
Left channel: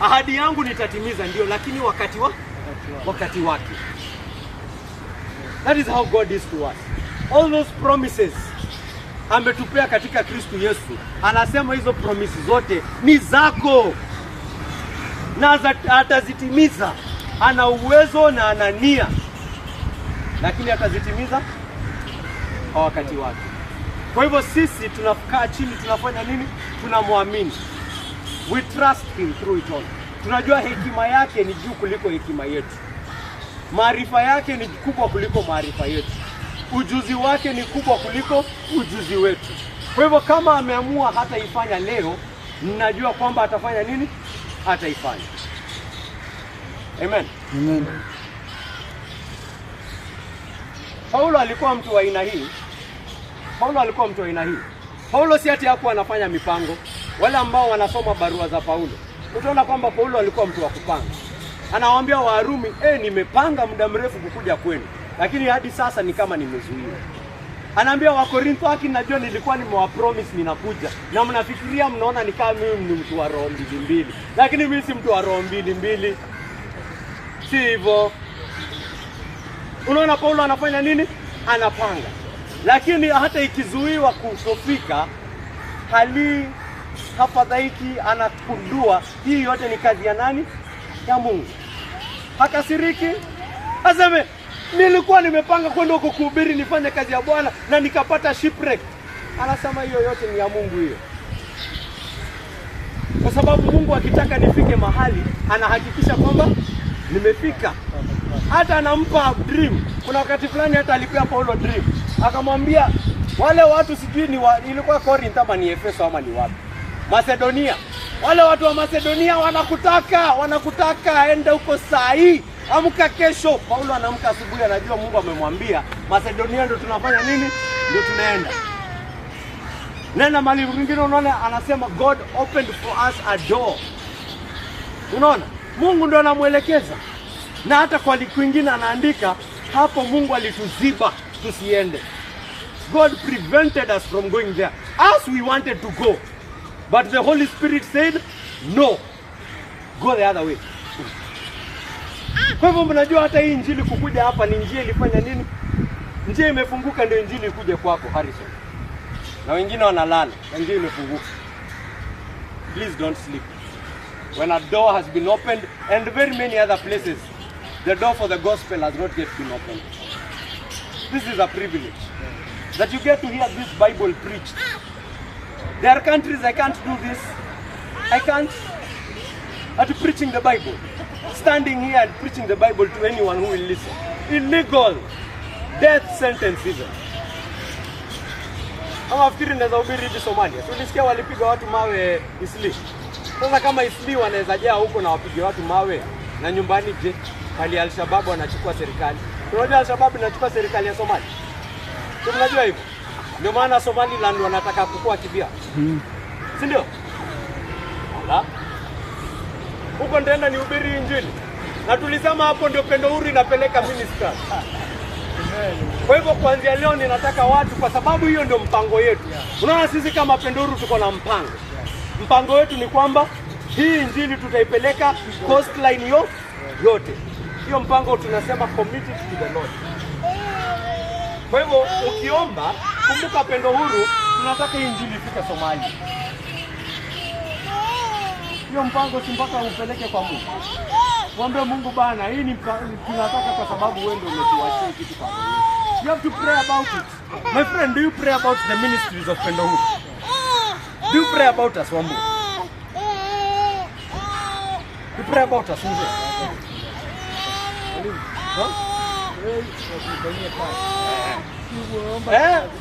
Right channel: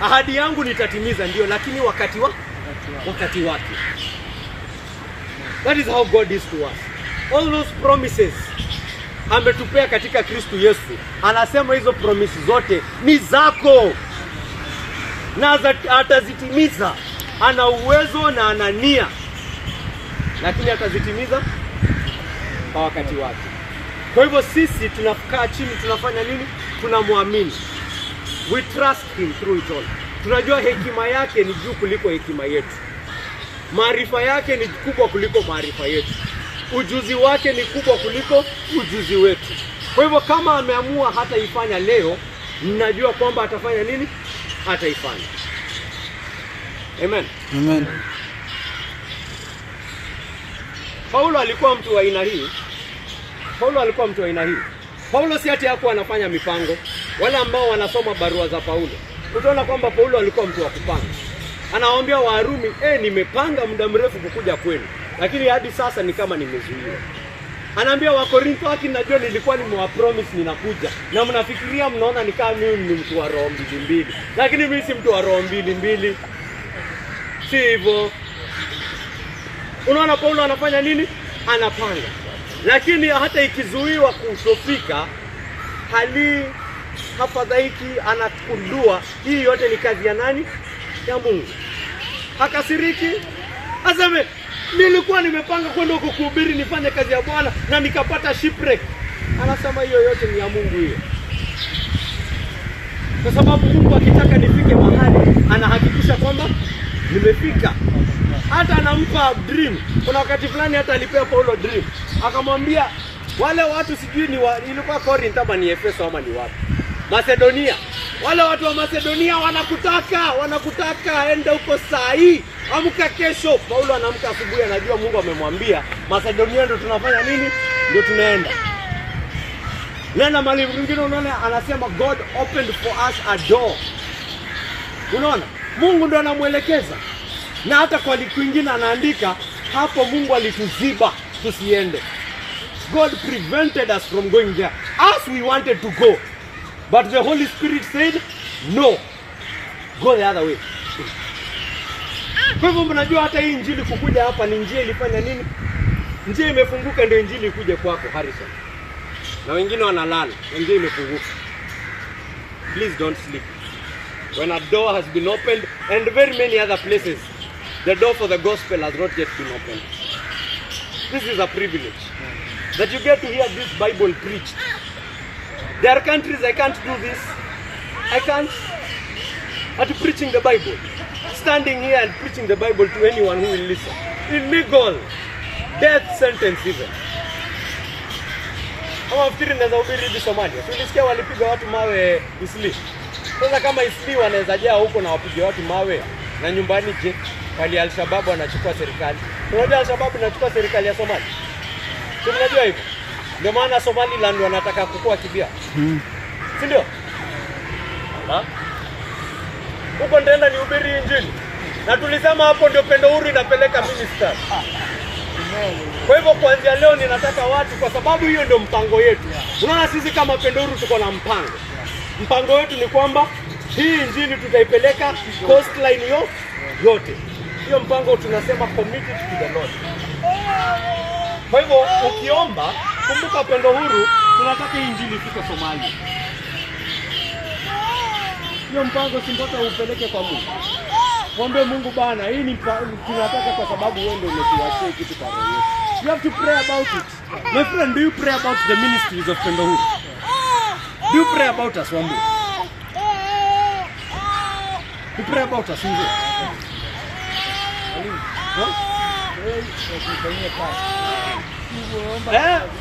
Ahadi yangu nitatimiza, ndio, lakini wakati wake. That is how God is to us. All those promises ametupea katika Kristo Yesu. Anasema hizo promises zote ni zako na atazitimiza. Ana uwezo na ana nia, lakini atazitimiza kwa wakati wake. Kwa hivyo sisi tunakaa chini, tunafanya nini? Tunamwamini. We trust him through it all. Tunajua hekima yake ni juu kuliko hekima yetu. Maarifa yake ni kubwa kuliko maarifa yetu. Ujuzi wake ni kubwa kuliko ujuzi wetu. Kwa hivyo kama ameamua hata ifanya leo, ninajua kwamba atafanya nini? Ataifanya. Amen. Amen. Paulo alikuwa mtu wa aina hii. Paulo si ati hakuwa anafanya mipango. Wale ambao wanasoma barua za Paulo, utaona kwamba Paulo alikuwa mtu wa kupanga. Anawaambia Warumi, nimepanga muda mrefu kukuja kwenu, lakini hadi sasa ni kama nimezuiwa. Anaambia Wakorintho, najua nilikuwa nimewapromise ninakuja, na mnafikiria mnaona ni kama mimi ni mtu wa roho mbili, lakini mimi si mtu wa roho mbili. Si hivyo. Unaona Paulo anafanya nini? Anapanga. Lakini hata ikizuiwa kutofika, hafadhaiki, anakundua hii yote ni kazi ya nani? Ya Mungu. Hakasiriki. Aseme, nilikuwa nimepanga kwenda huko kuhubiri nifanye kazi ya Bwana na nikapata shipwreck. Anasema hiyo yote ni ya Mungu hiyo. Kwa sababu Mungu akitaka nifike mahali, anahakikisha kwamba nimefika. Hata anampa dream. Kuna wakati fulani hata alipea Paulo dream. Akamwambia wale watu sijui ilikuwa Corinth ama ni Efeso ama ni wapi, Macedonia. Wale watu wa Macedonia wanakutaka enda huko saa hii, amka kesho. Paulo anaamka asubuhi, anajua Mungu amemwambia Macedonia ndio tunafanya nini? Ndio tunaenda. Nenda mahali mwingine, unaona anasema God opened for us a door. Unaona? Mungu ndo anamuelekeza. Na hata kwa kwingine anaandika hapo Mungu alituziba tusiende. God prevented us from going there as we wanted to go. But the Holy Spirit said, no, go the other way. Kwa hivyo mnajua hata hii injili kukuja hapa ni njia ilifanya nini? Njia imefunguka ndio injili ikuje kwako Harrison. Na wengine wanalala, njia imefunguka. Please don't sleep. When a door has been opened, and very many other places, the door for the gospel has not yet been opened. This is a privilege that you get to hear this Bible preached. There are countries I can't do this. I can't. At preaching the Bible, standing here and preaching the Bible to anyone who will listen. Illegal. Death sentence even. Kama wafikiri naweza hubiri hadi Somalia. Tulisikia walipiga watu mawe Isli. Sasa kama Isli wanaweza jaa huko na wapige watu mawe, na nyumbani je? Kali Al-Shabaab wanachukua serikali. Tunajua Al-Shabaab inachukua serikali ya Somalia. Tunajua hivyo. Ndio maana Somaliland wanataka kukua kibia. Si ndio? Huko ndio ni hubiri injili. Na tulisema hapo ndio Pendo Huru inapeleka minister. Kwa hivyo kuanzia leo ninataka watu, kwa sababu hiyo ndio mpango yetu. Unaona sisi kama Pendo Huru tuko na mpango. Mpango wetu ni kwamba hii injili tutaipeleka coastline yote. Hiyo mpango tunasema committed to the Lord. Kwa hivyo ukiomba, kumbuka Pendo Huru tunataka injili ifike Somalia. Hiyo mpango si mpaka upeleke kwa Mungu. Mwombe Mungu bana, hii ni tunataka kwa sababu wewe ndio umetuachia kitu kama hiyo. You have to pray about it. My friend, do you pray about the ministries of Pendo Huru? Do you pray about us, Wambu? You pray about us, Wambu?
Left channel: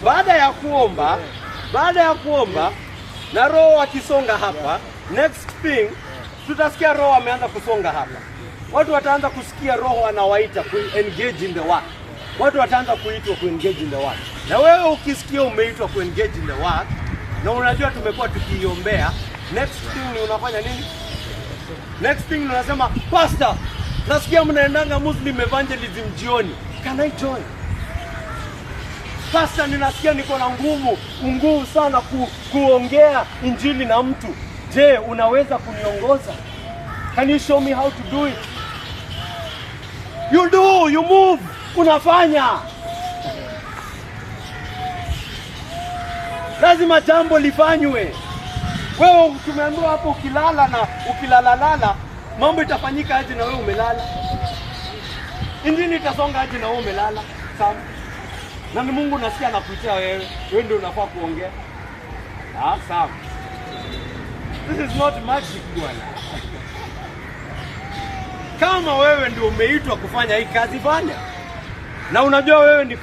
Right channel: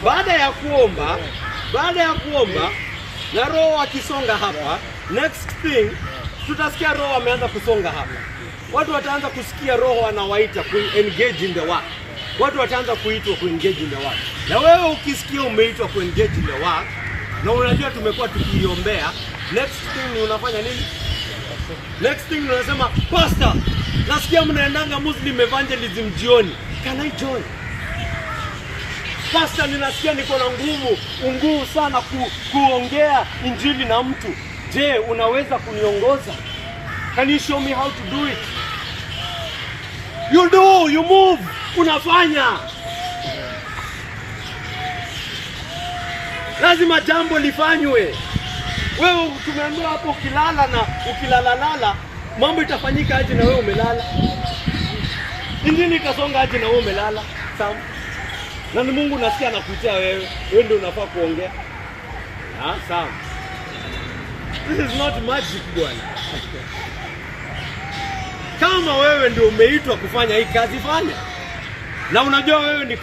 Baada ya kuomba na Roho akisonga hapa, next thing tutasikia Roho ameanza kusonga hapa. Watu wataanza kusikia Roho anawaita ku engage in the work. Watu wataanza kuitwa ku engage in the work. Na wewe ukisikia umeitwa ku engage in the work, na unajua tumekuwa tukiiombea. Next thing unafanya nini? Next thing unasema, pastor, nasikia mnaendanga Muslim evangelism jioni. Can I join? Pastor, ninasikia niko na nguvu sana kuongea injili na mtu. Je, unaweza kuniongoza? Can you show me how to do it? You do, you move, unafanya. Lazima jambo lifanywe. Wewe tumeambiwa hapo ukilalala mambo itafanyika aje na wewe umelala? Injili itasonga aje na wewe umelala? Sawa. Na ni Mungu nasikia anakutia wewe. Wewe ndio unafaa kuongea. Sawa. This is not magic bwana. Kama wewe ndio umeitwa kufanya hii kazi, fanya. Na unajua wewe ni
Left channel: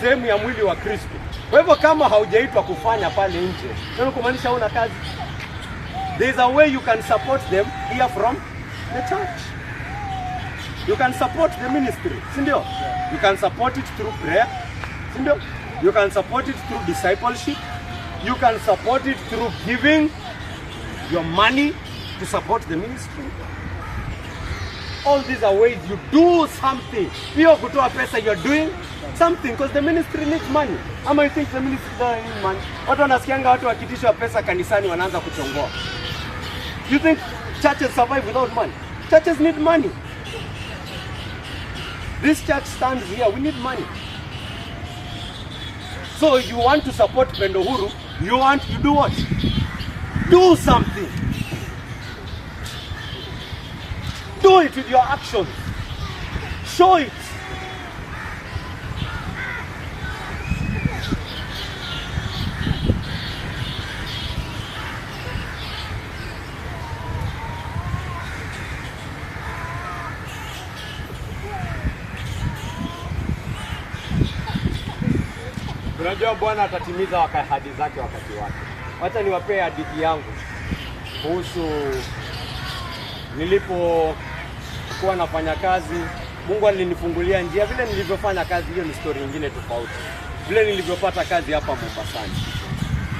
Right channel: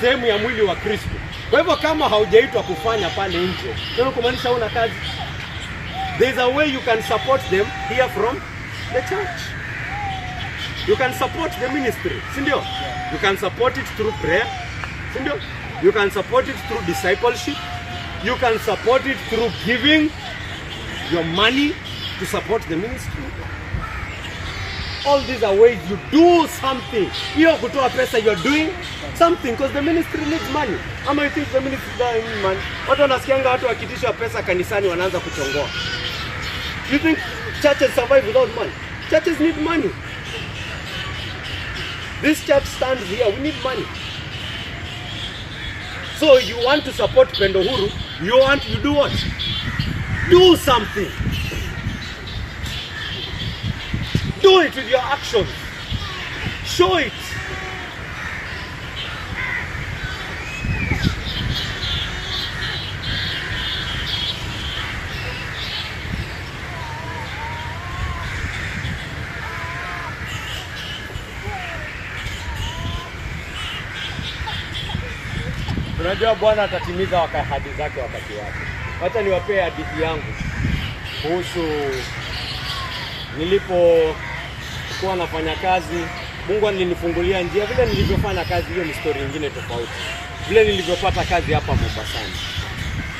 sehemu ya mwili wa Kristo. Kwa hivyo kama haujaitwa kufanya pale nje, ndio kumaanisha una kazi. There is a way you can support them here from the church. You can support the ministry, si ndio? You can support it through prayer, si ndio? You can support it through discipleship. You can support it through giving your money to support the ministry. All these are ways you do something. Hiyo kutoa pesa, you are doing something because the ministry needs money. Ama you think the ministry doesn't need money? Watu wanasikianga watu wakitisha pesa kanisani wanaanza kuchongoa. You think churches survive without money? Churches need money. This church stands here, we need money. So if you want to support Pendo Huru, you do what? Do something. Do it with your actions. Show it. Unajua Bwana atatimiza ahadi zake wakati wake. Wacha niwapee hadithi yangu kuhusu nilipokuwa nafanya kazi. Mungu alinifungulia njia. Vile nilivyofanya kazi hiyo ni story nyingine tofauti. Vile nilivyopata kazi hapa Mombasani.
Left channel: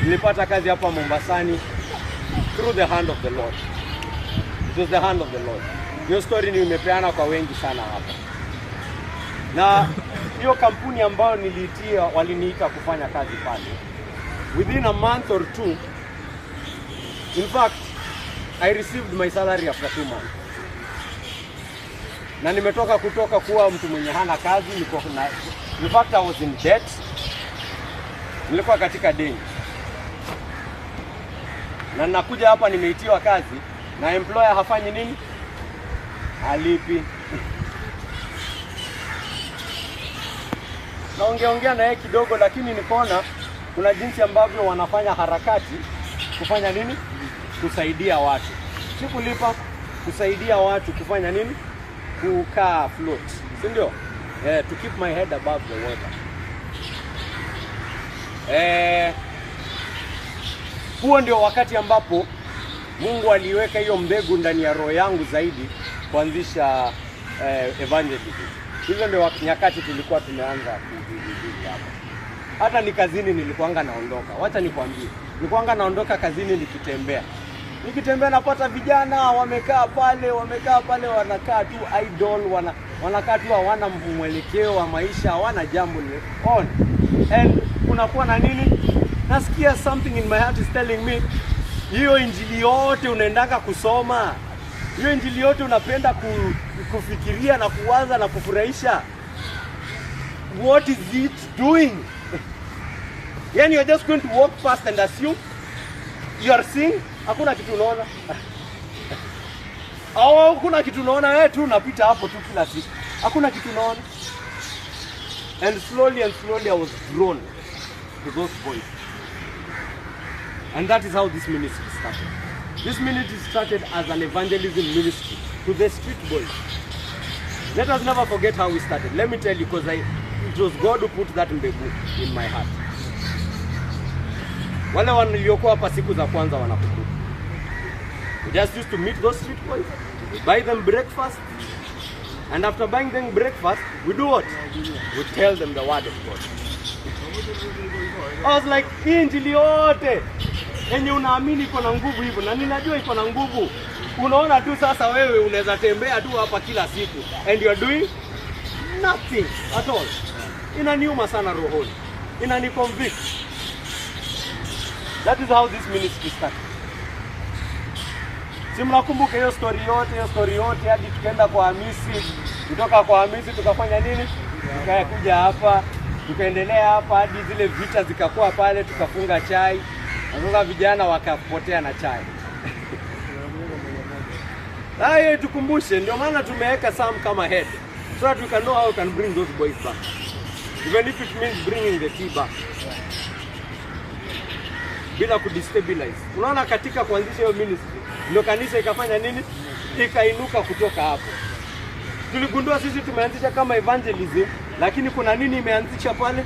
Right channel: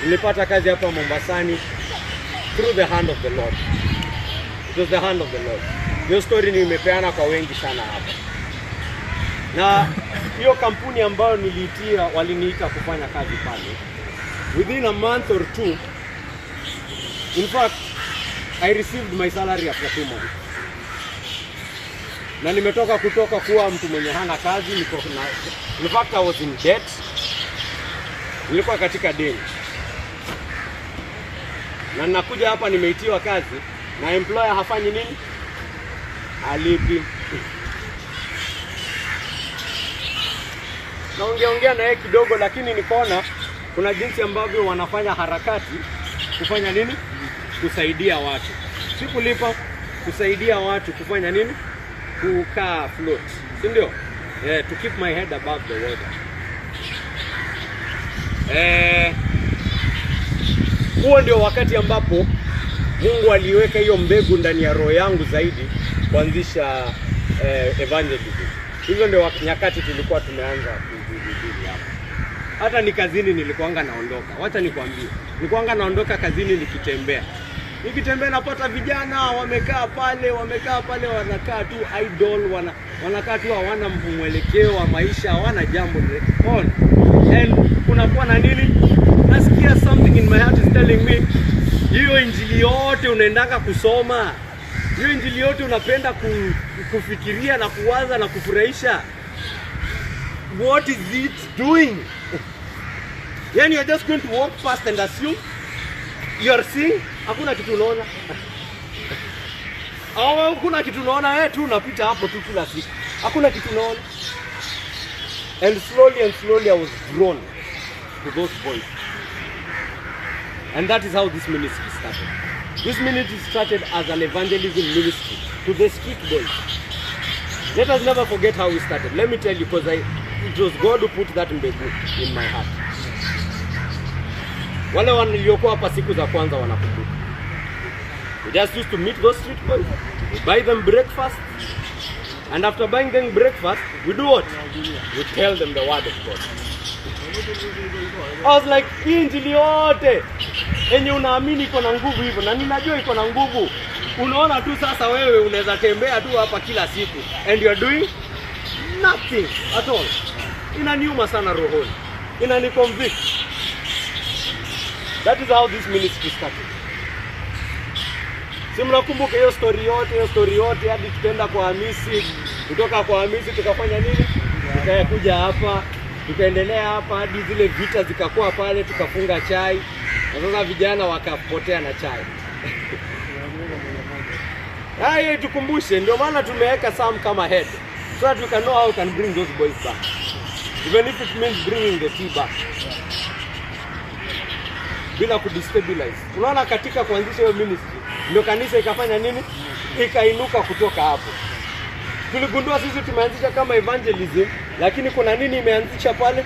Nilipata kazi hapa Mombasani through the hand of the Lord. It was the hand of the Lord. Hiyo story nimepeana kwa wengi sana hapa. Na hiyo kampuni ambayo niliitia waliniita kufanya kazi pale. Within a month or two, in fact, I received my salary after 2 months. Na nimetoka kuwa mtu mwenye hana kazi, in fact I was in debt. Nilikuwa katika deni. Na nakuja hapa nimeitiwa kazi na employer hafanyi nini? Halipi. Naongea na yeye kidogo, lakini nikaona kuna jinsi ambavyo wanafanya harakati kufanya nini? Kusaidia watu. Si kulipa, kusaidia watu kufanya nini? Kukaa float. Si ndio? To keep my head above the water. Huo ndio wakati ambapo Mungu aliweka hiyo mbegu ndani ya roho yangu zaidi kuanzisha evangelism. Hizo ndio nyakati tulikuwa tumeanza hata ni kazini nilikuanga naondoka. Wacha nikwambie. Nilikuanga naondoka kazini nikitembea. Nikitembea napata vijana wamekaa pale wanakaa tu idle, wanakaa tu hawana mwelekeo wa maisha, hawana jambo on. And unakuwa na nini? Nasikia something in my heart is telling me, hiyo injili yote unaendanga kusoma, hiyo injili yote unapenda kufikiria na kuwaza na kufurahisha, what is it doing? Yani you're just going to walk past and assume you are seeing, hakuna kitu unaona. Au hakuna kitu unaona, wewe tu unapita hapo tu kila siku. Hakuna kitu unaona. And slowly I was drawn to those boys. And that is how this ministry started. This ministry started as an evangelism ministry to the street boys. Let us never forget how we started. Let me tell you, because it was God who put that mbegu in my heart. Wale waliokuwa hapa siku za kwanza wanakumbuka. We just used to meet those street boys. We buy them breakfast. And after buying them breakfast, we do what? We tell them the word of God. I was like, injili yote yenye unaamini iko na nguvu hivyo, na ninajua iko na nguvu. Unaona tu sasa wewe unaweza tembea tu hapa kila siku and you are doing nothing at all. Inaniuma sana rohoni, inaniconvict. That is how this ministry started. Si mnakumbuka hiyo story yote hadi tukaenda kwa Hamisi, kutoka kwa Hamisi tukafanya nini? Tukakuja hapa, tukaendelea hapa hadi zile vita zikakuwa pale, tukafunga chai. Na sasa vijana wakapotea na chai. Hai tukumbushe, ndio maana tumeweka Sam kama head. So that we can know how we can bring those boys back. Even if it means bringing the tea back. Bila kudestabilize. Unaona katika kuanzisha hiyo ministry, ndio kanisa ikafanya nini? Ikainuka kutoka hapo. Tuligundua sisi tumeanzisha kama evangelism, lakini kuna nini imeanzisha pale?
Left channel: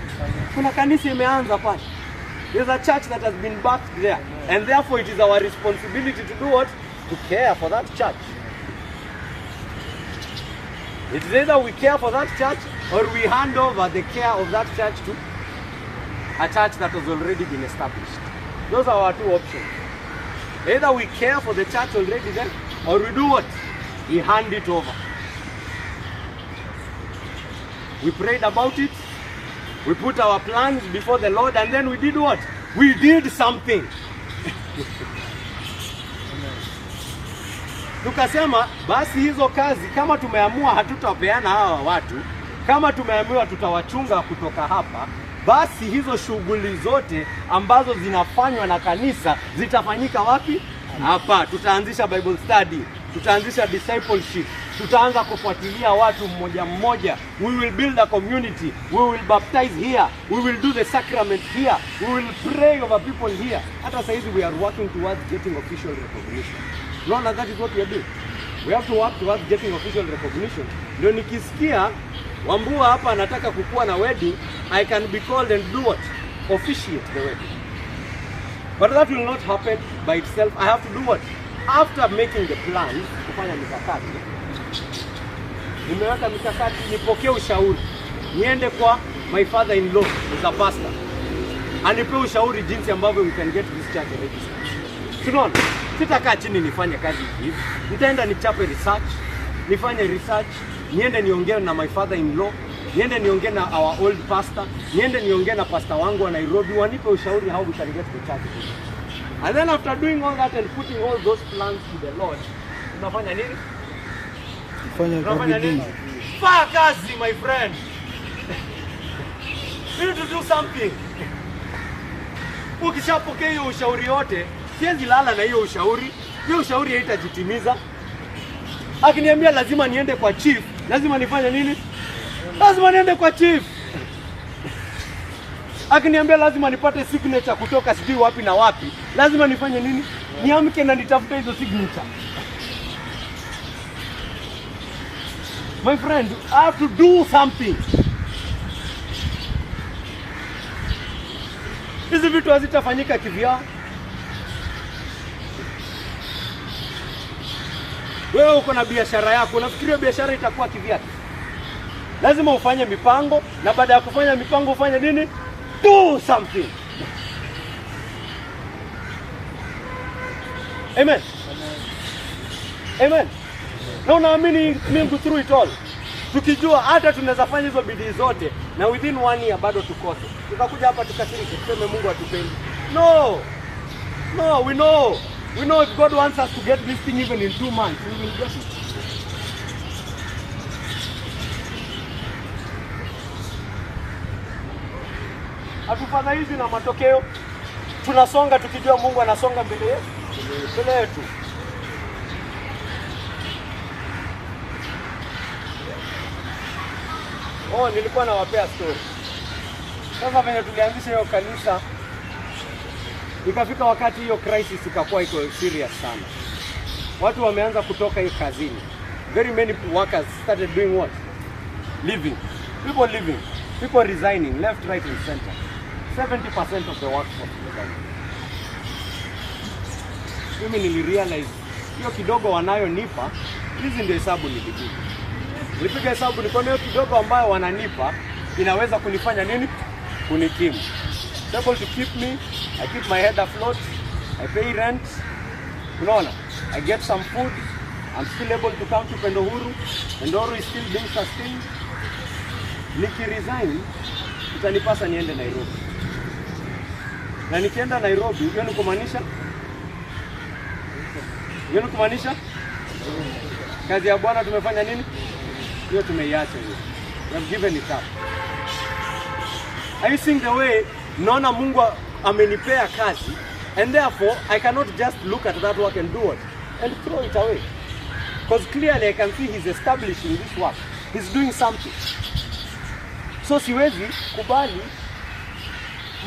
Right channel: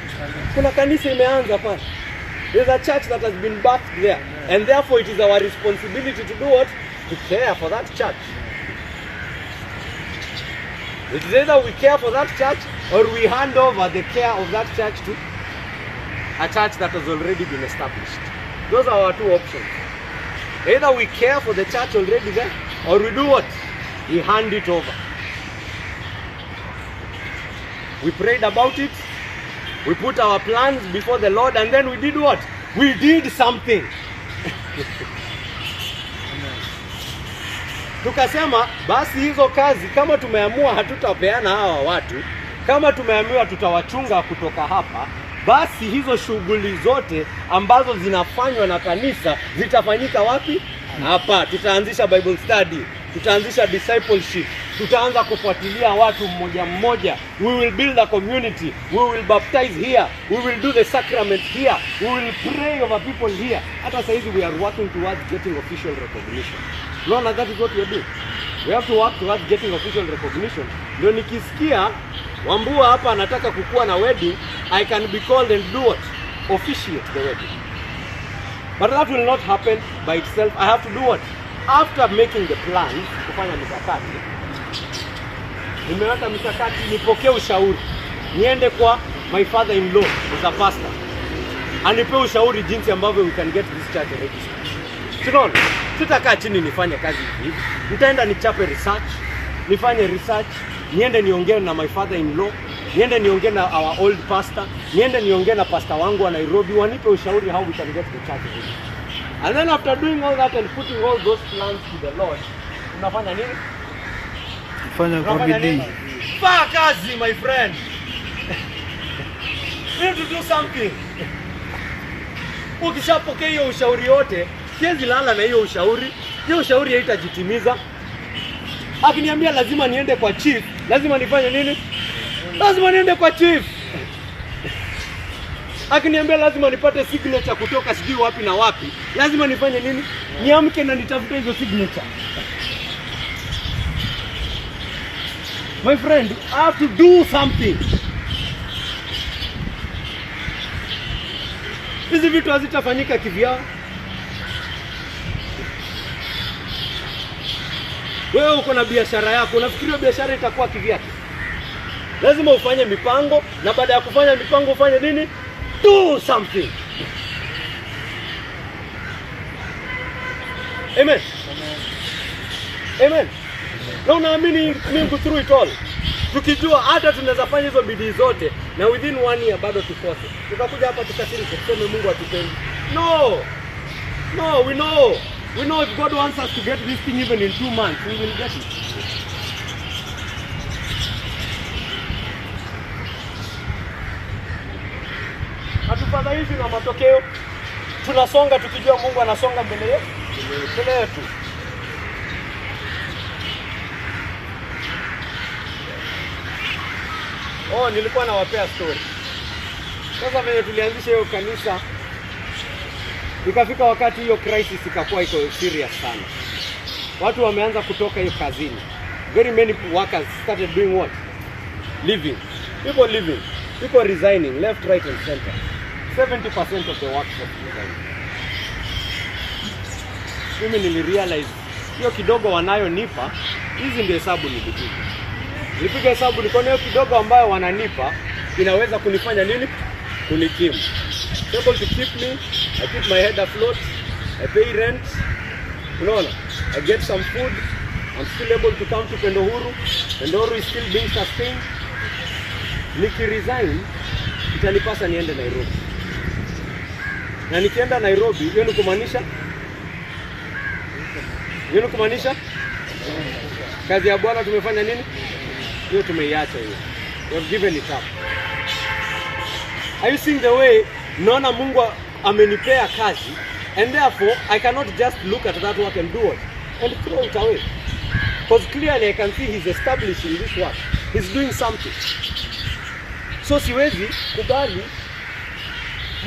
Kuna kanisa imeanza pale. There's a church that has been birthed there, and therefore it is our responsibility to do what? To care for that church. It is either we care for that church or we hand over the care of that church to a church that has already been established. Those are our two options. Either we care for the church already there, or we do what? We hand it over. We prayed about it, we put our plans before the Lord, and then we did what? We did something. Tukasema basi hizo kazi kama tumeamua hatutapeana hawa watu, kama tumeamua tutawachunga kutoka hapa, basi hizo shughuli zote ambazo zinafanywa na kanisa zitafanyika wapi? Hapa. Tutaanzisha Bible study, tutaanzisha discipleship, tutaanza kufuatilia watu mmoja mmoja. We will build a community, we will baptize here, we will do the sacrament here, we will pray over people here. Hata sasa hivi we are working towards getting official recognition. No, that is what we are doing. We have to work towards getting official recognition. Ndio nikisikia Wambua hapa anataka kukua na wedding, I can be called and do what? Officiate the wedding. But that will not happen by itself. I have to do what? After making the plan, kufanya mikakati. Nimeweka mikakati, nipokee ushauri. Niende kwa my father-in-law, as a pastor. Anipe ushauri jinsi ambavyo we can get this church registered. Tunaona, tutakaa chini nifanye kazi hivi. Nitaenda nichape research, nifanye research, niende niongee na my father-in-law, niende niongee na our old pastor, niende niongee na pastor wangu wa Nairobi, wanipe ushauri how we can get the church registered. And then after doing all that and putting all those plans to the Lord, unafanya nini? Fanya kwa bidii. Fanya kazi, my friend. You need to do something. Ukishapokea hiyo ushauri yote, siwezi lala na hiyo ushauri. Hiyo ushauri haitajitimiza. Akiniambia lazima niende kwa chief, lazima nifanye nini? Lazima niende kwa chief. Akiniambia lazima nipate signature kutoka sijui wapi na wapi, lazima nifanye nini? Niamke na nitafuta hizo signature. My friend, I have to do something. Hizi vitu hazitafanyika kivyao. Wewe uko na biashara yako, unafikiria biashara itakuwa kivyake? Lazima ufanye mipango, na baada ya kufanya mipango ufanye nini? Do something. Amen. Amen. Na unaamini Mungu through it all. Tukijua hata tunaweza fanya hizo bidii zote na within 1 year bado tukose. Tutakuja hapa tukashiriki tuseme Mungu atupendi. No. No, we know. We know if God wants us to get this thing even in 2 months, we will get it. Hatufadhaishwi na matokeo. Tunasonga tukijua Mungu anasonga mbele yetu. Oh, nilikuwa nawapea story. Sasa venye tulianzisha hiyo kanisa, ikafika wakati hiyo crisis ikakuwa iko serious sana. Watu wameanza kutoka hiyo kazini. Very many workers started doing what? Leaving. People leaving. People resigning left, right and center. 70% of the workforce resigning. Mimi nilirealize hiyo kidogo wanayonipa, hizi ndio hesabu nilipiga. Nilipiga hesabu nikaona hiyo kidogo ambayo wananipa inaweza kunifanya nini? Kunikimu. Able to keep me, I keep my head afloat, I pay rent, unaona, I get some food, I'm still able to come to Pendo Huru. Pendo Huru is still being sustained. Nikiresign, itanipasa niende Nairobi. Na nikienda Nairobi, hiyo ni kumaanisha kazi ya Bwana tumefanya nini? Hiyo tumeiacha hiyo. We have given it up. Are you seeing the way naona Mungu amenipea kazi, and therefore I cannot just look at that work and do it and throw it away? Because clearly I can see he's establishing this work. He's doing something. So siwezi kubali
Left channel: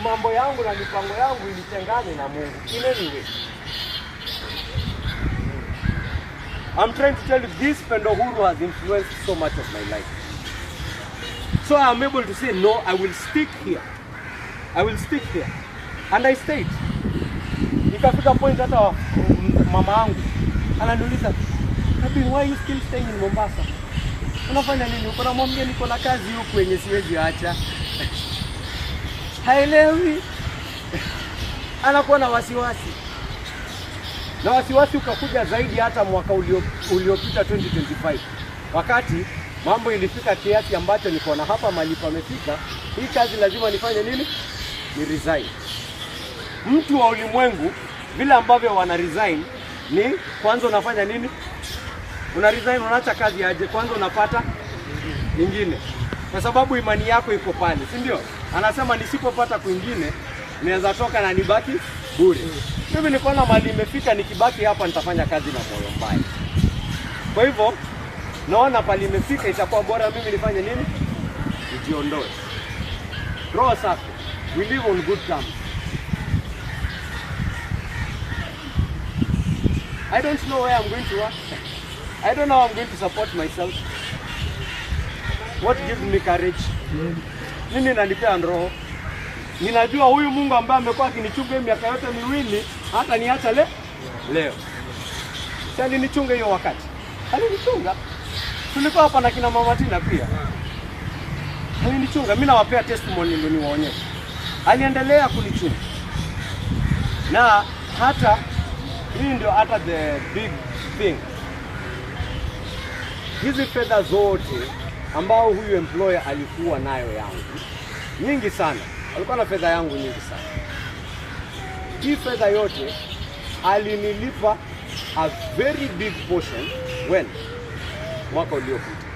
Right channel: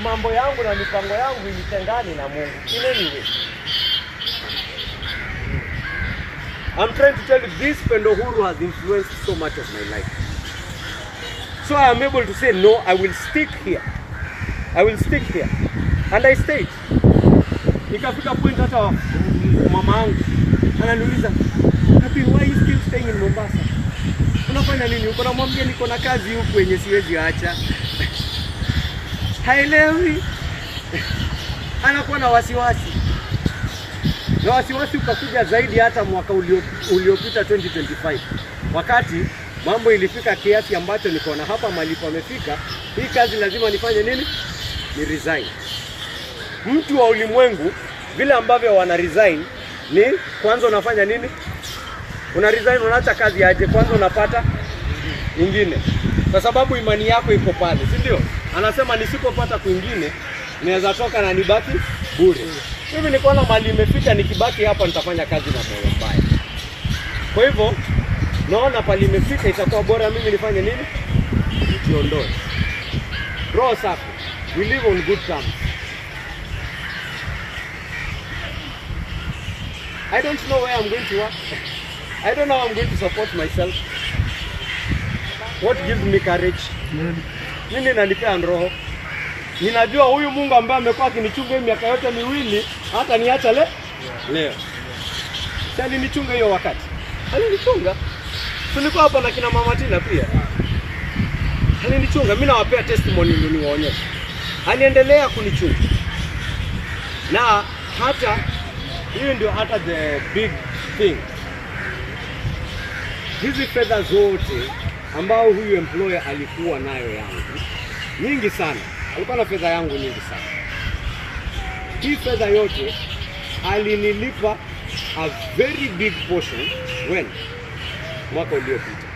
mambo yangu na mipango yangu ilitengane na Mungu. In any way. I'm trying to tell you, this Pendo Huru has influenced so much of my life. So I am able to say, no, I will stick here. I will stick here. And I stayed. Nikafika point hata mama yangu ananiuliza, why are you still staying in Mombasa? Unafanya nini huko? Namwambia niko na kazi huko yenye siwezi acha. Haelewi. Anakuwa na wasiwasi. Na wasiwasi ukakuja zaidi hata mwaka uliopita 2025. Wakati mambo ilifika kiasi ambacho niko na hapa mahali pamefika, hii kazi lazima nifanye nini? Ni resign. Mtu wa ulimwengu vile ambavyo wana resign ni kwanza unafanya nini? Una resign, unaacha kazi aje, kwanza unapata nyingine. Kwa sababu imani yako iko pale, si ndio? Anasema nisipopata kwingine naweza toka na nibaki bure. Mimi niko na mali imefika, nikibaki hapa nitafanya kazi na moyo mbaya. Kwa hivyo naona pale imefika, itakuwa bora mimi nifanye nini? Nijiondoe. Roho safi. We live on good terms. I don't know where I'm going to work. I don't know how I'm going to support myself. What gives me courage? Nini nanipea roho? Ninajua huyu Mungu ambaye amekuwa akinichunga miaka yote miwili, hata niacha leo. Sasa nilichunga hiyo wakati. Alinichunga. Tulikuwa hapa na kina Mama Tina pia. Alinichunga. Mimi nawapea testimony ndio niwaonyeshe. Aliendelea kunichunga. Na hata hiyo ndio hata the big thing. Hizi fedha zote ambao huyu employer alikuwa nayo yangu nyingi sana. Alikuwa na fedha yangu nyingi sana. Hii fedha yote alinilipa a very big portion when mwaka uliopita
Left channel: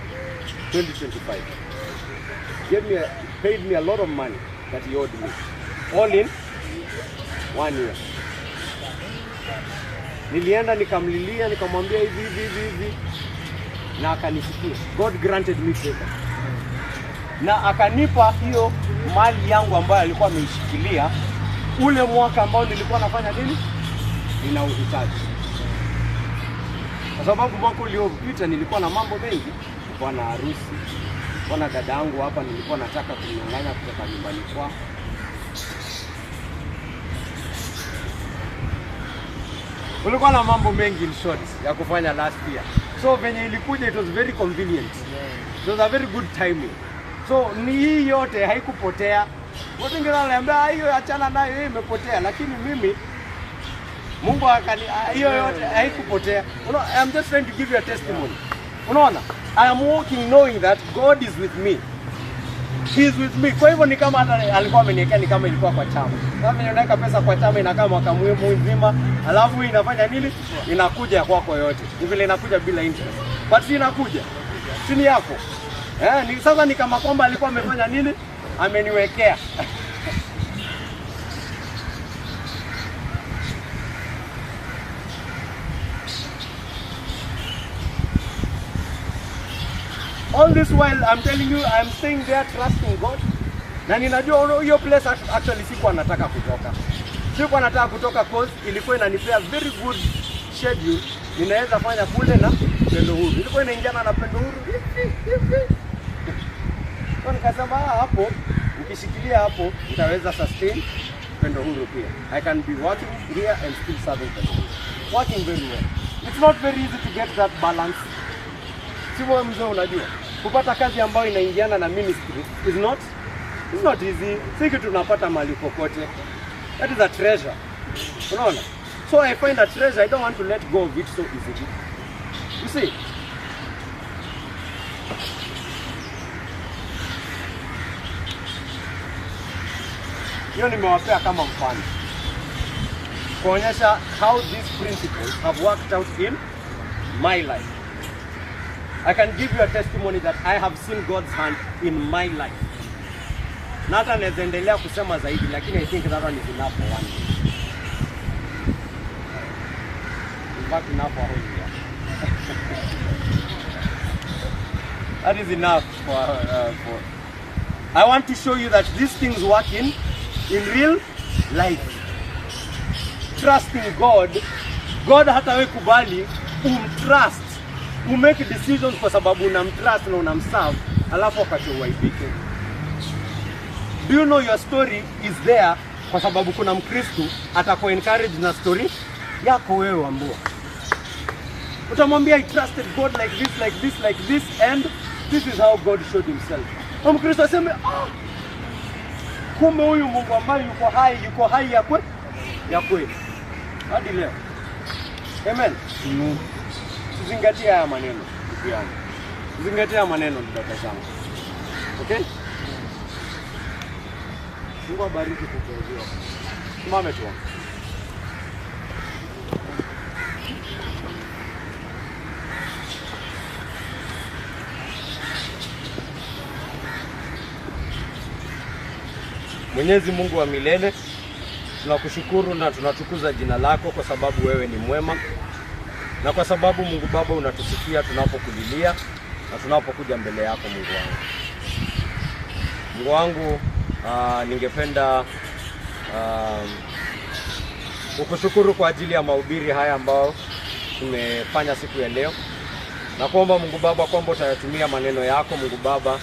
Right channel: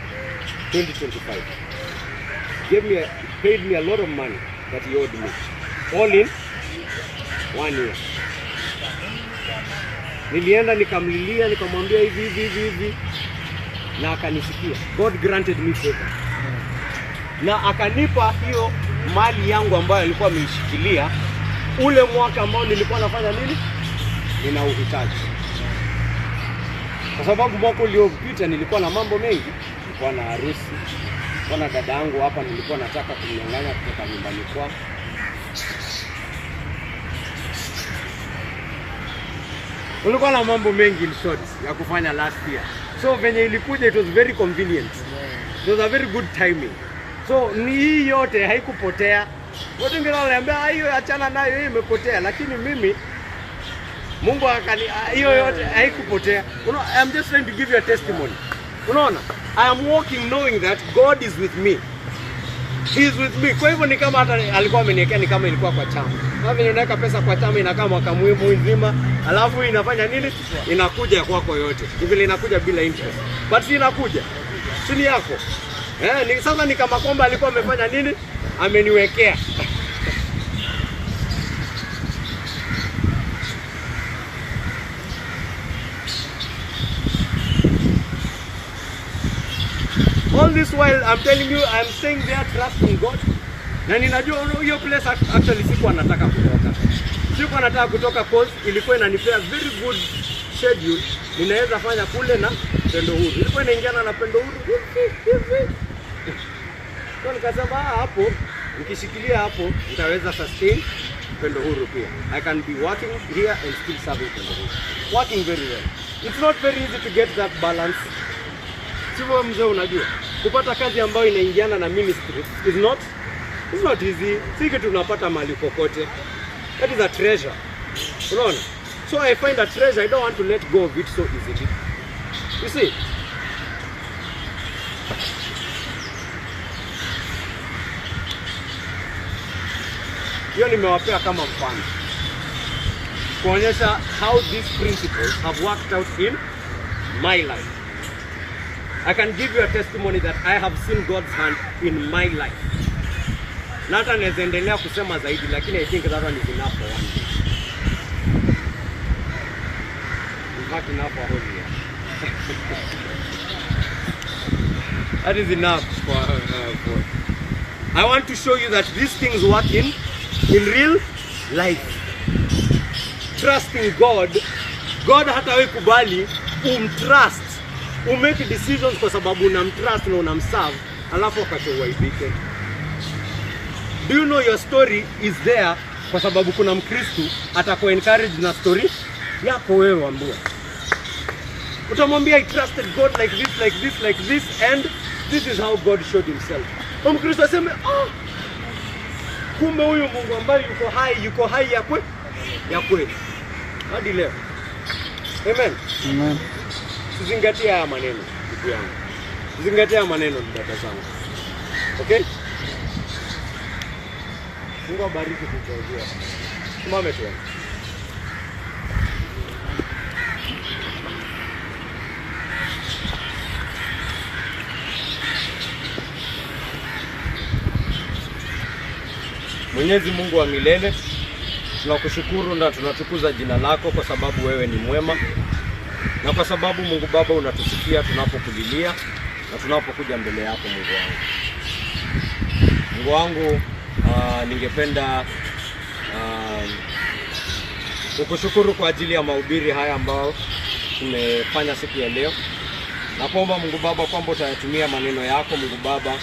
2025. Paid me a lot of money that he owed me. All in 1 year. Nilienda nikamlilia, nikamwambia hivi na akanisikia. God granted me favor. Na akanipa hiyo mali yangu ambayo alikuwa ameishikilia ule mwaka ambao nilikuwa nafanya nini? Nina uhitaji. Kwa sababu mwaka uliopita nilikuwa na mambo mengi, nilikuwa na harusi. Kuna dada yangu hapa nilikuwa nataka kumnyang'anya kutoka nyumbani kwao. Ulikuwa na mambo mengi in short ya kufanya last year. So venye ilikuja it was very convenient. It was a very good timing. So ni hii yote haikupotea. Watu wengine wananiambia hiyo achana nayo, hiyo imepotea, lakini mimi Mungu akani hiyo yote haikupotea. I'm just trying to give you a testimony. Unaona? I am walking knowing that God is with me. He is with me. Kwa hivyo ni kama hata alikuwa ameniwekea ni kama ilikuwa kwa chama. Kama ninaweka pesa kwa chama inakaa mwaka mzima, alafu inafanya nini? Inakuja kwako yote. Hivi inakuja bila interest. But si inakuja. Si ni yako. Ni sasa ni kama kwamba alikuwa amefanya nini? Ameniwekea. All this while I'm telling you I'm staying there trusting God. Na ninajua hiyo place actually sikuwa nataka kutoka. Sikuwa nataka kutoka cause ilikuwa inanipea very good schedule. Ninaweza fanya kule na Pendo Huru. Ilikuwa inaingiana na Pendo Huru. Kwa nikasema hapo ukishikilia hapo utaweza sustain Pendo Huru pia. I can be working here and still serving Pendo Huru. Working very well. It's not very easy to get that balance. Siwa mzee unajua. Kupata kazi ambayo inaingiana na ministry is not easy. Si kitu tunapata mali kokote. That is a treasure. Unaona? So I find a treasure, I don't want to let go of it so easily. You see? Hiyo nimewapea kama mfano kuonyesha how these principles have worked out in my life. I can give you a testimony that I have seen God's hand in my life. Na hata naweza endelea kusema zaidi, lakini I think that one is enough for one day. In fact, enough for a whole year. That is enough for I want to show you that these things work in real life. Trusting God. God hata wewe kubali umtrust. Umake decisions kwa sababu unamtrust na unamserve, alafu wakati uaibike. Do you know your story is there kwa sababu kuna Mkristo atakuwa encourage na story yako wewe ambao. Utamwambia I trusted God like this, like this, like this, and this is how God showed himself. Mkristo aseme, kumbe huyu Mungu ambaye yuko hai ya kweli. Hadi leo. Amen. Amen. Zingatia haya maneno ndugu yangu. Zingatia haya maneno dada zangu. Okay? Mungu abariki kukuongoza. Simame tu. Mwenyezi Mungu wa milele, tunakushukuru na tunatukuza jina lako kwa sababu wewe ni mwema. Na kwa sababu Mungu Baba unatusikia tunapokulilia na tunapokuja mbele yako Mungu wangu. Mungu wangu, ningependa kukushukuru kwa ajili ya mahubiri haya ambao tumefanya siku ya leo. Na kuomba Mungu Baba kwamba utayatumia maneno yako Mungu Baba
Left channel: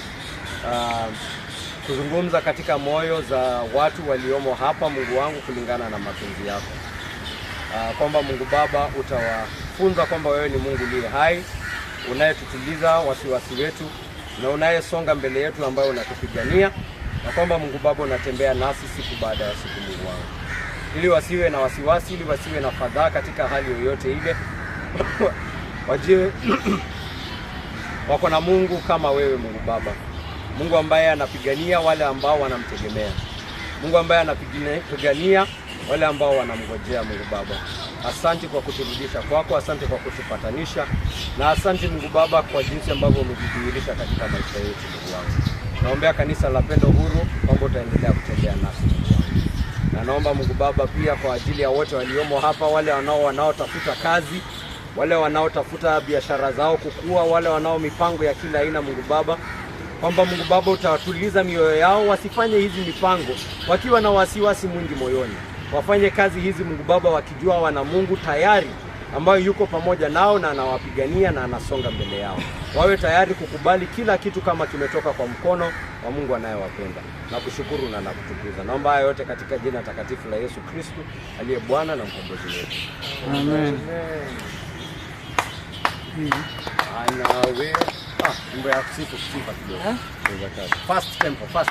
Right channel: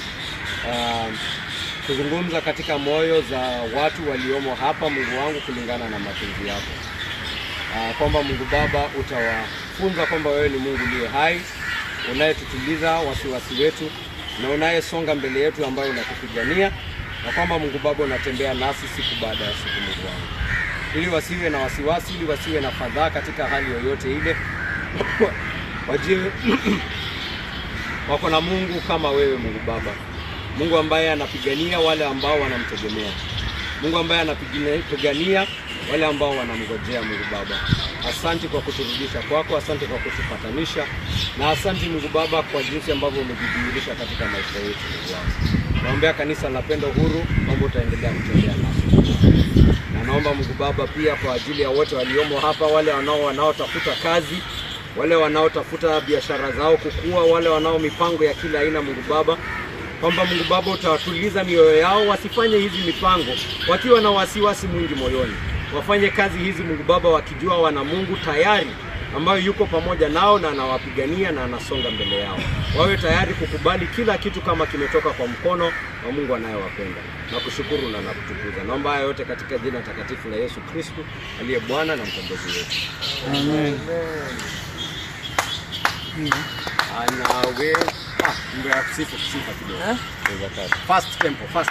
kuzungumza katika moyo za watu waliomo hapa Mungu wangu kulingana na mapenzi yako. Kwamba Mungu Baba utawafunza kwamba wewe ni Mungu uliye hai, unayetutuliza wasiwasi wetu na unayesonga mbele yetu ambayo unatupigania, na kwamba Mungu Baba unatembea nasi siku baada ya siku Mungu wangu. Ili wasiwe na wasiwasi, ili wasiwe na fadhaa katika hali yoyote ile. Wajue wako na Mungu kama wewe Mungu Baba. Mungu ambaye anapigania wale ambao wanamtegemea. Mungu ambaye anapigania wale ambao wanamngojea Mungu Baba. Asante kwa kuturudisha kwako, asante kwa kutupatanisha, na asante Mungu Baba kwa jinsi ambavyo umejidhihirisha katika maisha yetu Mungu wangu. Naombea kanisa la Pendo Huru kwamba utaendelea kutembea nasi. Na naomba Mungu Baba pia kwa ajili ya wote waliomo hapa, wale wanaotafuta kazi, wale wanaotafuta biashara zao kukua, wale wanao mipango ya kila aina Mungu Baba, kwamba Mungu Baba utawatuliza mioyo yao, wasifanye hizi mipango wakiwa na wasiwasi mwingi moyoni. Wafanye kazi hizi Mungu Baba wakijua wana Mungu tayari ambayo yuko pamoja nao na anawapigania na anasonga mbele yao. Wawe tayari kukubali kila kitu kama kimetoka kwa mkono wa Mungu anayewapenda. Na kushukuru na kutukuza. Naomba haya yote katika jina takatifu la Yesu Kristo aliye Bwana na mkombozi wetu. Amen. Anawe mbe ya sifa kidogo. First tempo, first